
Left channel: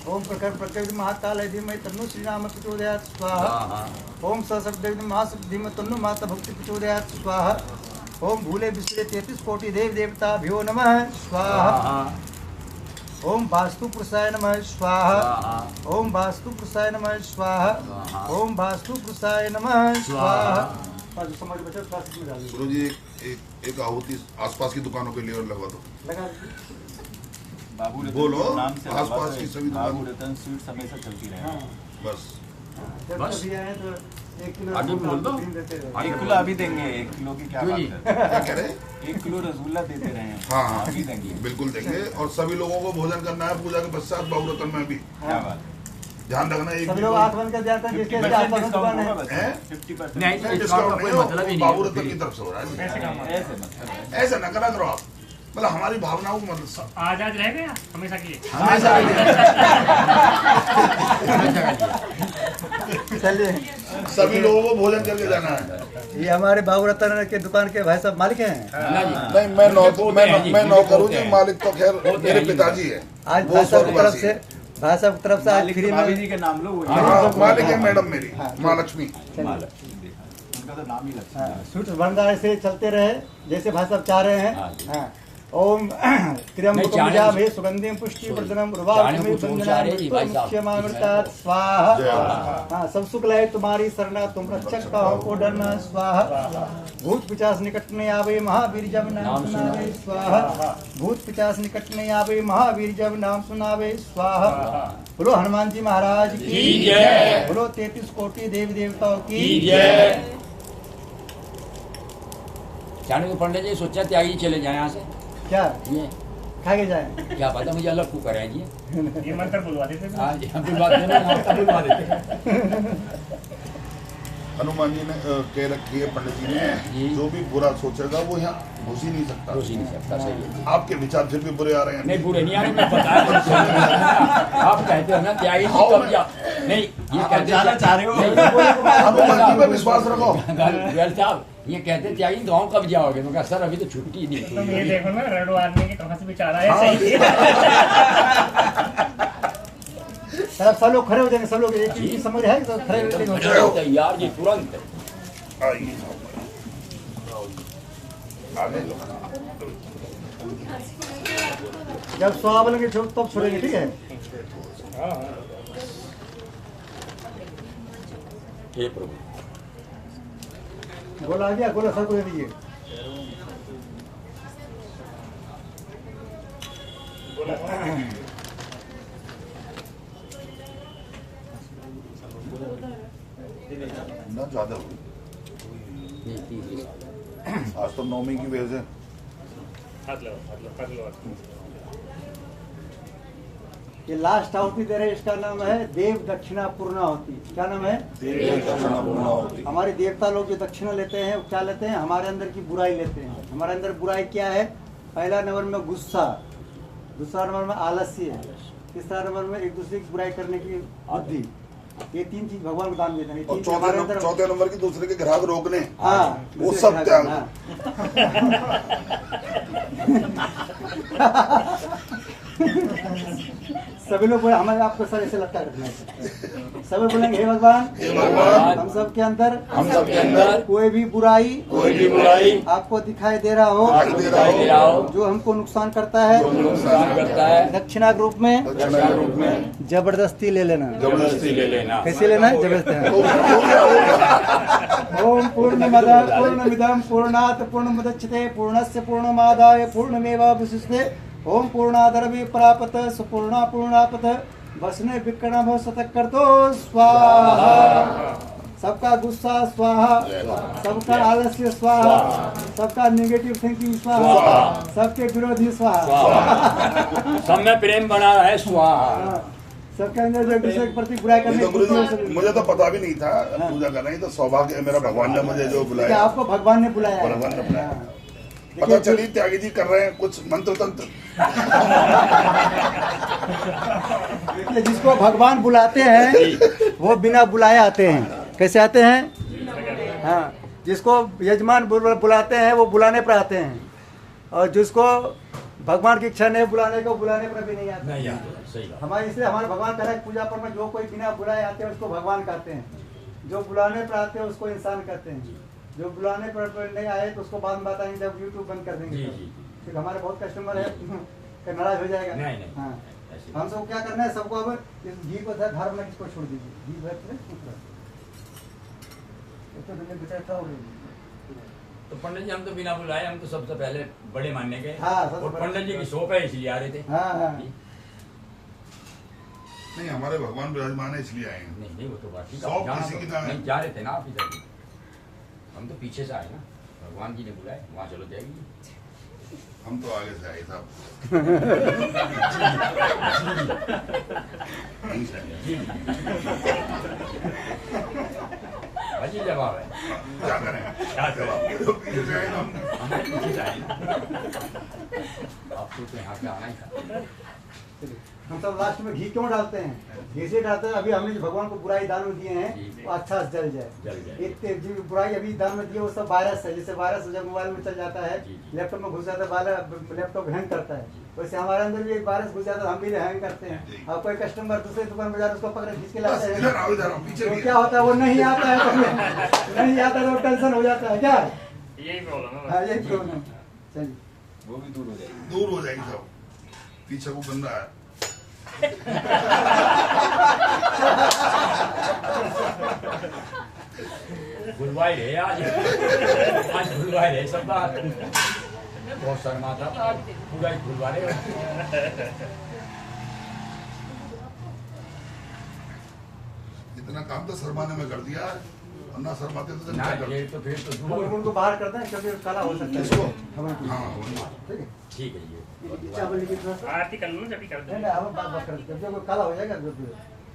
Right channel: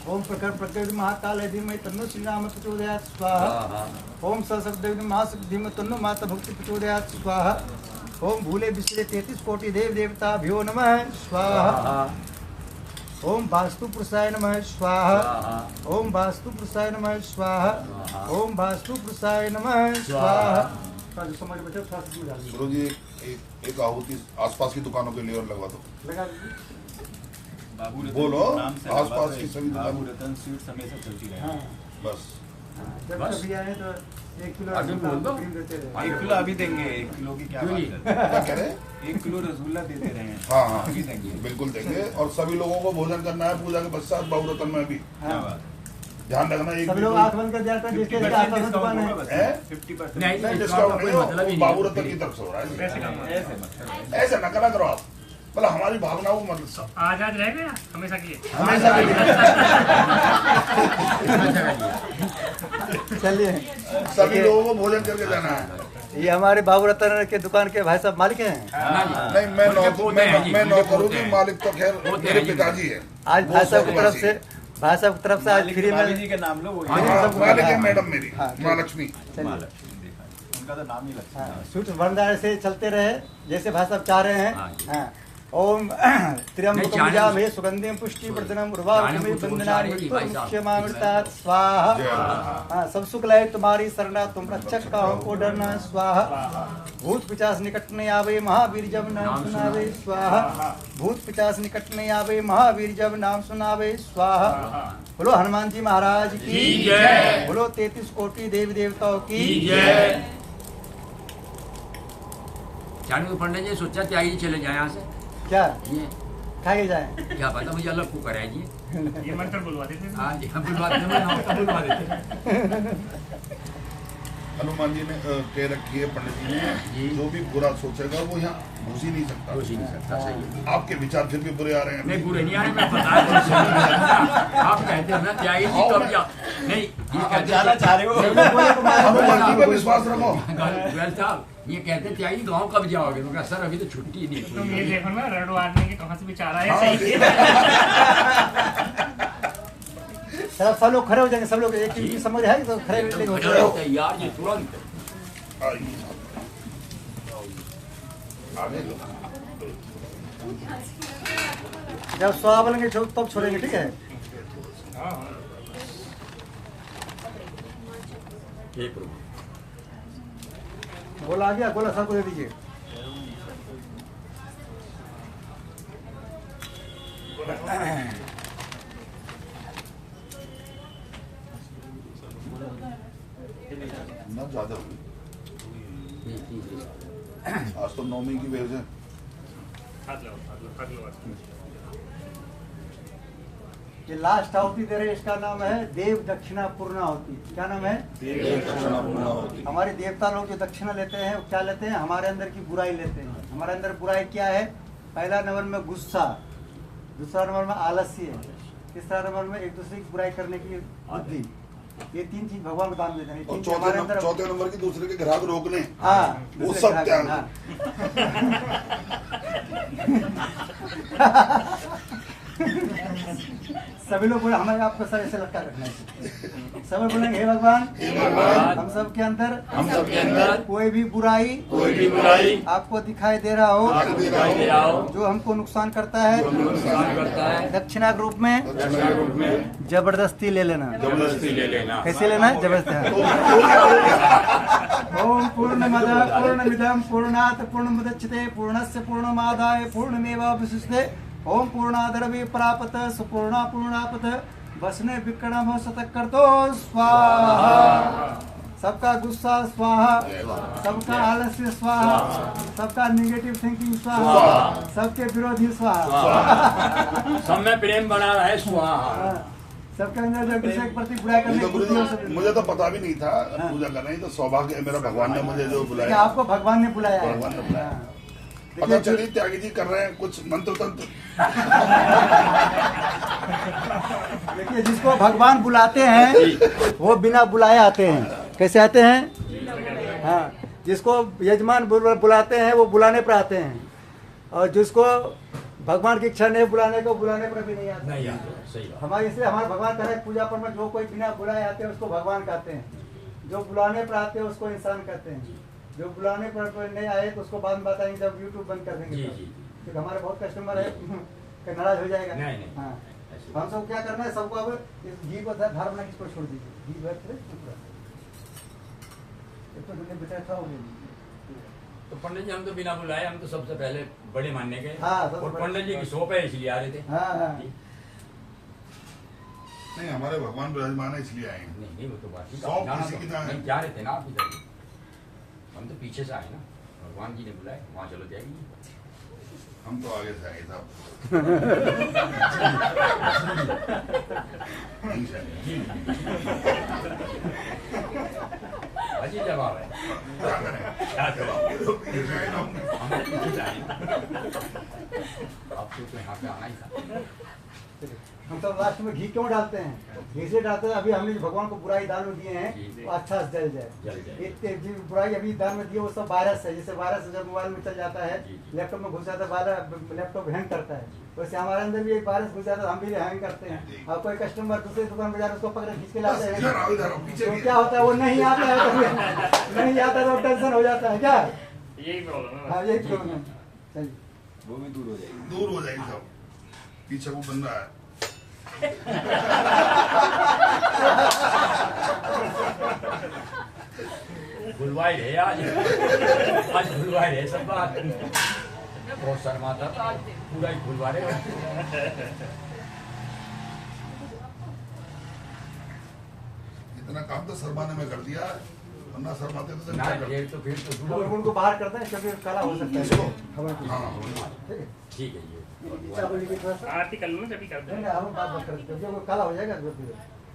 ओम प्रखर प्रत्येक महाकाल धीमहि तन्नो श्री राम प्रचोदयात् स्वाहा। ओम सरस्वती महाशक्ति धीमहि तन्नो माता भक्ति प्रचोदयात् स्वाहा। ओम भूले बिसरे 33 कोटि देव देवता भ्यो नमः स्वाहा। ओम वास्तु पुरुषाय नमः स्वाहा। ओम वास्तु पुरुषाय नमः स्वाहा। ओम वास्तु पुरुषाय नमः स्वाहा। समझ बच्चे स्वास्थ्य में डालिए। गुरु जी एक आहुति आसपास की दुकानों के लिए और लगवा दो। लगा बाबू बोलो, नाम से आसपास की सभी बाबू रतन स्वीट हमेशा चलती रहे। हाँ बस जब बस। कभी आए तो 1 किलो आगे रसगुल्ला बोल दो। क्रीम देते रहे। 1 किलो अभी देंगे, 1 किलो की क्या क्यों बात जी? है। क्या कह रहे 1 किलो रसगुल्ला देते रहे हैं। हाँ हाँ अभी देंगे। बिल्कुल देंगे। और सभी लोगों को भोजन करना है पूजा के पश्चात बहुरतन में भी क्या बात है। ध्यान रखना। एक सभी लोग आंख बंद कर जाते हैं जिसके आस पास दुकान है। हैं? 50% नहीं, नहीं, इसका डिस्काउंट कोई नहीं मतलब ही हो, नहीं है। बाबूरतन की तरफ से हो रहा है जी। ऐसे काम है। ऐसे मतलब ऐसा न करा करो आप, मतलब हमारी भावनाओं को मतलब आज आज रह गया हमेशा के लिए। चलिए, सभी लोगों को भोजन करके जाना है। ये हमारे बाबू रतन के दुकान के भाई साहब मालिक हैं। ना जी। नहीं मैं उनके पोते हैं जी, मैं उनके नौकर हूँ पोते जी, हैं। मालिक तो खैर पोते मेरे हैं जी। पिताजी है। आज वो भाई साहब की तरफ स्वर्गवासी से है। भाई साहब की तरफ से आज मालिक फ्री भाभी में जी के नाम लो वो हाँ, मालिक है मैडम मेरी माँ लक्ष्मी। उनका तो नाम ही लगता है। सूत्र भंडार से चलते रहे जैसे भाई साहब चाह रहे हैं। हाँ जी। हाँ। ओम त्र्यंबकम चाहे- यजामहे सुगंधिं पुष्टिवर्धनम् चाहे कुछ हो जा रही है भाई साहब। उर्वारुकमिव स्वाहा। जय हो। हाँ, सब सुख लाए तुम्हारी शरणा तुम रक्षक का हो को डरना स्वाहा। भूत पिचास निकट ने आवे महावीर जब नाम सुनावे स्वाहा। भूत पिचास निकट ने आवे महावीर जब नाम सुनावे स्वाहा। बोलो हनुमान जी महाराज की जय। बोलो 33 कोटि देवी देवताओं की की जय। जाने को पंडित जी सोचा त्यागी चले जाए यहाँ से। क्या ये खाए जाए। क्या पता मुझे अलग को कराए जी। ये मंत्र बुलवा देते थे। हाँ जी, हम बुलवा देते हैं, हम बुलवा देते हैं। हनुमान जी ने कह रखी है पंडित जी ने, जी। जो भी बुरा सोचेगा वो यहाँ घुस ही नहीं सकता। कुछ ही नहीं सकता, सही है। आपके विचार फिर भी बुरे आ रहे हैं। नहीं बुरे नहीं आ रहे, मैं बताया पर सही नहीं आ रहे ना। आप कहते हो ना त्यागी जी कब जा नहीं ये आप कहते जाना चाह रहे हो? हनुमान जी पे विश्वास रखो। गोयल साहब ये कहते त्यागी गाँव कब जाओगे? तो कहा सर अभी तो छुट्टी नहीं तुम ये हुई। देखो ना रड़ो आदमी की कहाँ से बेचारा है हाँ, सही। सब लोग खड़े हो जाएंगे। सब लोग एक ही समझ है तो खड़े एकदम हो खड़े जाएंगे। हो तैयार जी तुरंत। आइए। आगे। जब स्वाहा बोलेंगे तब छोड़ेंगे, ठीक है। हे प्रभु गोला आ गया, गोला सबको दे दीजिए। ना ज्यादा नहीं, ठीक है। आज तो नौमी की वजह से हाथ लो कर लो। ये लास्ट आहुति दे रहे, इसका नाम है देव दक्षिणा पूर्णाहुति। क्या नाम है? हमारे देवता लोग जो दक्षिणा लेते हैं वो क्या लेते हैं? हमारे अंदर की बुराई लेते हैं। हमारे अंदर बुराई क्या है? पहला नंबर में गुस्सा, दूसरा नंबर में आलस्य, तीसरा नंबर में एक दूसरे की बुराई करने की बुद्धि। ये 3 चीज भगवान काम देते हैं। और चौथे नंबर की दूसरे के ग्राहक रोकने। हाँ, वो दूसरे सब ग्राहक, त्याग। हाँ। सभी लोग बोले हमारे आपको सर ऐसे लगता रखना है। सब लोग बोलेंगे हे भगवान, हम सब के अंदर कोई भी बुराई आपको दिखाई दे रहा हो जो हमको नुकसान करता है, दक्षिणा के रूप में जबरदस्ती ले लेना। कैसे लेना? जबरदस्ती। ओम पूर्णमद पूर्णमिदं पूर्णात् पूर्णमुदच्यते पूर्णस्य पूर्णमादाय पूर्णमेवावशिष्यते ओम पूर्णादरवि प्रापत सुपूर्णा पूर्णापत वसने विक्रम हो शतकर तो स्वाहा। सबका गुस्सा स्वाहा, सबका आलस्य स्वाहा, सबका निगेटिव थिंकिंग स्वाहा, सबके विरोधी स्वाहा। सब में प्रेम बना रहा है स्वाहा। सबके अंदर जो दूसरे के प्रति बुराई करने की बुद्धि हो सके। मुझे तो पता भी नहीं था पूजा करना ही, तो सौभाग्य है मेरा, भगवान ने मुझे जो क्या बुलाया। आपको भगवान ने बुलाया है। भगवान ने बुलाया। हाँ। पता चली त्यागी जी कर रहे हैं कुछ मंत्र तंत्र। देखिए जिसको भगवान बुलाते हैं वो बिना बुलाए आते हैं। कैसे आते हैं? हाँ, जिसको यजमान बुलाते हैं वो बुलाने पर आते हैं, और जिसको भगवान की इच्छा नहीं बुलाने को, बुलाने पर भी नहीं आते। नहीं यार सही बात। हमारे इसलिए हमारे भगवान कह रहे हैं पूजा पर में जो कोई बिना बुलाए आते हैं उसको भगवान कहते हैं, जो बुलाने पर आते हैं उसको इंसान कहते हैं। जो बुलाने पर नहीं आए तो उसको बाद में बताएंगे जब यूट्यूब बंद कर देंगे। जी, जी। क्योंकि हमारे बहुत कस्टमर है कि नाराज हो जाएगा। नहीं, नहीं। हाँ, ऐसी हम सबको क्या करना है? सबको अब इस घी को धार बना किसको छोड़ दीजिए। घी भर के एक तो दुनिया बेटा था हो गई। तो पंडित जी हम तो बिना बुलाए, हम तो सबसे पहले बड़े मानने गए। हाँ, सबसे और पहले। पंडित जी की शॉप है इसलिए आ रहे थे। हाँ हाँ। नहीं हमारे भगवान विराजमान है इसलिए आए हैं। नहीं वो तो बात ठीक सौ है, जाना किसी की तो- तरह है। नहीं जा रहे थे ना आप इधर ही। हम तो पीछे से आए ना, भगवान जी ने बुलाए, वहाँ चलो जाएगी। हम तो आगे से आए साहब। नहीं सर। अजीब जवाब है। क्या करें? क्या करें? हम हमारे पीछे से आए ना। आपको तो यहाँ पे आना ही था। हम सब लास्ट में घी क्यों डालते हैं? घी से डालते हैं। अभी हमने भगवान को बुराई दान में दिए हैं तो अच्छा से जल जाए। जल जाए। इतने जो बुराई अभी दान में दिए वो सब वायरस है। जैसे वायरस जब मोबाइल में चल जाता है, जी, जी। लैपटॉप में घुस जाता है, लैपटॉप हैंग करता है, वैसे हमारे अंदर भी एक वायरस घुस जाता है, हम भी हैंग करते हैं। और कोई कस्टमर दूसरे दुकान में जाकर उसको पकड़ खींच के लाते बस हैं, इधर आओ, इधर आओ, पीछे तो भी क्या होता है वो नहीं आता है, नहीं आता है तो टेंशन हो जाता है। क्या यही प्रॉब्लम है। हाँ यही प्रॉब्लम है। चलिए वो भी दूर हो जाएगी। दूर हो जाएगी सब। पीछे वो बंदा है। भुलवाई रहे आज भुलवाई रहे सब बात। बहुत शर्माता था, आज पूरा ही भुलवा रहे हो। इतना काम तो शर्माने में कर दिया है, वरना शर्माते तो ना क्या करते? ये तो फिर तो हम दूर उनको बाहर करते हैं क्योंकि काला हो सकता है। इसको? हमें ठीक हाँ, है। ठीक है ये चावल की तरह से आरती कर लो ना, जब भी कर नहीं दो। नहीं हम बात बात करते हैं, जो काला हो जाएगा जो भी हो।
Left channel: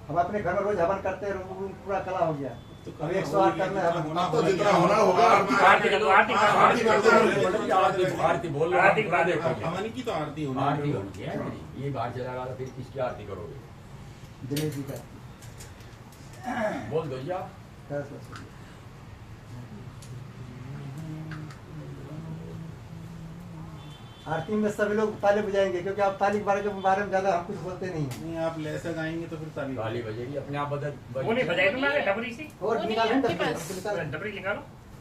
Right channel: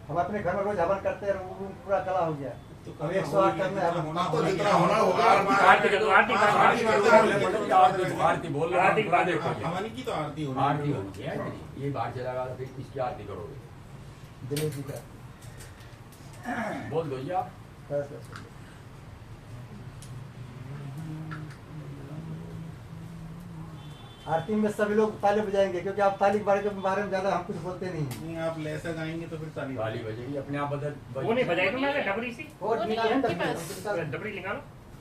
हम अपने घर में रोज हवन करते हैं, वो पूरा काला हो गया। हम 108 करने हवन अब तो जितना होना होगा आरती कर दो, आरती कर दो, आरती कर दो। आरती बोल रहे आरती बता दो। हमारी की तो आरती होनी आरती होनी है। ये बाहर चला गया फिर किसकी आरती करोगे? दिनेश जी का बोल दो जी आप। बस। आरती में सभी लोग ताली बजाएंगे क्योंकि आप ताली के बारे में ज्यादा हम कुछ बोलते नहीं हैं। नहीं आप लेसा गाएंगे तो फिर ताली ताली बजेगी अपने आप बदल वो नहीं बजाई तो मैं डबरी सी और वो नहीं निकालें है आपके डब्बे, पास। निकालें। डबरी निकालो।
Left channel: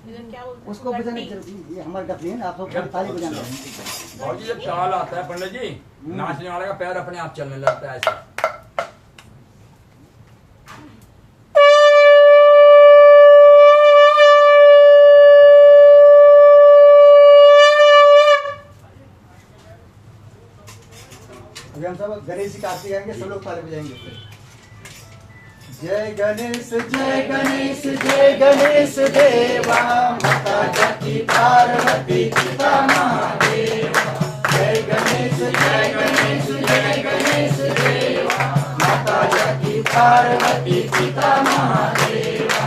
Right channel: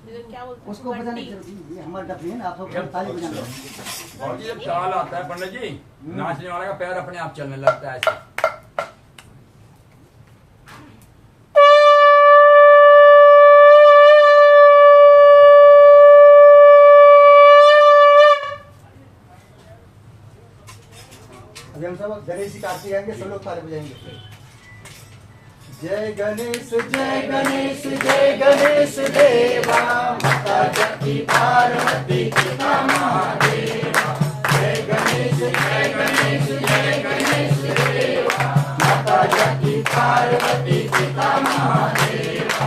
इधर क्या बोलते हैं? उसको बजाने की जरूरत नहीं, ये हमारे डब्बे है ना, आप लोग ताली बजाना है। और ये चाल आता है पंडित जी, नाचने वाले का पैर अपने आप चलने लगता है ऐसे। अभी हम सब गणेश जी का आरती गाएंगे, सब लोग ताली बजाएंगे। जय गणेश जय गणेश जय गणेश देवा, माता जकी पार्वती पिता महादेवा। जय गणेश जय गणेश जय गणेश देवा, माता जकी पार्वती पिता महादेवा।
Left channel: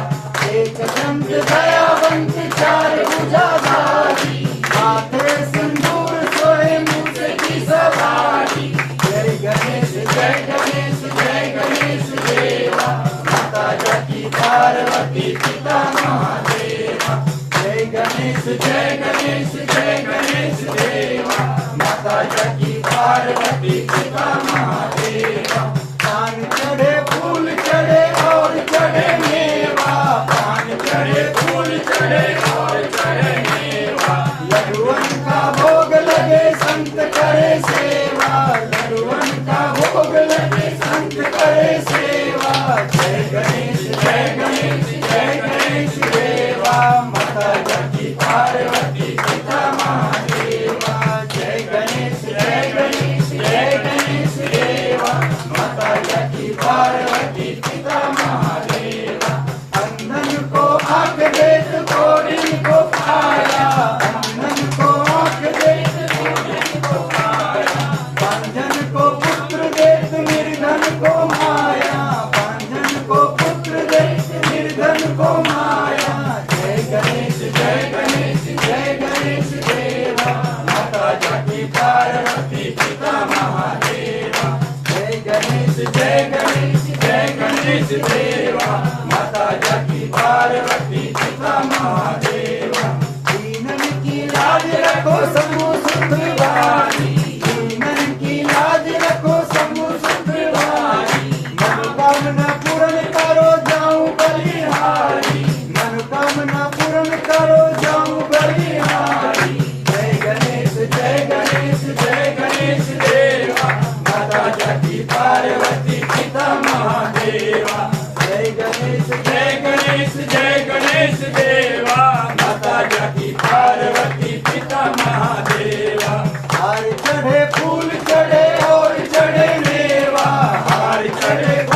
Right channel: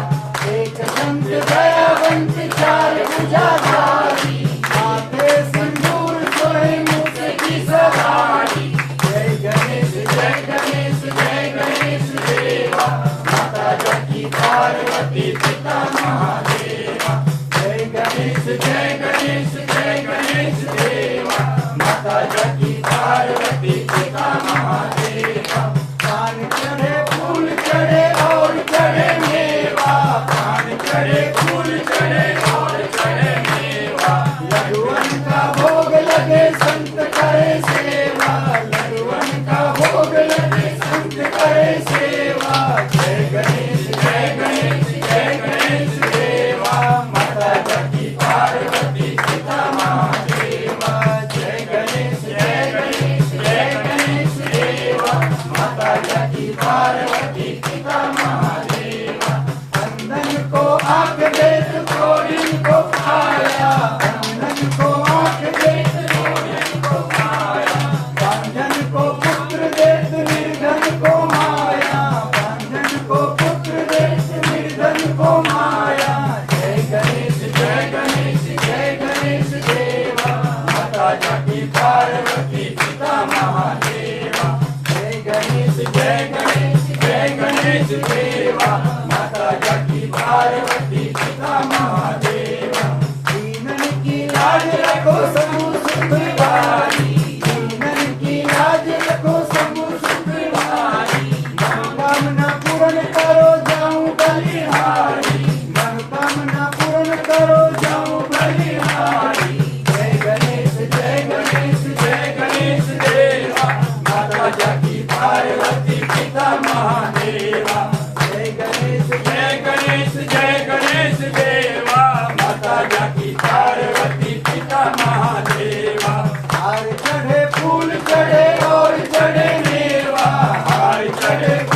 एक दंत दयावंत चार भुजाधारी, माथे संदूर सोए मुझ की सवारी। जय गणेश जय गणेश जय गणेश देवा, माता जकी पार्वती पिता महादेवा। जय गणेश जय गणेश जय गणेश देवा, माता जकी पार्वती पिता महादेवा। पान चढ़े फूल चढ़े और चढ़े मेवा, पान चढ़े फूल चढ़े और चढ़े मेवा। लड्डुअन का भोग लगे संत करे सेवा, लड्डुअन का भोग लगे संत करे सेवा। जय गणेश जय गणेश जय गणेश देवा, माता जकी पार्वती पिता महादेवा। जय गणेश जय गणेश जय गणेश देवा, माता जकी पार्वती पिता महादेवा। अंधन को आंख देत कोड़ी को पाया, अंधन को आंख देत कोड़ी को पाया। बंधन को पुत्र देत निर्धन को माया, बंधन को पुत्र देत निर्धन को माया। जय गणेश जय गणेश जय गणेश देवा, माता जकी पार्वती पिता महादेवा। जय गणेश जय गणेश जय गणेश देवा, माता जकी पार्वती पिता महादेवा। दीनन की लाज रखो समू सुखवारी, दीनन की लाज रखो समू सुखवारी। मनोकामना पूर्ण करो जाऊं बलिहारी, मनोकामना पूर्ण करो जाऊं बलिहारी। जय गणेश जय गणेश जय गणेश देवा, माता जकी पार्वती पिता महादेवा। जय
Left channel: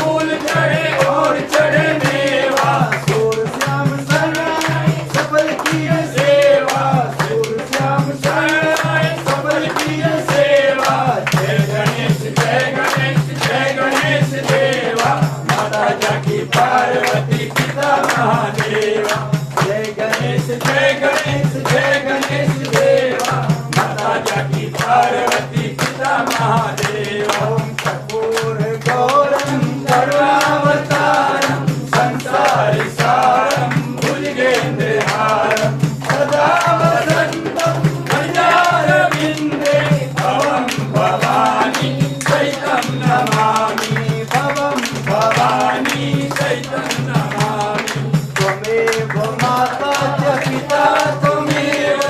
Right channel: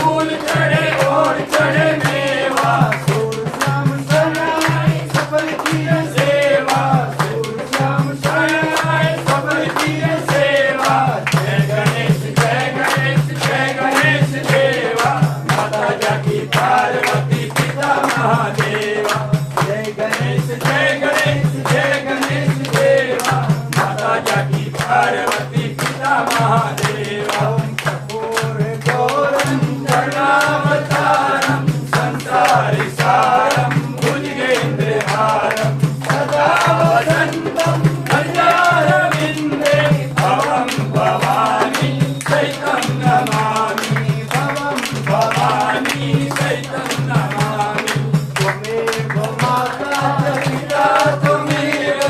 फूल चढ़े और चढ़े मेवा, सूर श्याम शरणाए सफल किए सेवा, सूर श्याम शरणाए सफल किए सेवा। जय गणेश जय गणेश जय गणेश देवा, माता जाकी पार्वती पिता महादेवा। जय गणेश जय गणेश जय गणेश देवा, माता जाकी पार्वती पिता महादेवा। कपूर गौरम करुणावतारम संसारि सारम भुजगेन्द्रहारम सदा वसंतम कल्याणविंदे भवं भवानी सहितं नमामि, भवं भवानी सहितं नमामि। त्वमेव माता च पिता त्वमेव,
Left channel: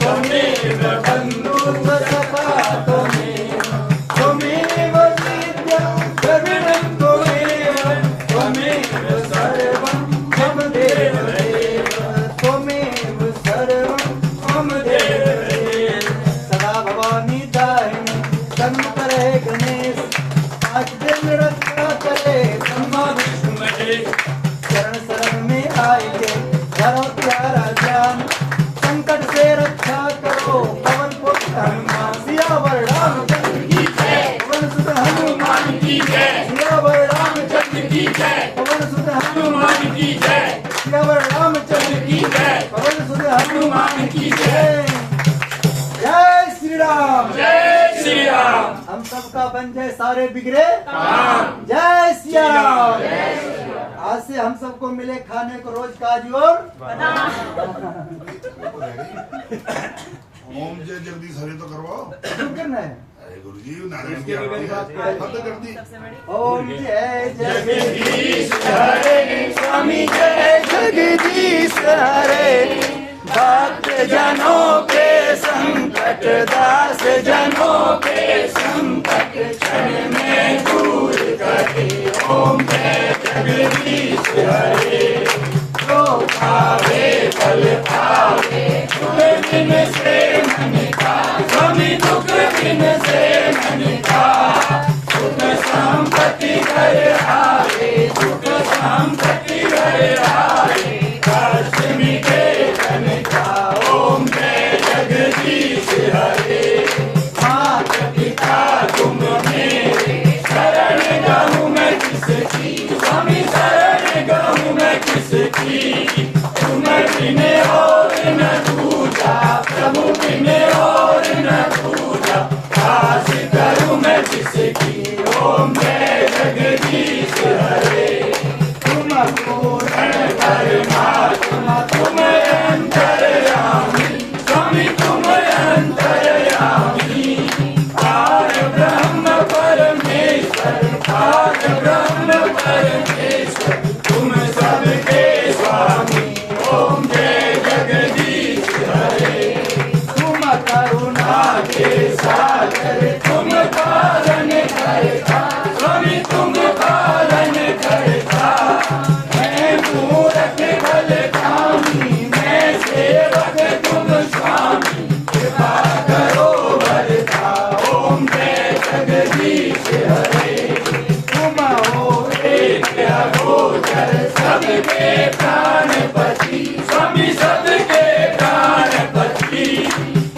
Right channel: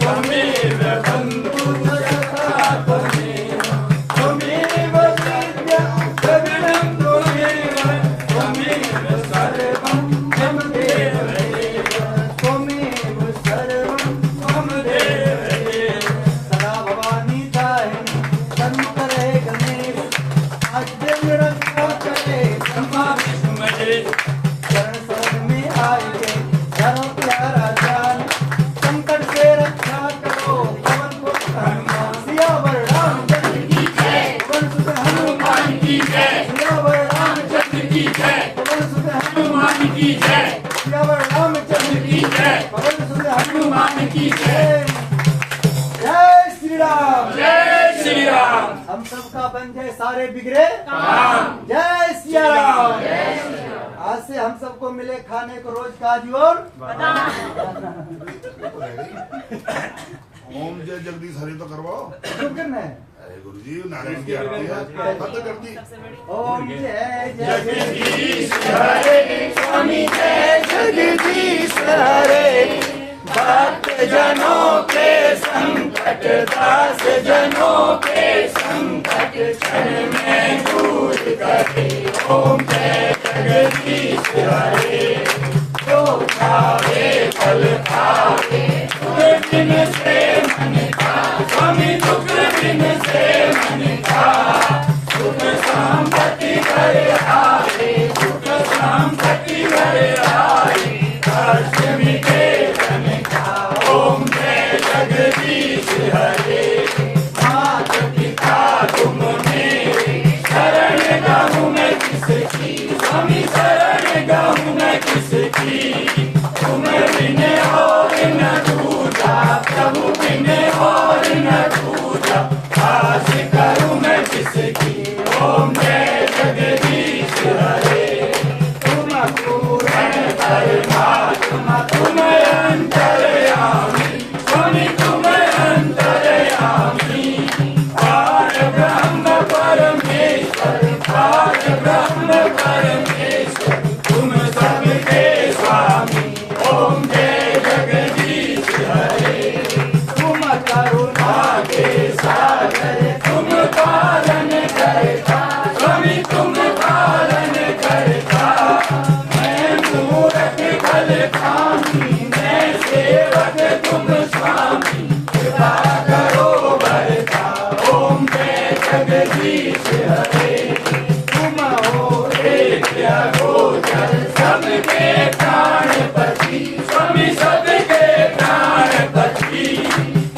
त्वमेव बन्धुः सखा त्वमेव, त्वमेव विद्या द्रविणं त्वमेव, त्वमेव सर्वं मम देव देव, त्वमेव सर्वं मम देव देव। सदा भवानी दाहिनी संत रहे गणेश, आज दिन रक्षा करे ब्रह्मा विष्णु महेश। चरण शरण में आएंगे करो प्यारा ज्ञान, संकट से रक्षा करो पवन पुत्र हनुमान। सियावर रामचंद्र की जय, पवन सुत हनुमान की जय, सियावर रामचंद्र की जय, पवन सुत हनुमान की जय, सियावर रामचंद्र की जय, पवन सुत हनुमान की जय। जय श्री राम, जय श्री राम। हम सबका बन जाए सारे बिगड़े राम। जय श्री राम। आज से हम सबको मिले खाने को रोज काजू और ओम जय जगदीश हरे तो करवाओ। क्यों करना है? अरे गुरुजी नारायण की आरती है, बंद कर दी। ओम जय जगदीश हरे स्वामी जय जगदीश हरे, भक्त जनों के संकट दास जनों के संकट क्षण में दूर करे। ओम जय जगदीश हरे, जो पावे फल पावे, दुख दिन से मन का स्वामी, दुख दिन से मन का सुख संपत्ति घर आए, सुख संपत्ति घर आए, कष्ट मिटे जन का। ओम जय जगदीश हरे, मात पिता तुम मेरे, शरण गाऊं मैं किसकी स्वामी, शरण गाऊं मैं किसकी। तुम बिन और न दूजा प्रभु, बिन और न दूजा, आस करूं मैं किसकी। ओम जय जगदीश हरे, तुम पूर्ण परमात्मा, तुम अंतर्यामी स्वामी, तुम अंतर्यामी। पार ब्रह्म परमेश्वर, पार ब्रह्म परमेश्वर, तुम सबके स्वामी। ओम जय जगदीश हरे, तुम करुणा के सागर, तुम पालन करता स्वामी, तुम पालन करता। मैं मूरख बलकामी, मैं सेवक तुम स्वामी, कृपा करो बरता। ओम जय जगदीश हरे, तुम हो नित्य गोचर, सबके प्राणपति स्वामी, सबके प्राणपति।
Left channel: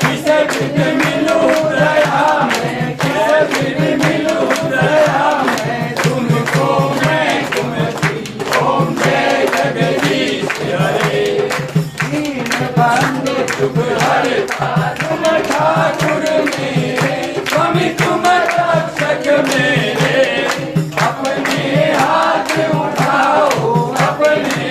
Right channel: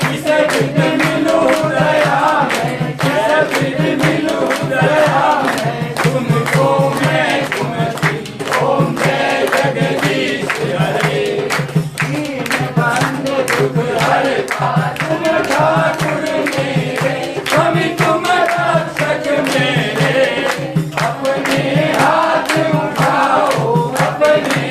किसे बिन मिलूं दया मैं, किसे बिन मिलूं दया मैं, तुमको मैं तुमकी। ओम जय जगदीश हरे, दीन बंधु दुख हरता तुम ठाकुर मेरे, स्वामी तुम रक्षक मेरे। अपने हाथ उठाओ, अपने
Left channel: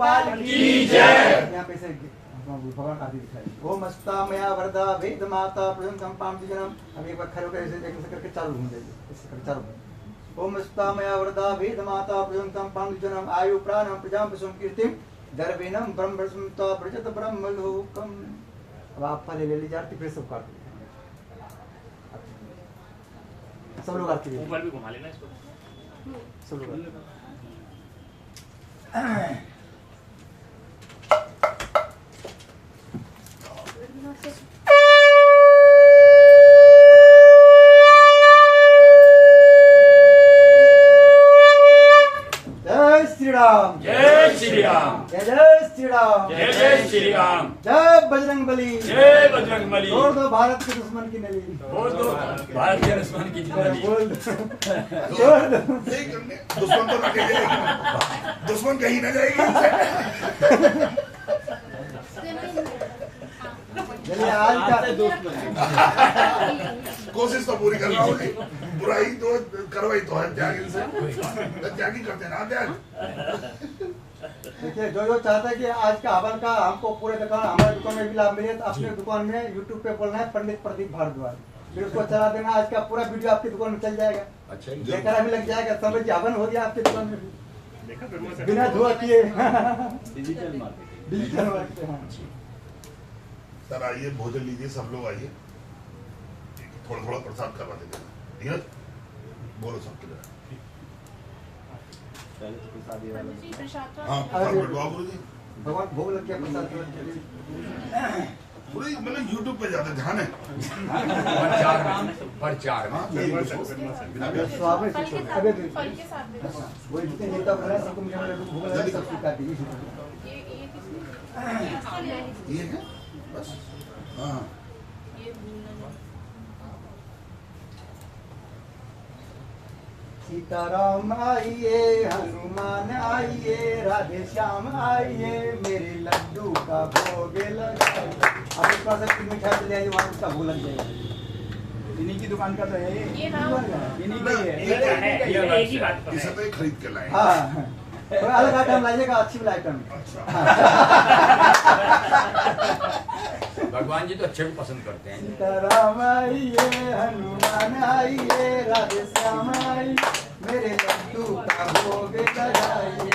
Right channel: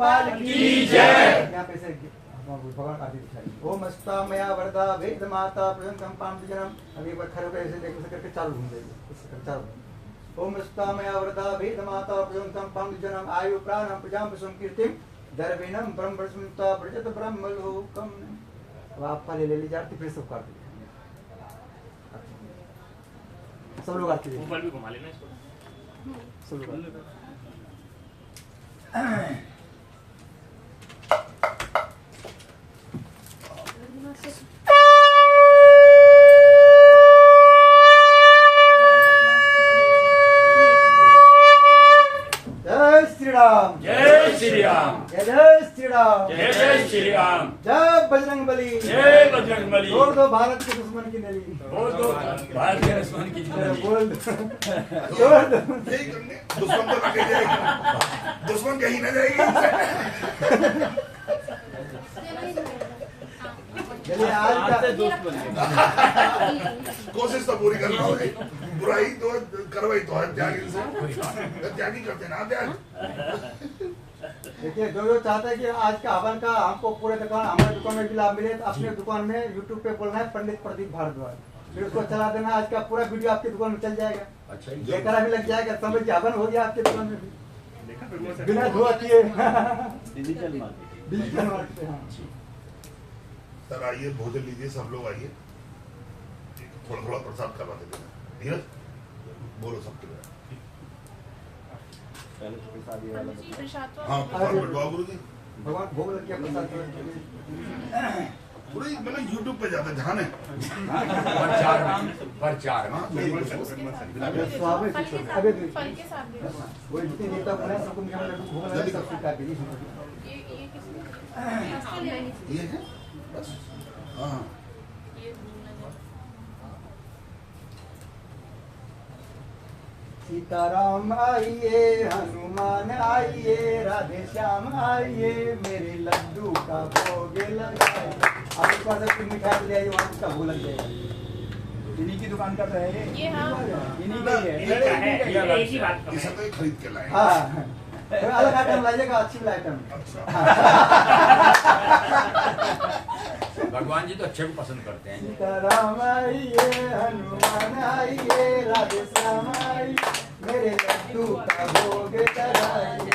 गोपाल की जय। यहाँ पे से भगवान आदि दिखाई। ओम अस्तामया वरदा वेद माता प्रजंतम पामजनम। अब एक बार खड़े होकर ऐसे करके चालू घूम जाइए, इससे करके चालू। ओम अस्तामया वरदा वेद माता प्रजंतम पामजनम आयु प्राणम प्रजाम पशुम कीर्तिम दर्विनम ब्रह्म स्मृता प्रजत ब्रह्मलोकम। अब आप पहले ले लीजिए आरती, फिर सब काट दीजिए। सब लोग आरती लीजिए। ऊपर भी घुमा लेना इसको। सब लोग जय श्री राम, जय श्री राम, जय जय श्री राम, जय जय श्री राम, जय बजरंग बली, जय बजरंग बली। छोड़ दो भारत के दुश्मन की नली। बोल दो भारत के दुश्मन की जिंदगी। बोल दो, छोड़ दो। यही करने, दुश्मन तो लगे जाएगी, दुश्मन कहीं ना जाएगी। चलिए आज का कोशिश तो पूरी करना होगी। बुराई तो करवाई तो है त्यागी से, त्यागी करते ना त्याग। देखिए जो चाहता है कि आज का हवन का हमको पूरे दुकान, हमारे दुकान में भी लाभ मिले तो अपने दुकान में यूट्यूब पे बोलना है पंडित प्रदीप भारद्वाज, फिर उसको चला देना। आज का पूरा वीडियो आपकी दुकान में चल जाएगा। अच्छा लेकर अभी लग जाएगा, समझ हवन हो गया आपकी दुकान में भी देखा फिल्मों से बिना धुआ किए। Digital marketing. डिजिटल मार्केट, हाँ। सर आइए, भोजन लीजिए, सब लोग आइए, थोड़ा थोड़ा प्रसाद करवा देते हैं। धीरज बोलो सबके लिए। पहले तो प्रसाद ये वाला जी प्रसाद तो हाँ प्रसाद बैठवाओ गुरु जी। भगवान भोग लग गया प्रसाद। पूरी मतलब यूट्यूब पे ज्यादा ध्यान है। प्रचार में स्वाभाविक फल के है। साथ, अबे भी फल के साथ भी। वो जितने नेता बने सबको भोग लगा सब स्वीकार कीजिए। ये किसने ये है बस। हाँ ये भूलना नहीं। सीताराम आइए, हनुमान आइए, राधे श्याम आइए, मेरे लड्डू का भोग लगाइए। अब इस बार से मिठाई ले आइए, वहाँ उसका भोग लग जाएगा। इन्हीं की दुकान का तो है ये हाँ इन्हीं का ही है। इन्हीं का है, एक ही बात तो इसे है। तो ये खरीद के लाए। हाँ, कोई अलग आइटम लाइएगा, अच्छी वाला आइटम। अच्छा भगवान जी तो अच्छे को पसंद करते हैं। सीताराम आइए, हनुमान आइए, राधे श्याम आइए, मेरे लड्डू का भोग लगाइए।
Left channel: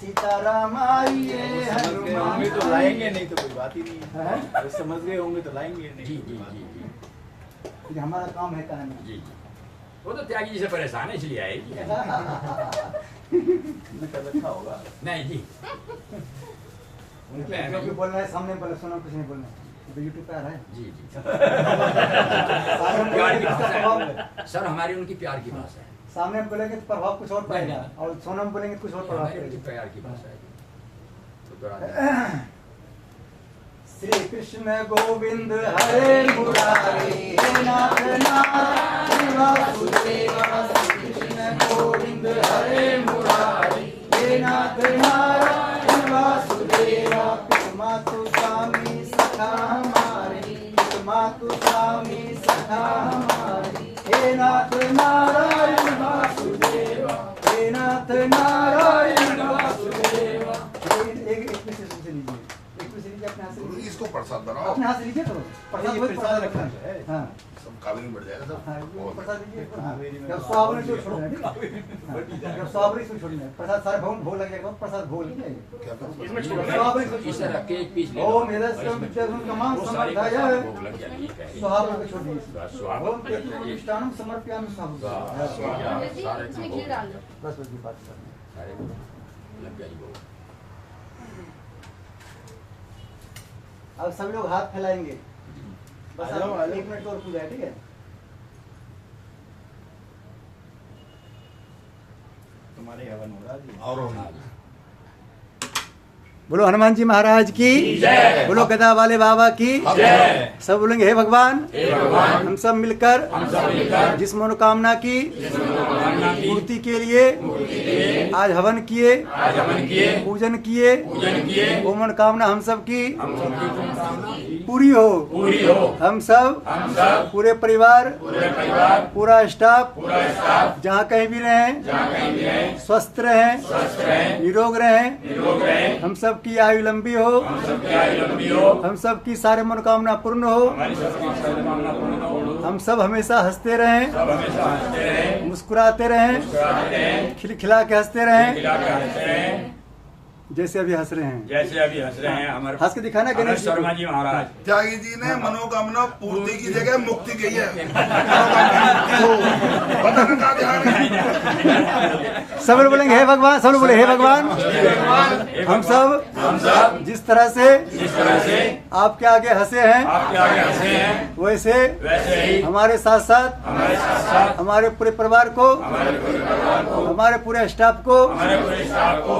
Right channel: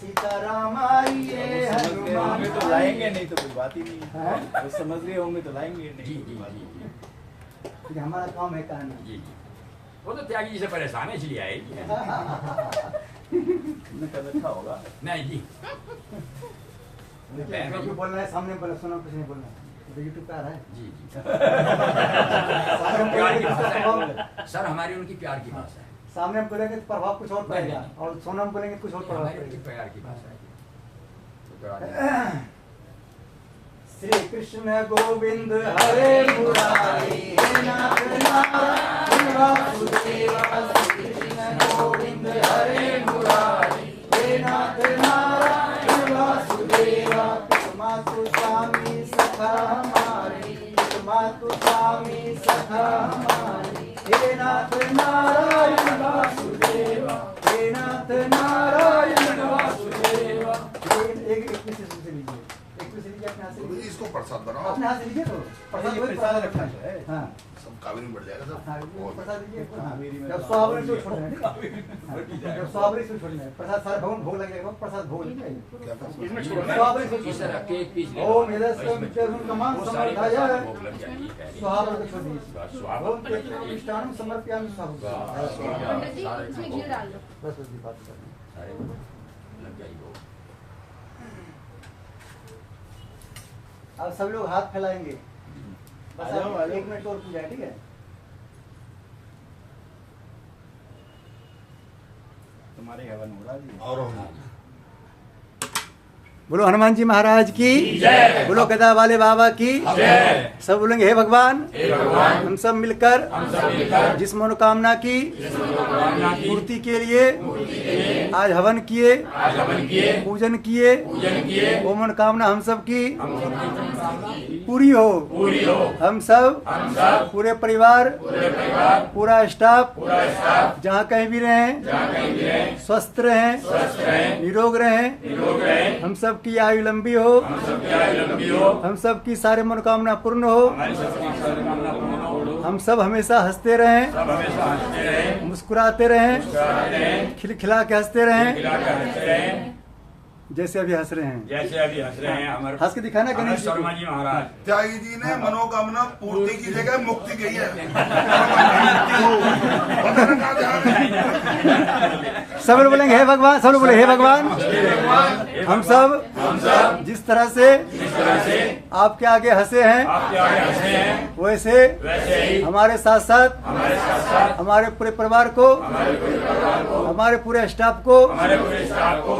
सीताराम आइए, होंगे हनुमान तो लाएंगे, नहीं तो कोई बात ही नहीं है। हाँ? वो समझ गए होंगे तो लाएंगे, नहीं जी तो जी कोई बात जी नहीं। जी ये हमारा काम है कहना। जी जी। वो तो त्यागी जी से परेशान है इसलिए आएगी। तुमने कर रखा होगा। नहीं जी जो भी बोलना है सामने बोला, सुना कुछ नहीं बोलना। तो यूट्यूब पे आ रहा है। जी जी प्यार की भाषा है सर, हमारी उनकी प्यार की भाषा है। सामने हम बोलेंगे तो प्रभाव कुछ और पड़ेगा, नहीं। और सोना हम बोलेंगे कुछ और प्रभाव हमारी उनकी पड़ेगा। प्यार की भाषा है। तो दोहरा श्री कृष्ण गोविंद हरे मुरारी, हे नाथ नारायण वासुदेव। श्री कृष्ण गोविंद हरे मुरारी, हे नाथ नारायण वासुदेव। मातु स्वामी सखा हमारी, मातु स्वामी सखा हमारी, हे नाथ नारायण वासुदेव, हे नाथ नारायण वासुदेव। एक से लीजिए, एक से लीजिए, अपने हाथ से गुरु जी लीजिए। इसको प्रसाद बनाओ। अपने हाथ से लीजिए तो प्रसाद ये वही प्रसाद प्रसाद रखना रखना है। हाँ सब कावेरी में बढ़ जाएगा सब। हाँ, वो प्रसाद लीजिए। कावेरी में जब तो स्वावरी से आप- छोड़ना है, ठीक है? जब स्वावरी से छोड़ना है, प्रसाद सारा भोग लग जाएगा, प्रसाद भोग नहीं जाएगा। क्या था? इसमें छोड़ना है। स्वावरी से इस छोड़ना तरह है। के एक पीस ले ओम लो। यदस्कं विद्यागुं कमां वो सारे समर्थाय प्रसाद भोग लग जाएंगे पहले। स्वाहा को छोड़ दीजिए। स्वाहा ओम प्रतिष्ठानं समर्पयामि स्वाहा। सारे इसमें घी डाल दो। बस बस ये बात करनी है। सारे लग जाएगी भोग। अब सब लोग हाथ फैलाएंगे, बस आ जाओ, आ आप जाओ। 1 मिनट और पूजा है, ठीक है? तुम्हारे हवन हो रहा जी। और हम बोलो हनुमान जी महाराज की जय। बोलो गदा वाले बाबा की जय। सब बोलेंगे हे भगवान हम सब मिलकर जिस मनोकामना की पूर्ति के लिए आज हवन किए पूजन किए वो मनोकामना हम सब की पूरी हो। हम सब पूरे परिवार पूरा स्टाफ जहाँ कहीं भी रहें स्वस्थ रहें निरोग रहें। हम सब की आयु लंबी हो हम सब की सारे मनोकामना पूर्ण हो। हम सब हमेशा हंसते रहें मुस्कुराते रहें खिलखिला के हंसते रहें जैसे अभी हंस रहे हैं हमारे हंस के दिखाना गणेश जी शर्मा जी महाराज त्यागी जी ने मनोकामना पूर्ति की जगह मुक्ति कही है। सब लोग बोलेंगे हे भगवान सब लोग बोले हे भगवान हम सब जिस तरह से आपके आगे हंसे हैं वैसे हमारे साथ साथ हमारे पूरे परिवार को हमारे पूरे स्टाफ को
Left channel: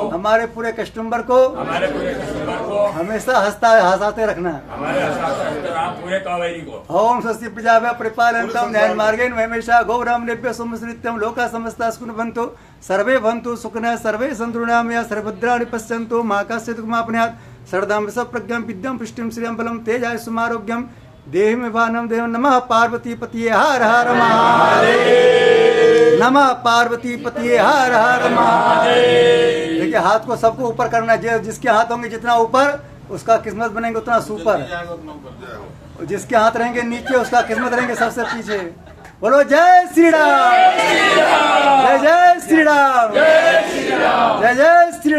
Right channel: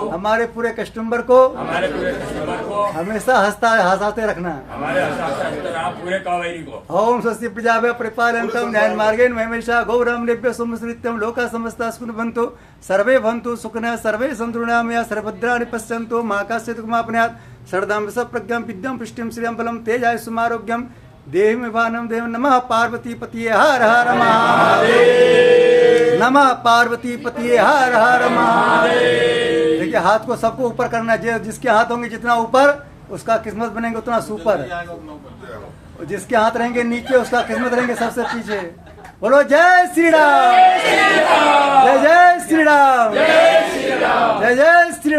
हमारे पूरे कस्टमर को हमेशा हंसाते रखना। पूरे कावेरी को ओम स्वस्ति प्रजाभ्यः परिपालयन्तम् न्यायेन मार्गेण महिषा गौरामनेभ्यः सोमश्रित्यं लोकाः समस्ताः सुखिनो सर्वे भवन्तु सुखिनः सर्वे सन्तु निरामया सर्वभद्राणि पश्यन्तु मा कश्चित् दुःखमाप्नुयात् सर्वदां प्रज्ञां विद्यां पुष्टिं श्रियं बलं तेजायुष्मारोग्यं देहि मे वाहनं देवं। नमः पार्वती पतिये हर हर महादेव। नमः पार्वती पतिये हर हर महादेव। देखिए हाथ को सबको ऊपर करना है जिसके हाथ होंगे जितना ऊपर उसका किस्मत बनेंगे उतना सुपर जिसके हाथ रहेंगे नीचे उसका किस्मत रहेंगे सबसे पीछे। बोलो जय श्री राम जय जय श्री राम जय जय श्री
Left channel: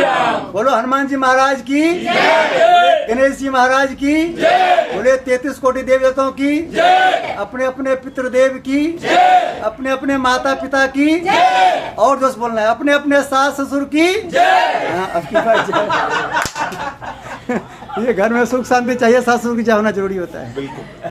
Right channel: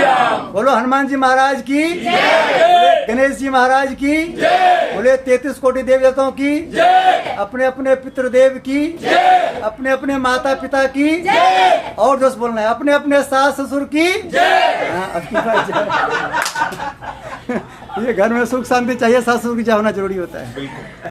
राम। बोलो हनुमान जी महाराज की गणेश जी महाराज की बोले 33 कोटि देव देवताओं की अपने अपने पितृदेव की अपने अपने माता पिता की और दोस्त बोलना है अपने अपने सास ससुर की। ये घर में सुख शांति चाहिए सास ससुर की जय होना जरूरी होता है।